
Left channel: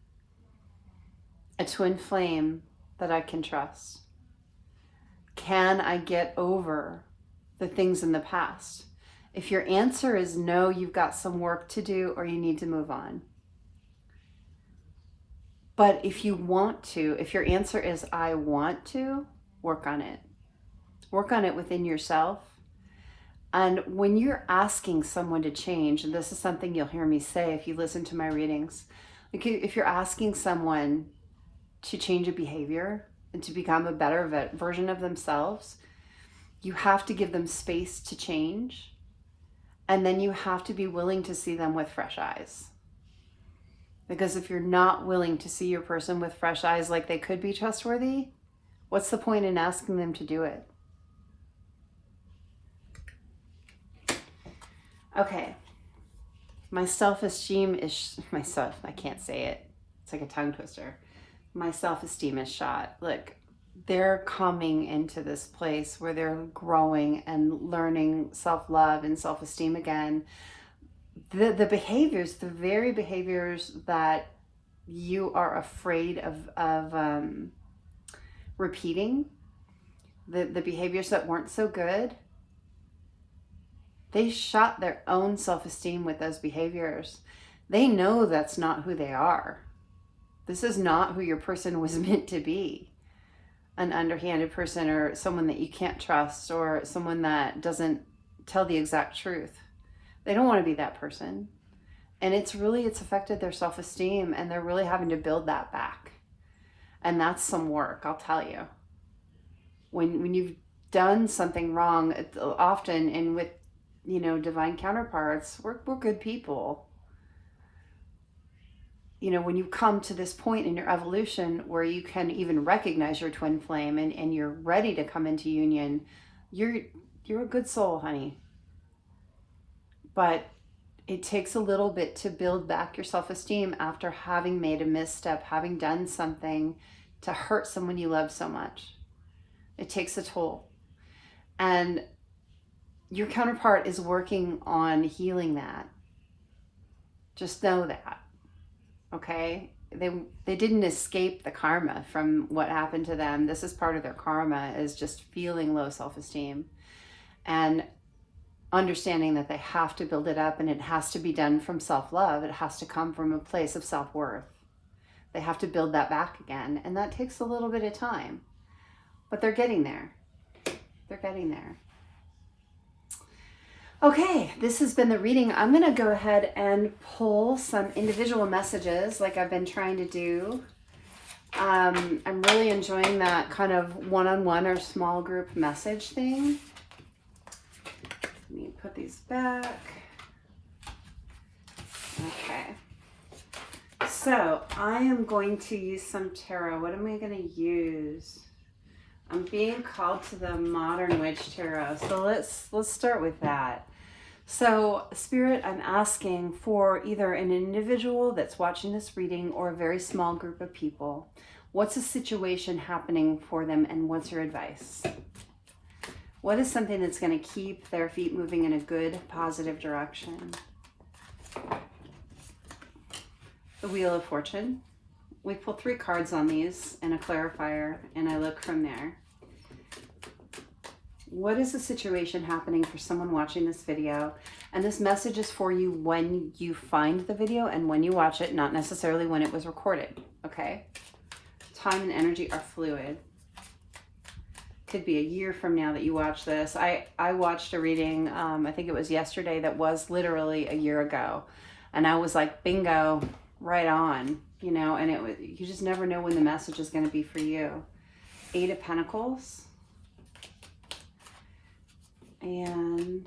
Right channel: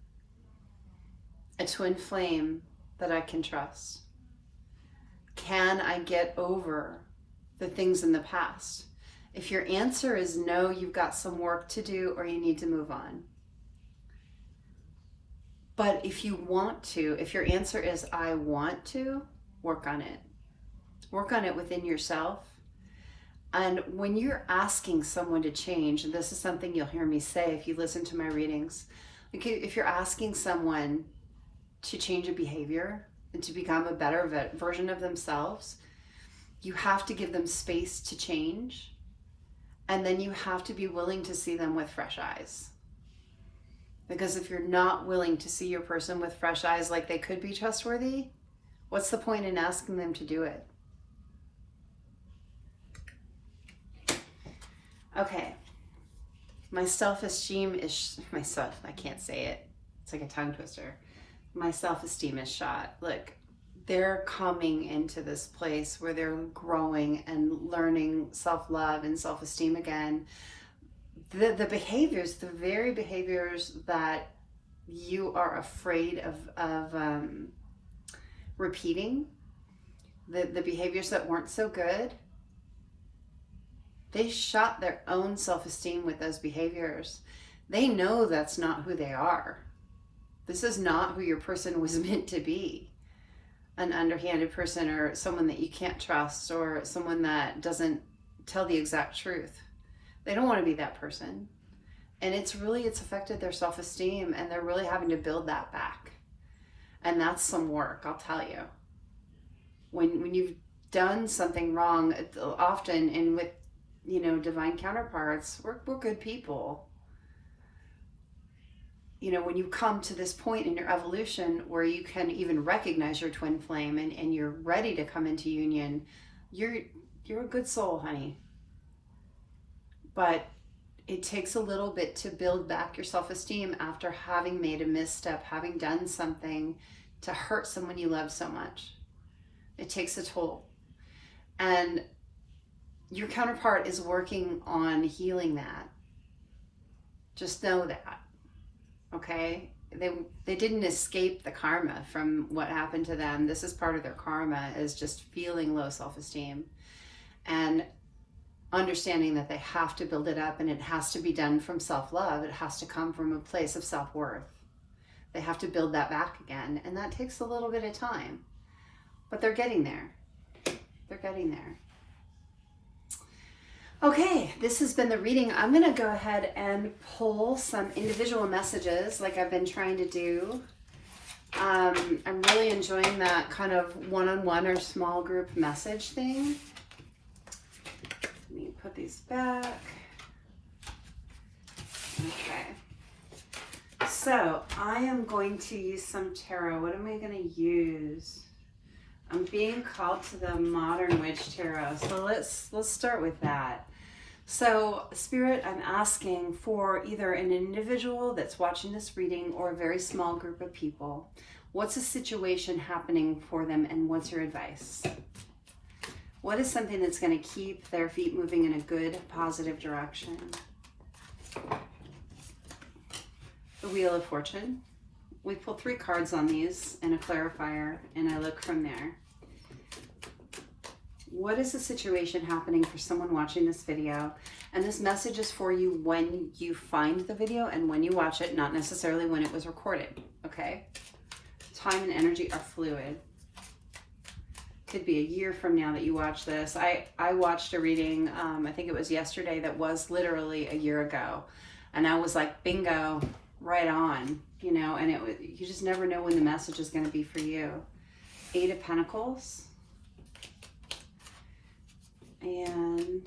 a twin flame that I can trust? Can I get over the things in the past? If your answer is no, you've got some work to do, or you need to move on. But if you want to, if your answer is I want to, work on it. Work on it within yourself. And when you're asking someone to change, and this is something you'll hear me say if you listen to my readings, if you're asking someone to change a behavior and to become a better version of themselves, you have to give them space to change. And then you have to be willing to see them with fresh eyes. Because if you're not willing to see your person with fresh eyes like they could be trustworthy, what's the point in asking them to do it? Okay. My self-esteem is, I can't say it. It's like a tongue twister. My self-esteem is shot. Look, they're coming into this place where they're growing and learning self-love and self-esteem again. The behaviors, the very behaviors that you are afraid of repeating, the behaviors that weren't so good, they shot their own self-esteem with those behaviors. They know that's not who they are. This is not who your person was meant to be. An underhanded person, or someone that you can't trust, or someone that doesn't tell the exact truth. They don't want to be that person. And it's affected their self-esteem, and they're really having to build that back. And that's some work, I'll tell you. When you've done something wrong, often, and with, divine counterparts, we're good people. When you come to this point in your evolution where you can even recognize your twin flame, and you're ready to come into union, you're a good soul, honey. But it takes a little bit to build back your self-esteem after having made a misstep, having done something to hurt someone you love so much. It takes a toll. And your counterpart is working on healing that. Just know that. Okay? They didn't escape the karma from what happened to them. This is part of their karma, is just feeling low self-esteem and understanding that they have to build it up, and it has to be done from self-love. It has to come from a place of self-worth. They have to build that back again, and that takes a little bit of time. But they're getting there. They're getting there. Okay, this has been the reading. I'm going to go ahead and pull some individual messages like I've been trying to do. I'm really enjoying that kind of one-on-one or small group message thing. Let me put these back. Okay. So I am going to use some tarot. What am I going to use? I'm being called to the Modern Witch Tarot. So let's start with that. So Spirit, I'm asking for either an individual that's watching this reading or a very small group of people. What's a situation happening for them, and what's your advice? What is something that's going to keep their feet moving in a good, positive direction? The Wheel of Fortune. We pull 3 cards on these and a clarifier, and I look from there. What is the situation happening for someone watching this video? And this message is for you when you find the video and when you watch it, not necessarily when it was recorded, okay? Time and energy are fluid. Could be a year from now that you watch this. I watched a reading, I think it was yesterday, that was literally a year ago. And I was like, bingo, right on, and you just never know when the message is going to be for you. 8 of Pentacles. And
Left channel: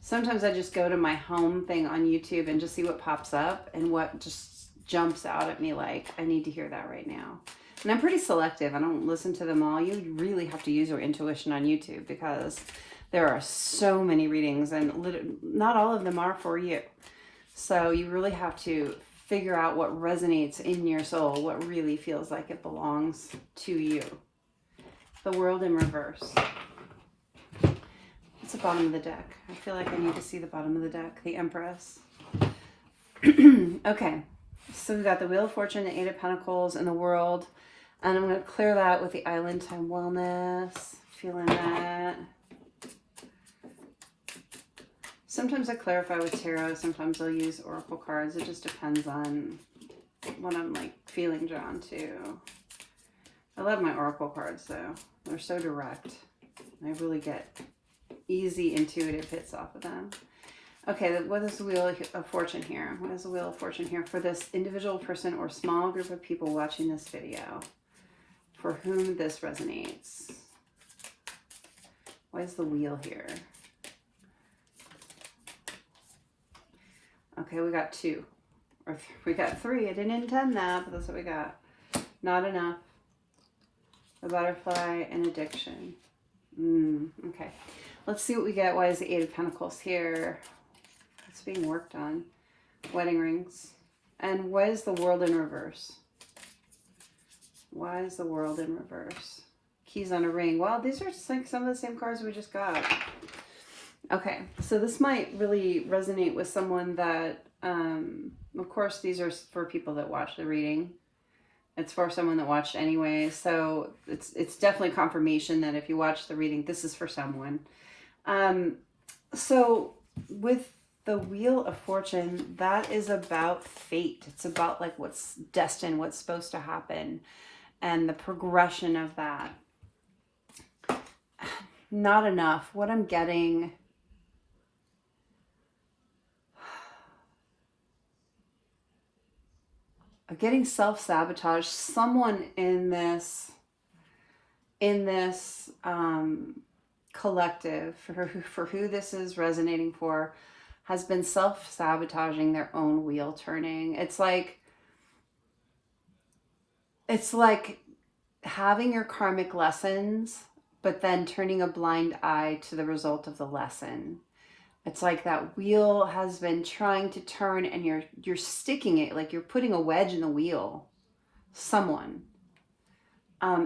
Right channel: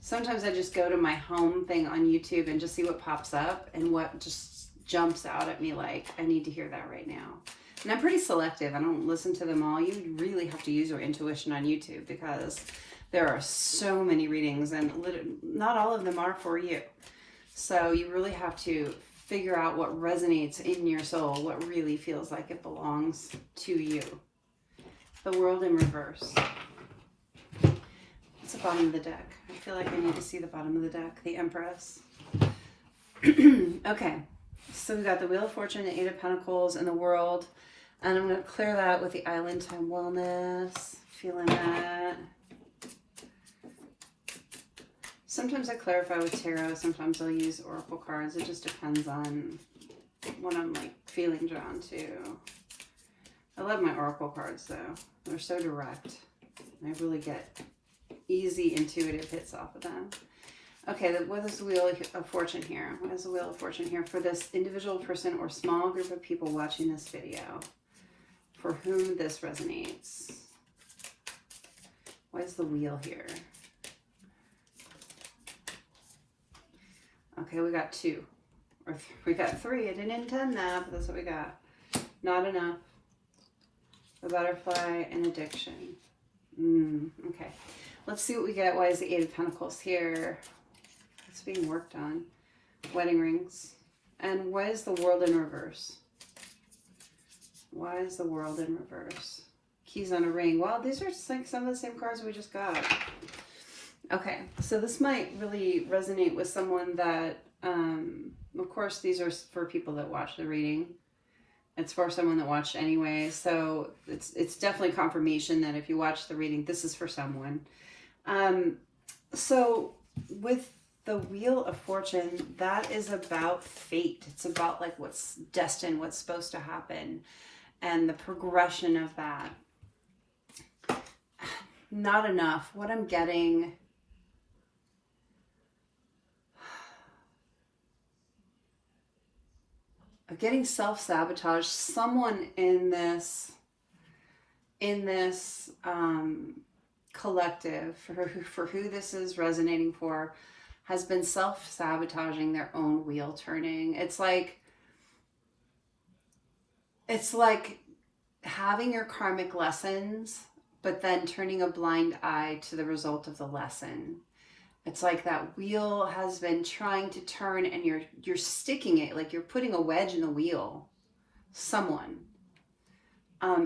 sometimes I just go to my home thing on YouTube and just see what pops up and what just jumps out at me like, I need to hear that right now. And I'm pretty selective. I don't listen to them all. You really have to use your intuition on YouTube because there are so many readings and not all of them are for you. So you really have to figure out what resonates in your soul, what really feels like it belongs to you. The World in Reverse. It's the bottom of the deck. I feel like I need to see the bottom of the deck. The Empress. Okay. So we got the Wheel of Fortune, the 8 of Pentacles, and the World. And I'm going to clear that with the Island Time Wellness. Feeling that. Sometimes I clarify with tarot. Sometimes I'll use oracle cards. It just depends on what I'm like feeling drawn to. I love my oracle cards though. They're so direct. I really get easy intuitive hits off of them. Okay, what is the Wheel of Fortune here? What is the Wheel of Fortune here for this individual person or small group of people watching this video for whom this resonates? What is the wheel here? Okay, we got 2. Or we got 3. I didn't intend that, but that's what we got. Not enough. The Butterfly and Addiction. Okay. Let's see what we get. Why is the 8 of Pentacles here? It's being worked on. Wedding rings. And what is the World in Reverse? Why is the world in reverse? Keys on a ring. Wow, these are just like some of the same cards we just got. Okay, so this might really resonate with someone that, of course, these are for people that watch the reading. It's for someone that watched anyway. So it's definitely confirmation that if you watch the reading, this is for someone. So with the Wheel of Fortune, that is about fate. It's about like what's destined, what's supposed to happen, and the progression of that. Not enough. What I'm getting, I'm getting self-sabotage. Someone in this collective, for who this is resonating for, has been self-sabotaging their own wheel turning. It's like having your karmic lessons, but then turning a blind eye to the result of the lesson. It's like that wheel has been trying to turn and you're sticking it, like you're putting a wedge in the wheel. Someone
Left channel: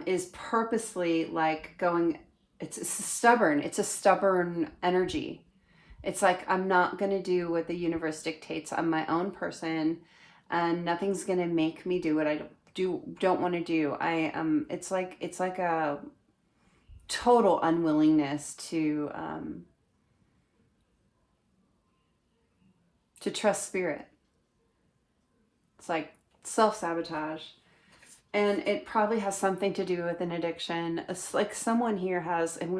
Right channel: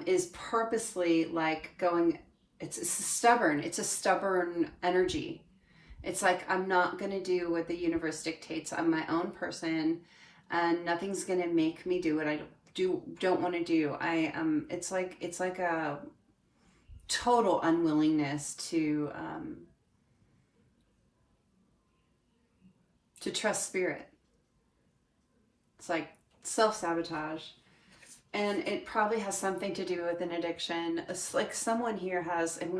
is purposely like going, it's a stubborn energy. It's like, I'm not going to do what the universe dictates. I'm my own person and nothing's going to make me do what I don't want to do. It's like a total unwillingness to trust spirit. It's like self-sabotage. And it probably has something to do with an addiction. It's like someone here has, and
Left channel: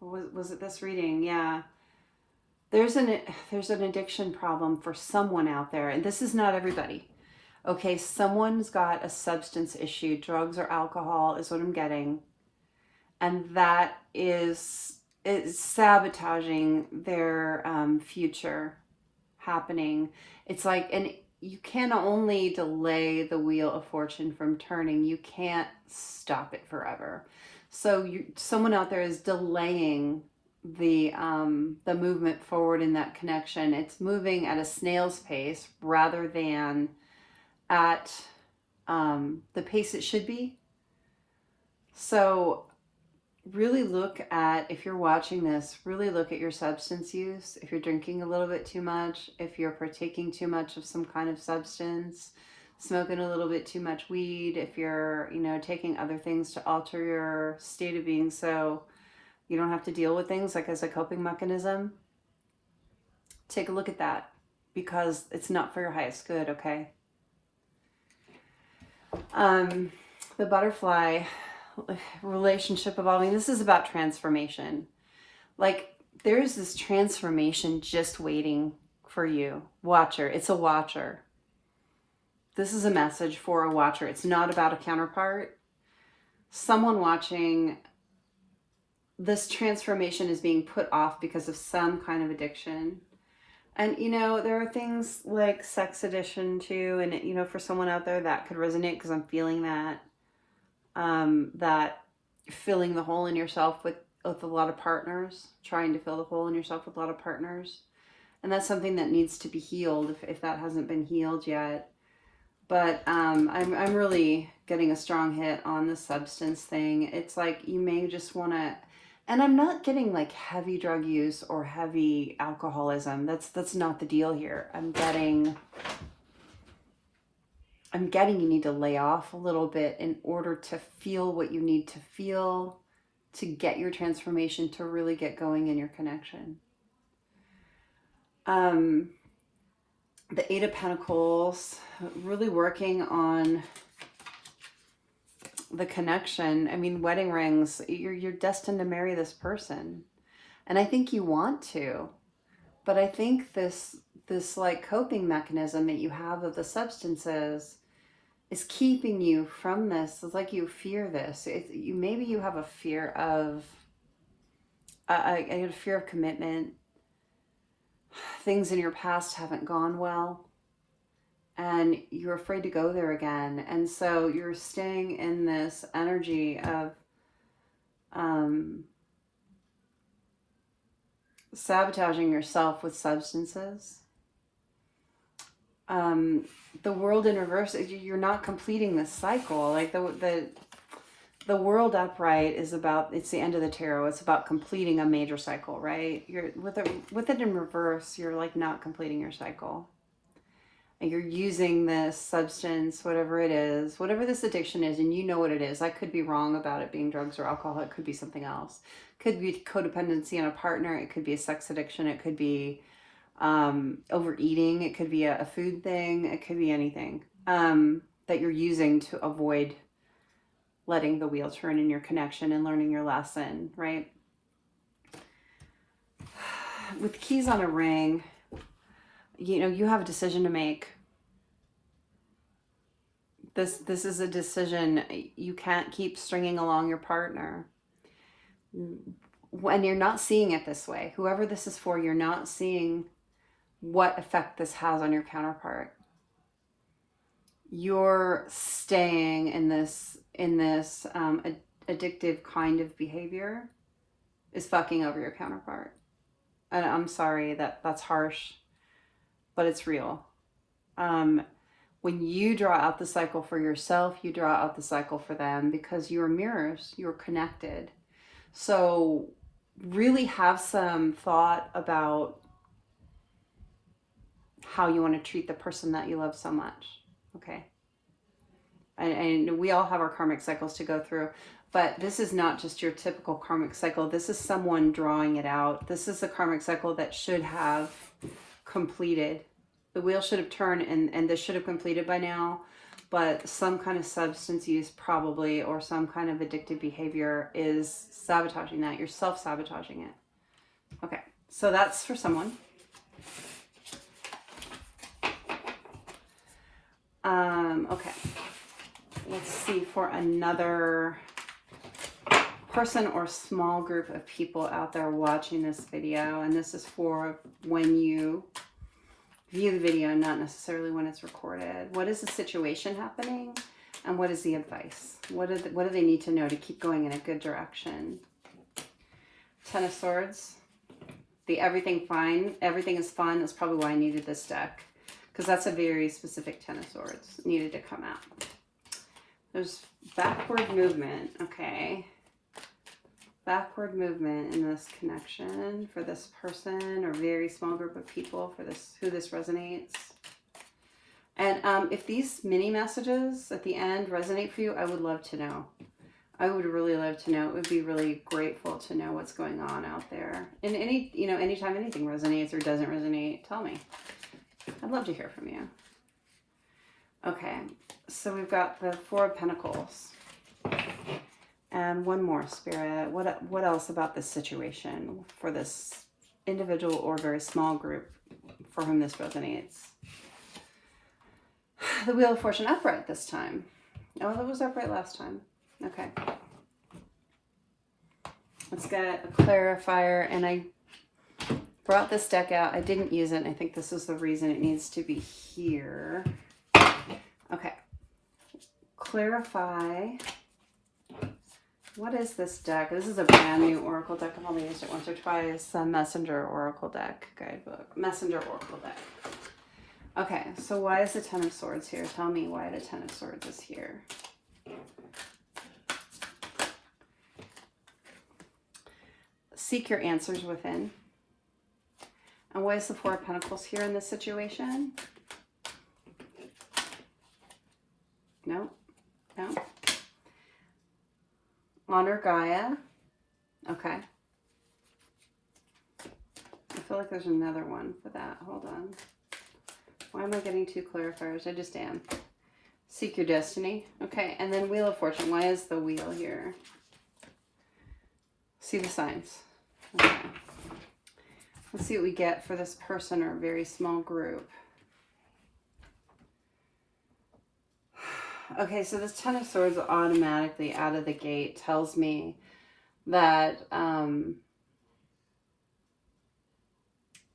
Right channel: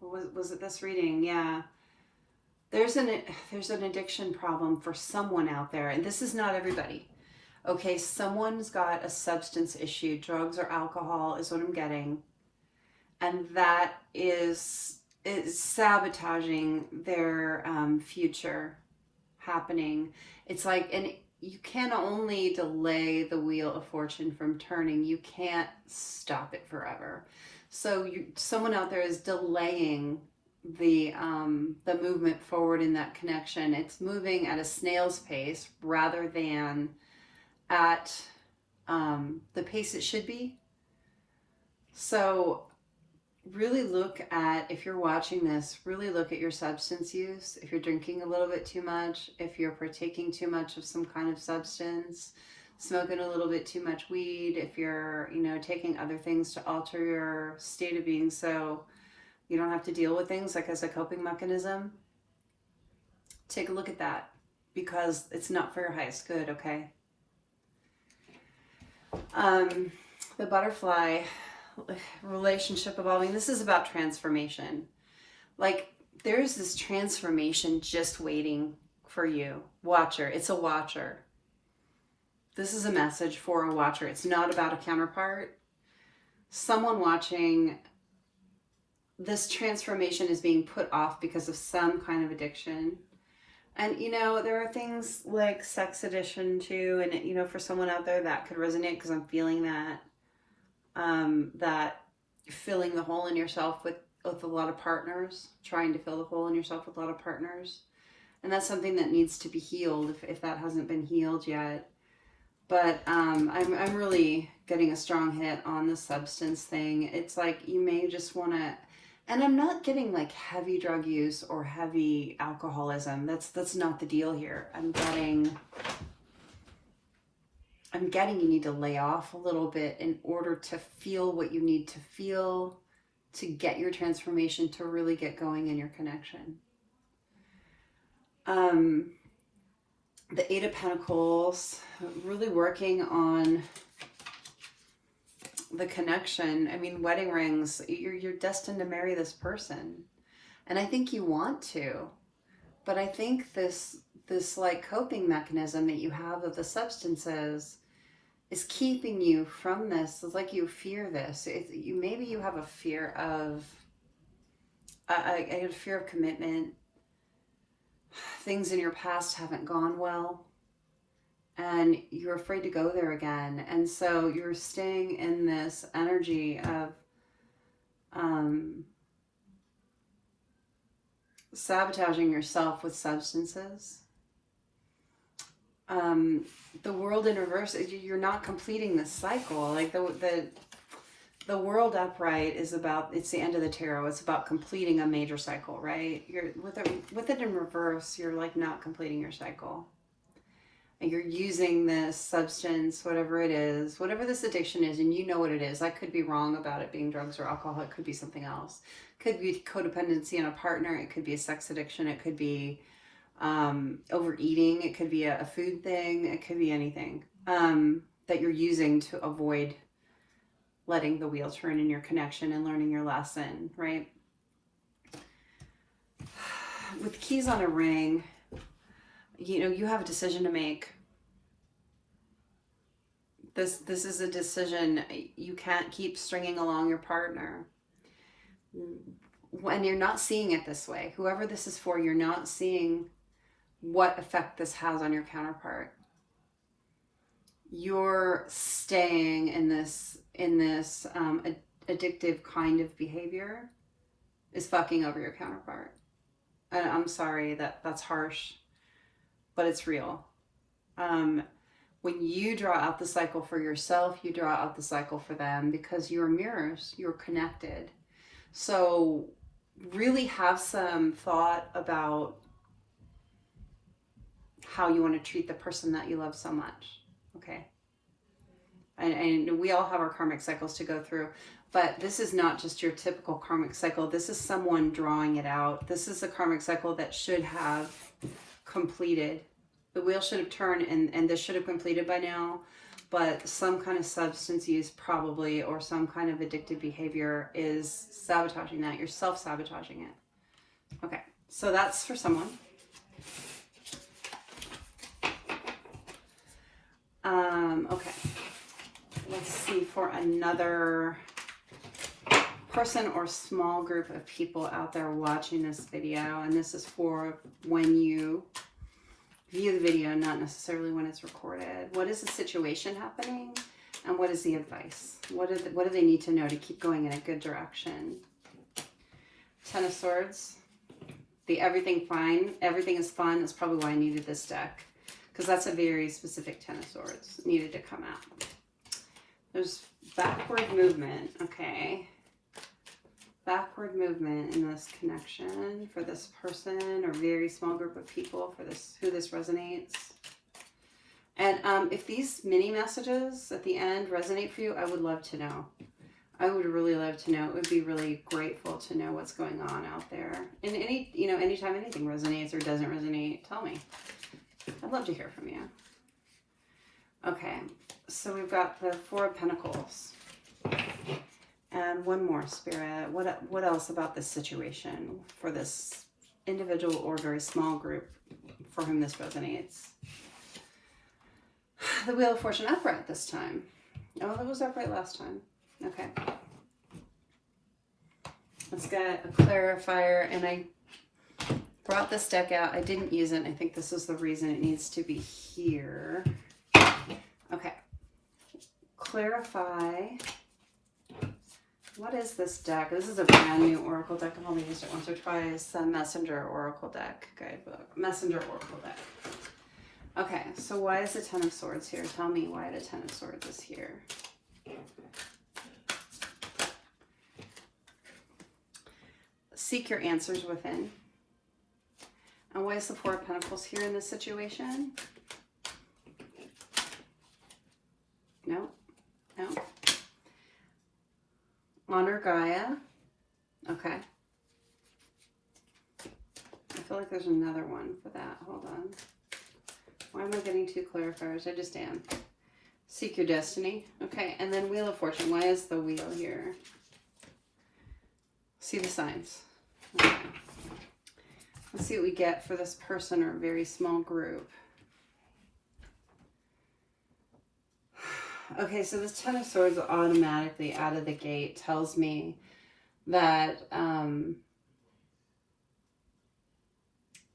was it this reading? Yeah. There's an addiction problem for someone out there, and this is not everybody. Okay, someone's got a substance issue, drugs or alcohol is what I'm getting. And that is sabotaging their future happening. It's like, and you can only delay the Wheel of Fortune from turning. You can't stop it forever. So someone out there is delaying the movement forward in that connection. It's moving at a snail's pace rather than at the pace it should be. So really look at, if you're watching this, really look at your substance use. If you're drinking a little bit too much, if you're partaking too much of some kind of substance, smoking a little bit too much weed, if you're, taking other things to alter your state of being so you don't have to deal with things like as a coping mechanism, take a look at that, because it's not for your highest good, okay? The butterfly, relationship evolving. This is about transformation. Like, there's this transformation just waiting for you. Watcher. It's a watcher. This is a message for a watcher. It's not about a counterpart. Someone watching, this transformation is being put off because of some kind of addiction. And, there are things like sex addiction too. And, for someone out there that could resonate, because I'm feeling that. That filling the hole in yourself with a lot of partners, trying to fill the hole in yourself with a lot of partners. And that's something that needs to be healed if that hasn't been healed yet. But I'm really getting a strong hit on the substance thing. It's like you may just want to, and I'm not getting like heavy drug use or heavy alcoholism. That's not the deal here. I'm getting you need to lay off a little bit in order to feel what you need to feel to get your transformation to really get going in your connection. The Eight of Pentacles, really working on the connection. I mean, wedding rings, you're destined to marry this person. And I think you want to. But I think this like coping mechanism that you have of the substances is keeping you from this. It's like you fear this. Maybe you have a fear of a fear of commitment. Things in your past haven't gone well, and you're afraid to go there again. And so you're staying in this energy of sabotaging yourself with substances. The world in reverse, you're not completing the cycle. Like the world upright is about, it's the end of the tarot. It's about completing a major cycle, right? You're with it in reverse, you're like not completing your cycle. And you're using this substance, whatever it is, whatever this addiction is, and you know what it is. I could be wrong about it being drugs or alcohol. It could be something else. It could be codependency on a partner. It could be a sex addiction. It could be overeating. It could be a food thing. It could be anything that you're using to avoid letting the wheel turn in your connection and learning your lesson, right? With keys on a ring, you know, you have a decision to make. This is a decision. You can't keep stringing along your partner. When you're not seeing it this way, whoever this is for, you're not seeing what effect this has on your counterpart. You're staying in this addictive kind of behavior is fucking over your counterpart. And I'm sorry that's harsh, but it's real. When you draw out the cycle for yourself, you draw out the cycle for them, because you're mirrors, you're connected. So really have some thought about how you want to treat the person that you love so much. Okay. And we all have our karmic cycles to go through, but this is not just your typical karmic cycle. This is someone drawing it out. This is a karmic cycle that should have completed. The wheel should have turned, and this should have completed by now, but some kind of substance use probably, or some kind of addictive behavior is sabotaging that. You're self-sabotaging it. Okay, so that's for someone. Okay, let's see for another person or small group of people out there watching this video, and this is for when you view the video, not necessarily when it's recorded. What is the situation happening, and what is the advice? What do they need to know to keep going in a good direction? Ten of Swords. The everything is fun is probably why I needed this deck, because that's a very specific Ten of Swords. It needed to come out. There's backward movement. Okay. Backward movement in this connection for this person or very small group of people for this, who this resonates. And if these mini messages at the end resonate for you, I would love to know. I would really love to know. It would be really grateful to know what's going on out there. And anytime anything resonates or doesn't resonate, tell me. I'd love to hear from you. Okay, so we've got the Four of Pentacles. And one more, Spirit. What else about this situation for this individual or very small group for whom this resonates? The Wheel of Fortune upright this time. Oh, it was upright last time. Okay. Let's get a clarifier, and I brought this deck out. I didn't use it, and I think this is the reason it needs to be here. Okay. Clarify. What is this deck? This is a brand new Oracle deck. I've only used it once or twice. The Messenger Oracle deck guidebook. Messenger Oracle deck. Okay, so why is the Ten of Swords here? Tell me why the Ten of Swords is here. Seek your answers within. And why is the Four of Pentacles here in this situation? No, no. Honor Gaia. Okay. I feel like there's another one for that. Hold on. Why am I getting two clarifiers? I just am. Seek your destiny. Okay, and then Wheel of Fortune. Why is the wheel here? See the signs. Okay. Let's see what we get for this person or a very small group. Okay, so this Ten of Swords automatically out of the gate tells me that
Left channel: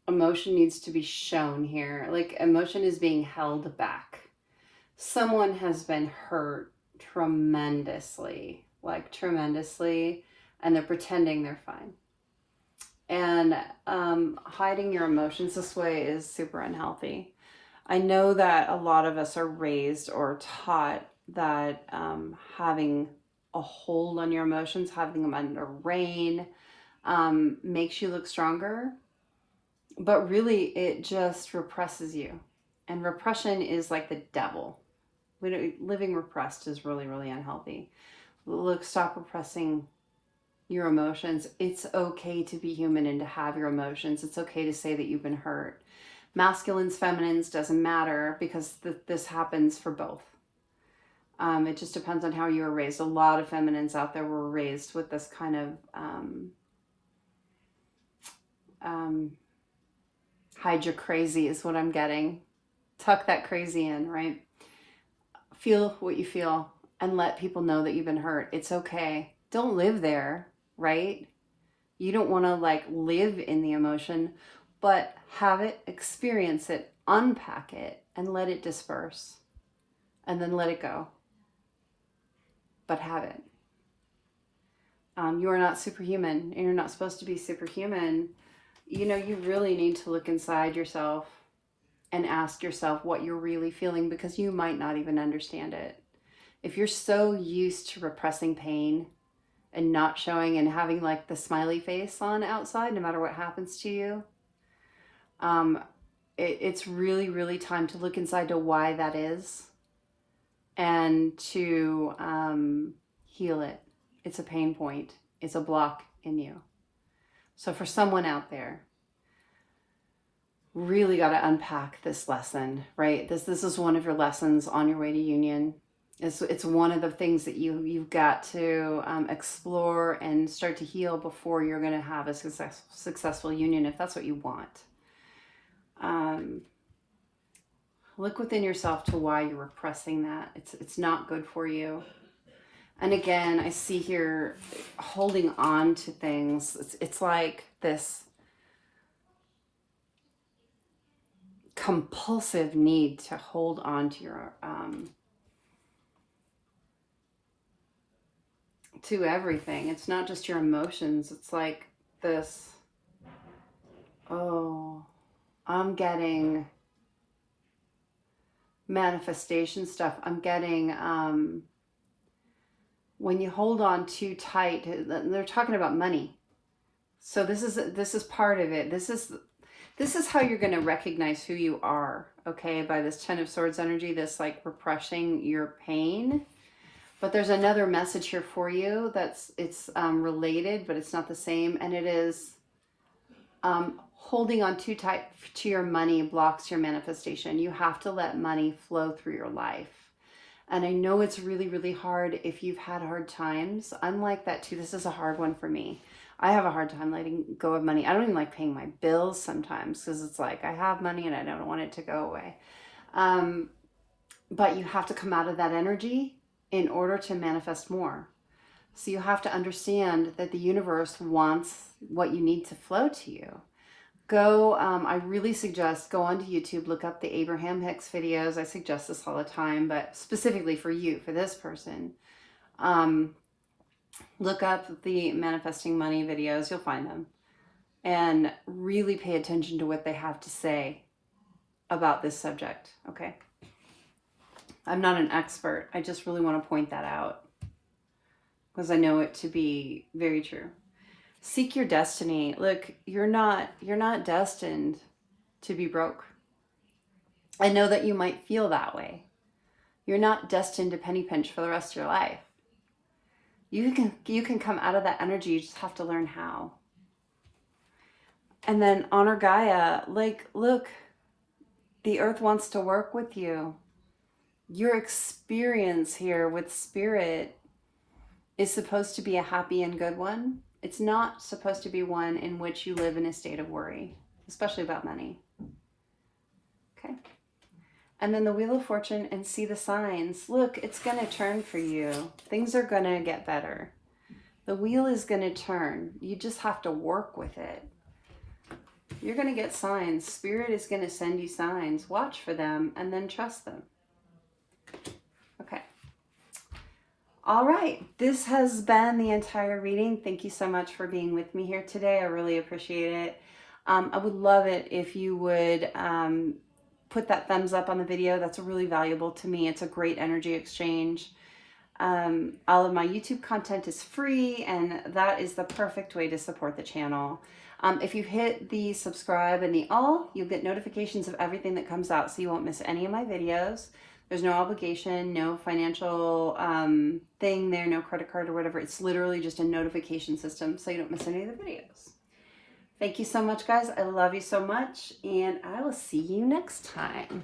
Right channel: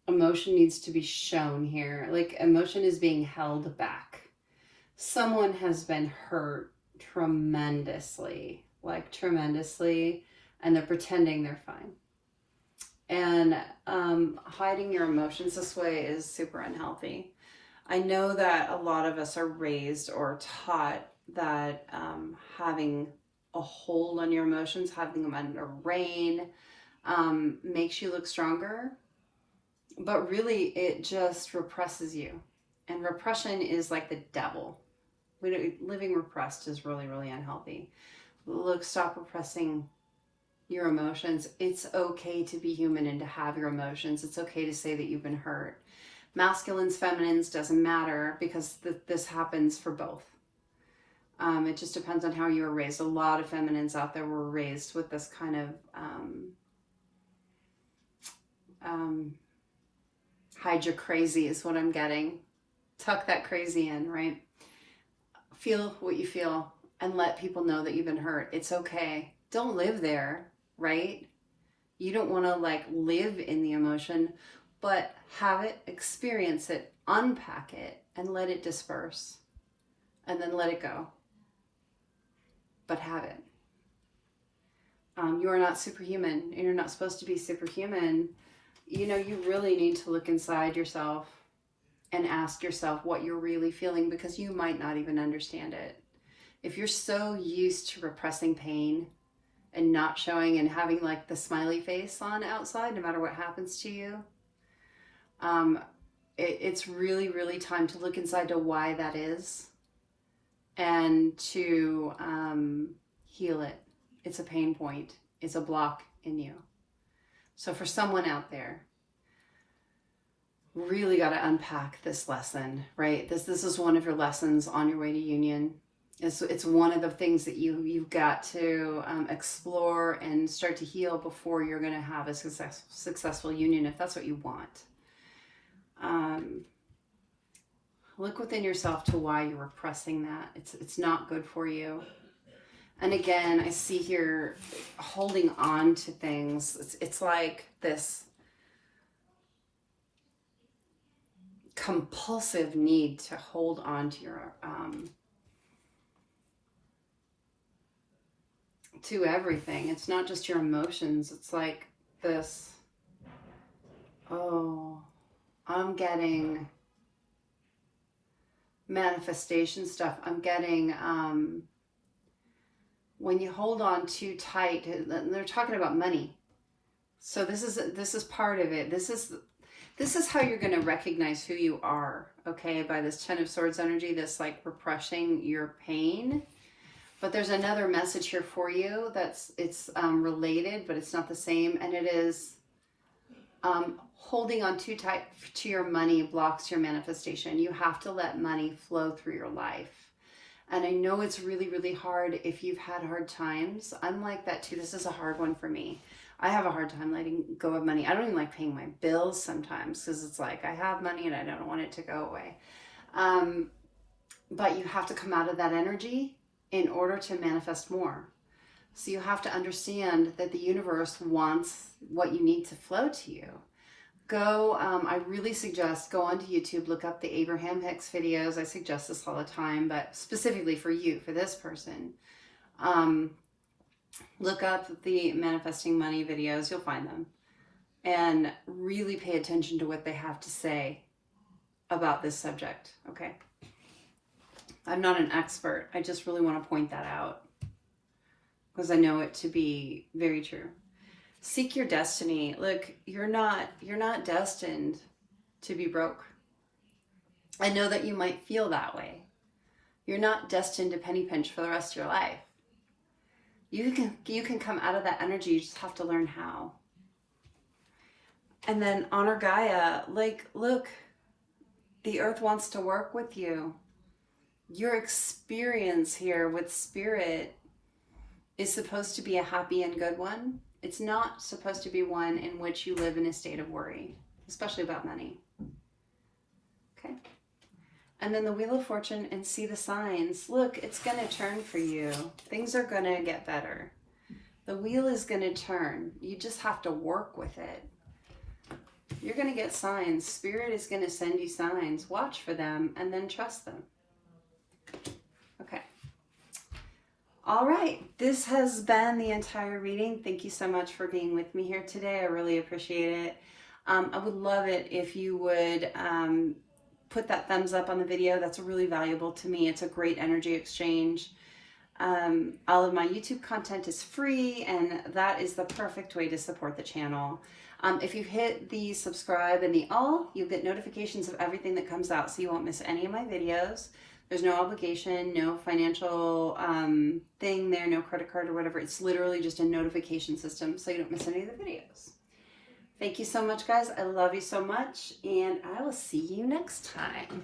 emotion needs to be shown here. Like, emotion is being held back. Someone has been hurt tremendously, like tremendously, and they're pretending they're fine. And hiding your emotions this way is super unhealthy. I know that a lot of us are raised or taught that having a hold on your emotions, having them under rein, makes you look stronger. But really, it just represses you. And repression is like the devil. Living repressed is really, really unhealthy. Look, stop repressing your emotions. It's okay to be human and to have your emotions. It's okay to say that you've been hurt. Masculines, feminines, doesn't matter, because this happens for both. It just depends on how you were raised. A lot of feminines out there were raised with this kind of hide your crazy is what I'm getting. Tuck that crazy in, right? Feel what you feel and let people know that you've been hurt. It's okay. Don't live there, right? You don't want to like live in the emotion, but have it, experience it, unpack it, and let it disperse. And then let it go. But have it. You are not superhuman, and you're not supposed to be superhuman. You know, you really need to look inside yourself and ask yourself what you're really feeling, because you might not even understand it. If you're so used to repressing pain and not showing and having like the smiley face on outside, no matter what happens to you, it's really, really time to look inside to why that is and to heal it. It's a pain point. It's a block in you. So for someone out there, really got to unpack this lesson, right? This is one of your lessons on your way to union. It's one of the things that you've got to explore and start to heal before you're going to have a successful union, if that's what you want. Look within yourself to why you're repressing that. It's not good for you. And again, I see here holding on to things. It's like this compulsive need to hold on to your to everything. It's not just your emotions. It's like this, oh, I'm getting manifestation stuff. I'm getting when you hold on too tight, they're talking about money. So this is part of it. This is how you're going to recognize who you are, okay, by this Ten of Swords energy, this like repressing your pain. But there's another message here for you it's related, but it's not the same, and it is holding on too tight to your money blocks your manifestation. You have to let money flow through your life. And I know it's really, really hard if you've had hard times. I'm like that too. This is a hard one for me. I have a hard time letting go of money. I don't even like paying my bills sometimes, because it's like I have money and I don't want it to go away. But you have to come out of that energy in order to manifest more. So you have to understand that the universe wants what you need to flow to you. I really suggest go onto YouTube, look up the Abraham Hicks videos. I suggest this all the time, but specifically for you, for this person. Look up the manifesting money videos, you'll find them. And really pay attention to what they have to say about this subject, okay? I'm not an expert. I just really want to point that out because I know it to be very true. Seek your destiny. Look, you're not destined to be broke. I know that you might feel that way. You're not destined to penny pinch for the rest of your life. You can come out of that energy. You just have to learn how. And then honor Gaia. Like, look, the earth wants to work with you. Your experience here with spirit is supposed to be a happy and good one. It's not supposed to be one in which you live in a state of worry, especially about money. Okay. And then the Wheel of Fortune, and see the signs. Look, it's going to turn for you. Things are going to get better. The wheel is going to turn. You just have to work with it. You're going to get signs. Spirit is going to send you signs. Watch for them and then trust them. Okay. All right. This has been the entire reading. Thank you so much for being with me here today. I really appreciate it. I would love it if you would put that thumbs up on the video. That's really valuable to me. It's a great energy exchange. All of my YouTube content is free, and that is the perfect way to support the channel. If you hit the subscribe and the all, you'll get notifications of everything that comes out, so you won't miss any of my videos. There's no obligation, no financial thing there, no credit card or whatever. It's literally just a notification system, so you don't miss any of the videos. Thank you so much, guys. I love you so much, and I will see you next time.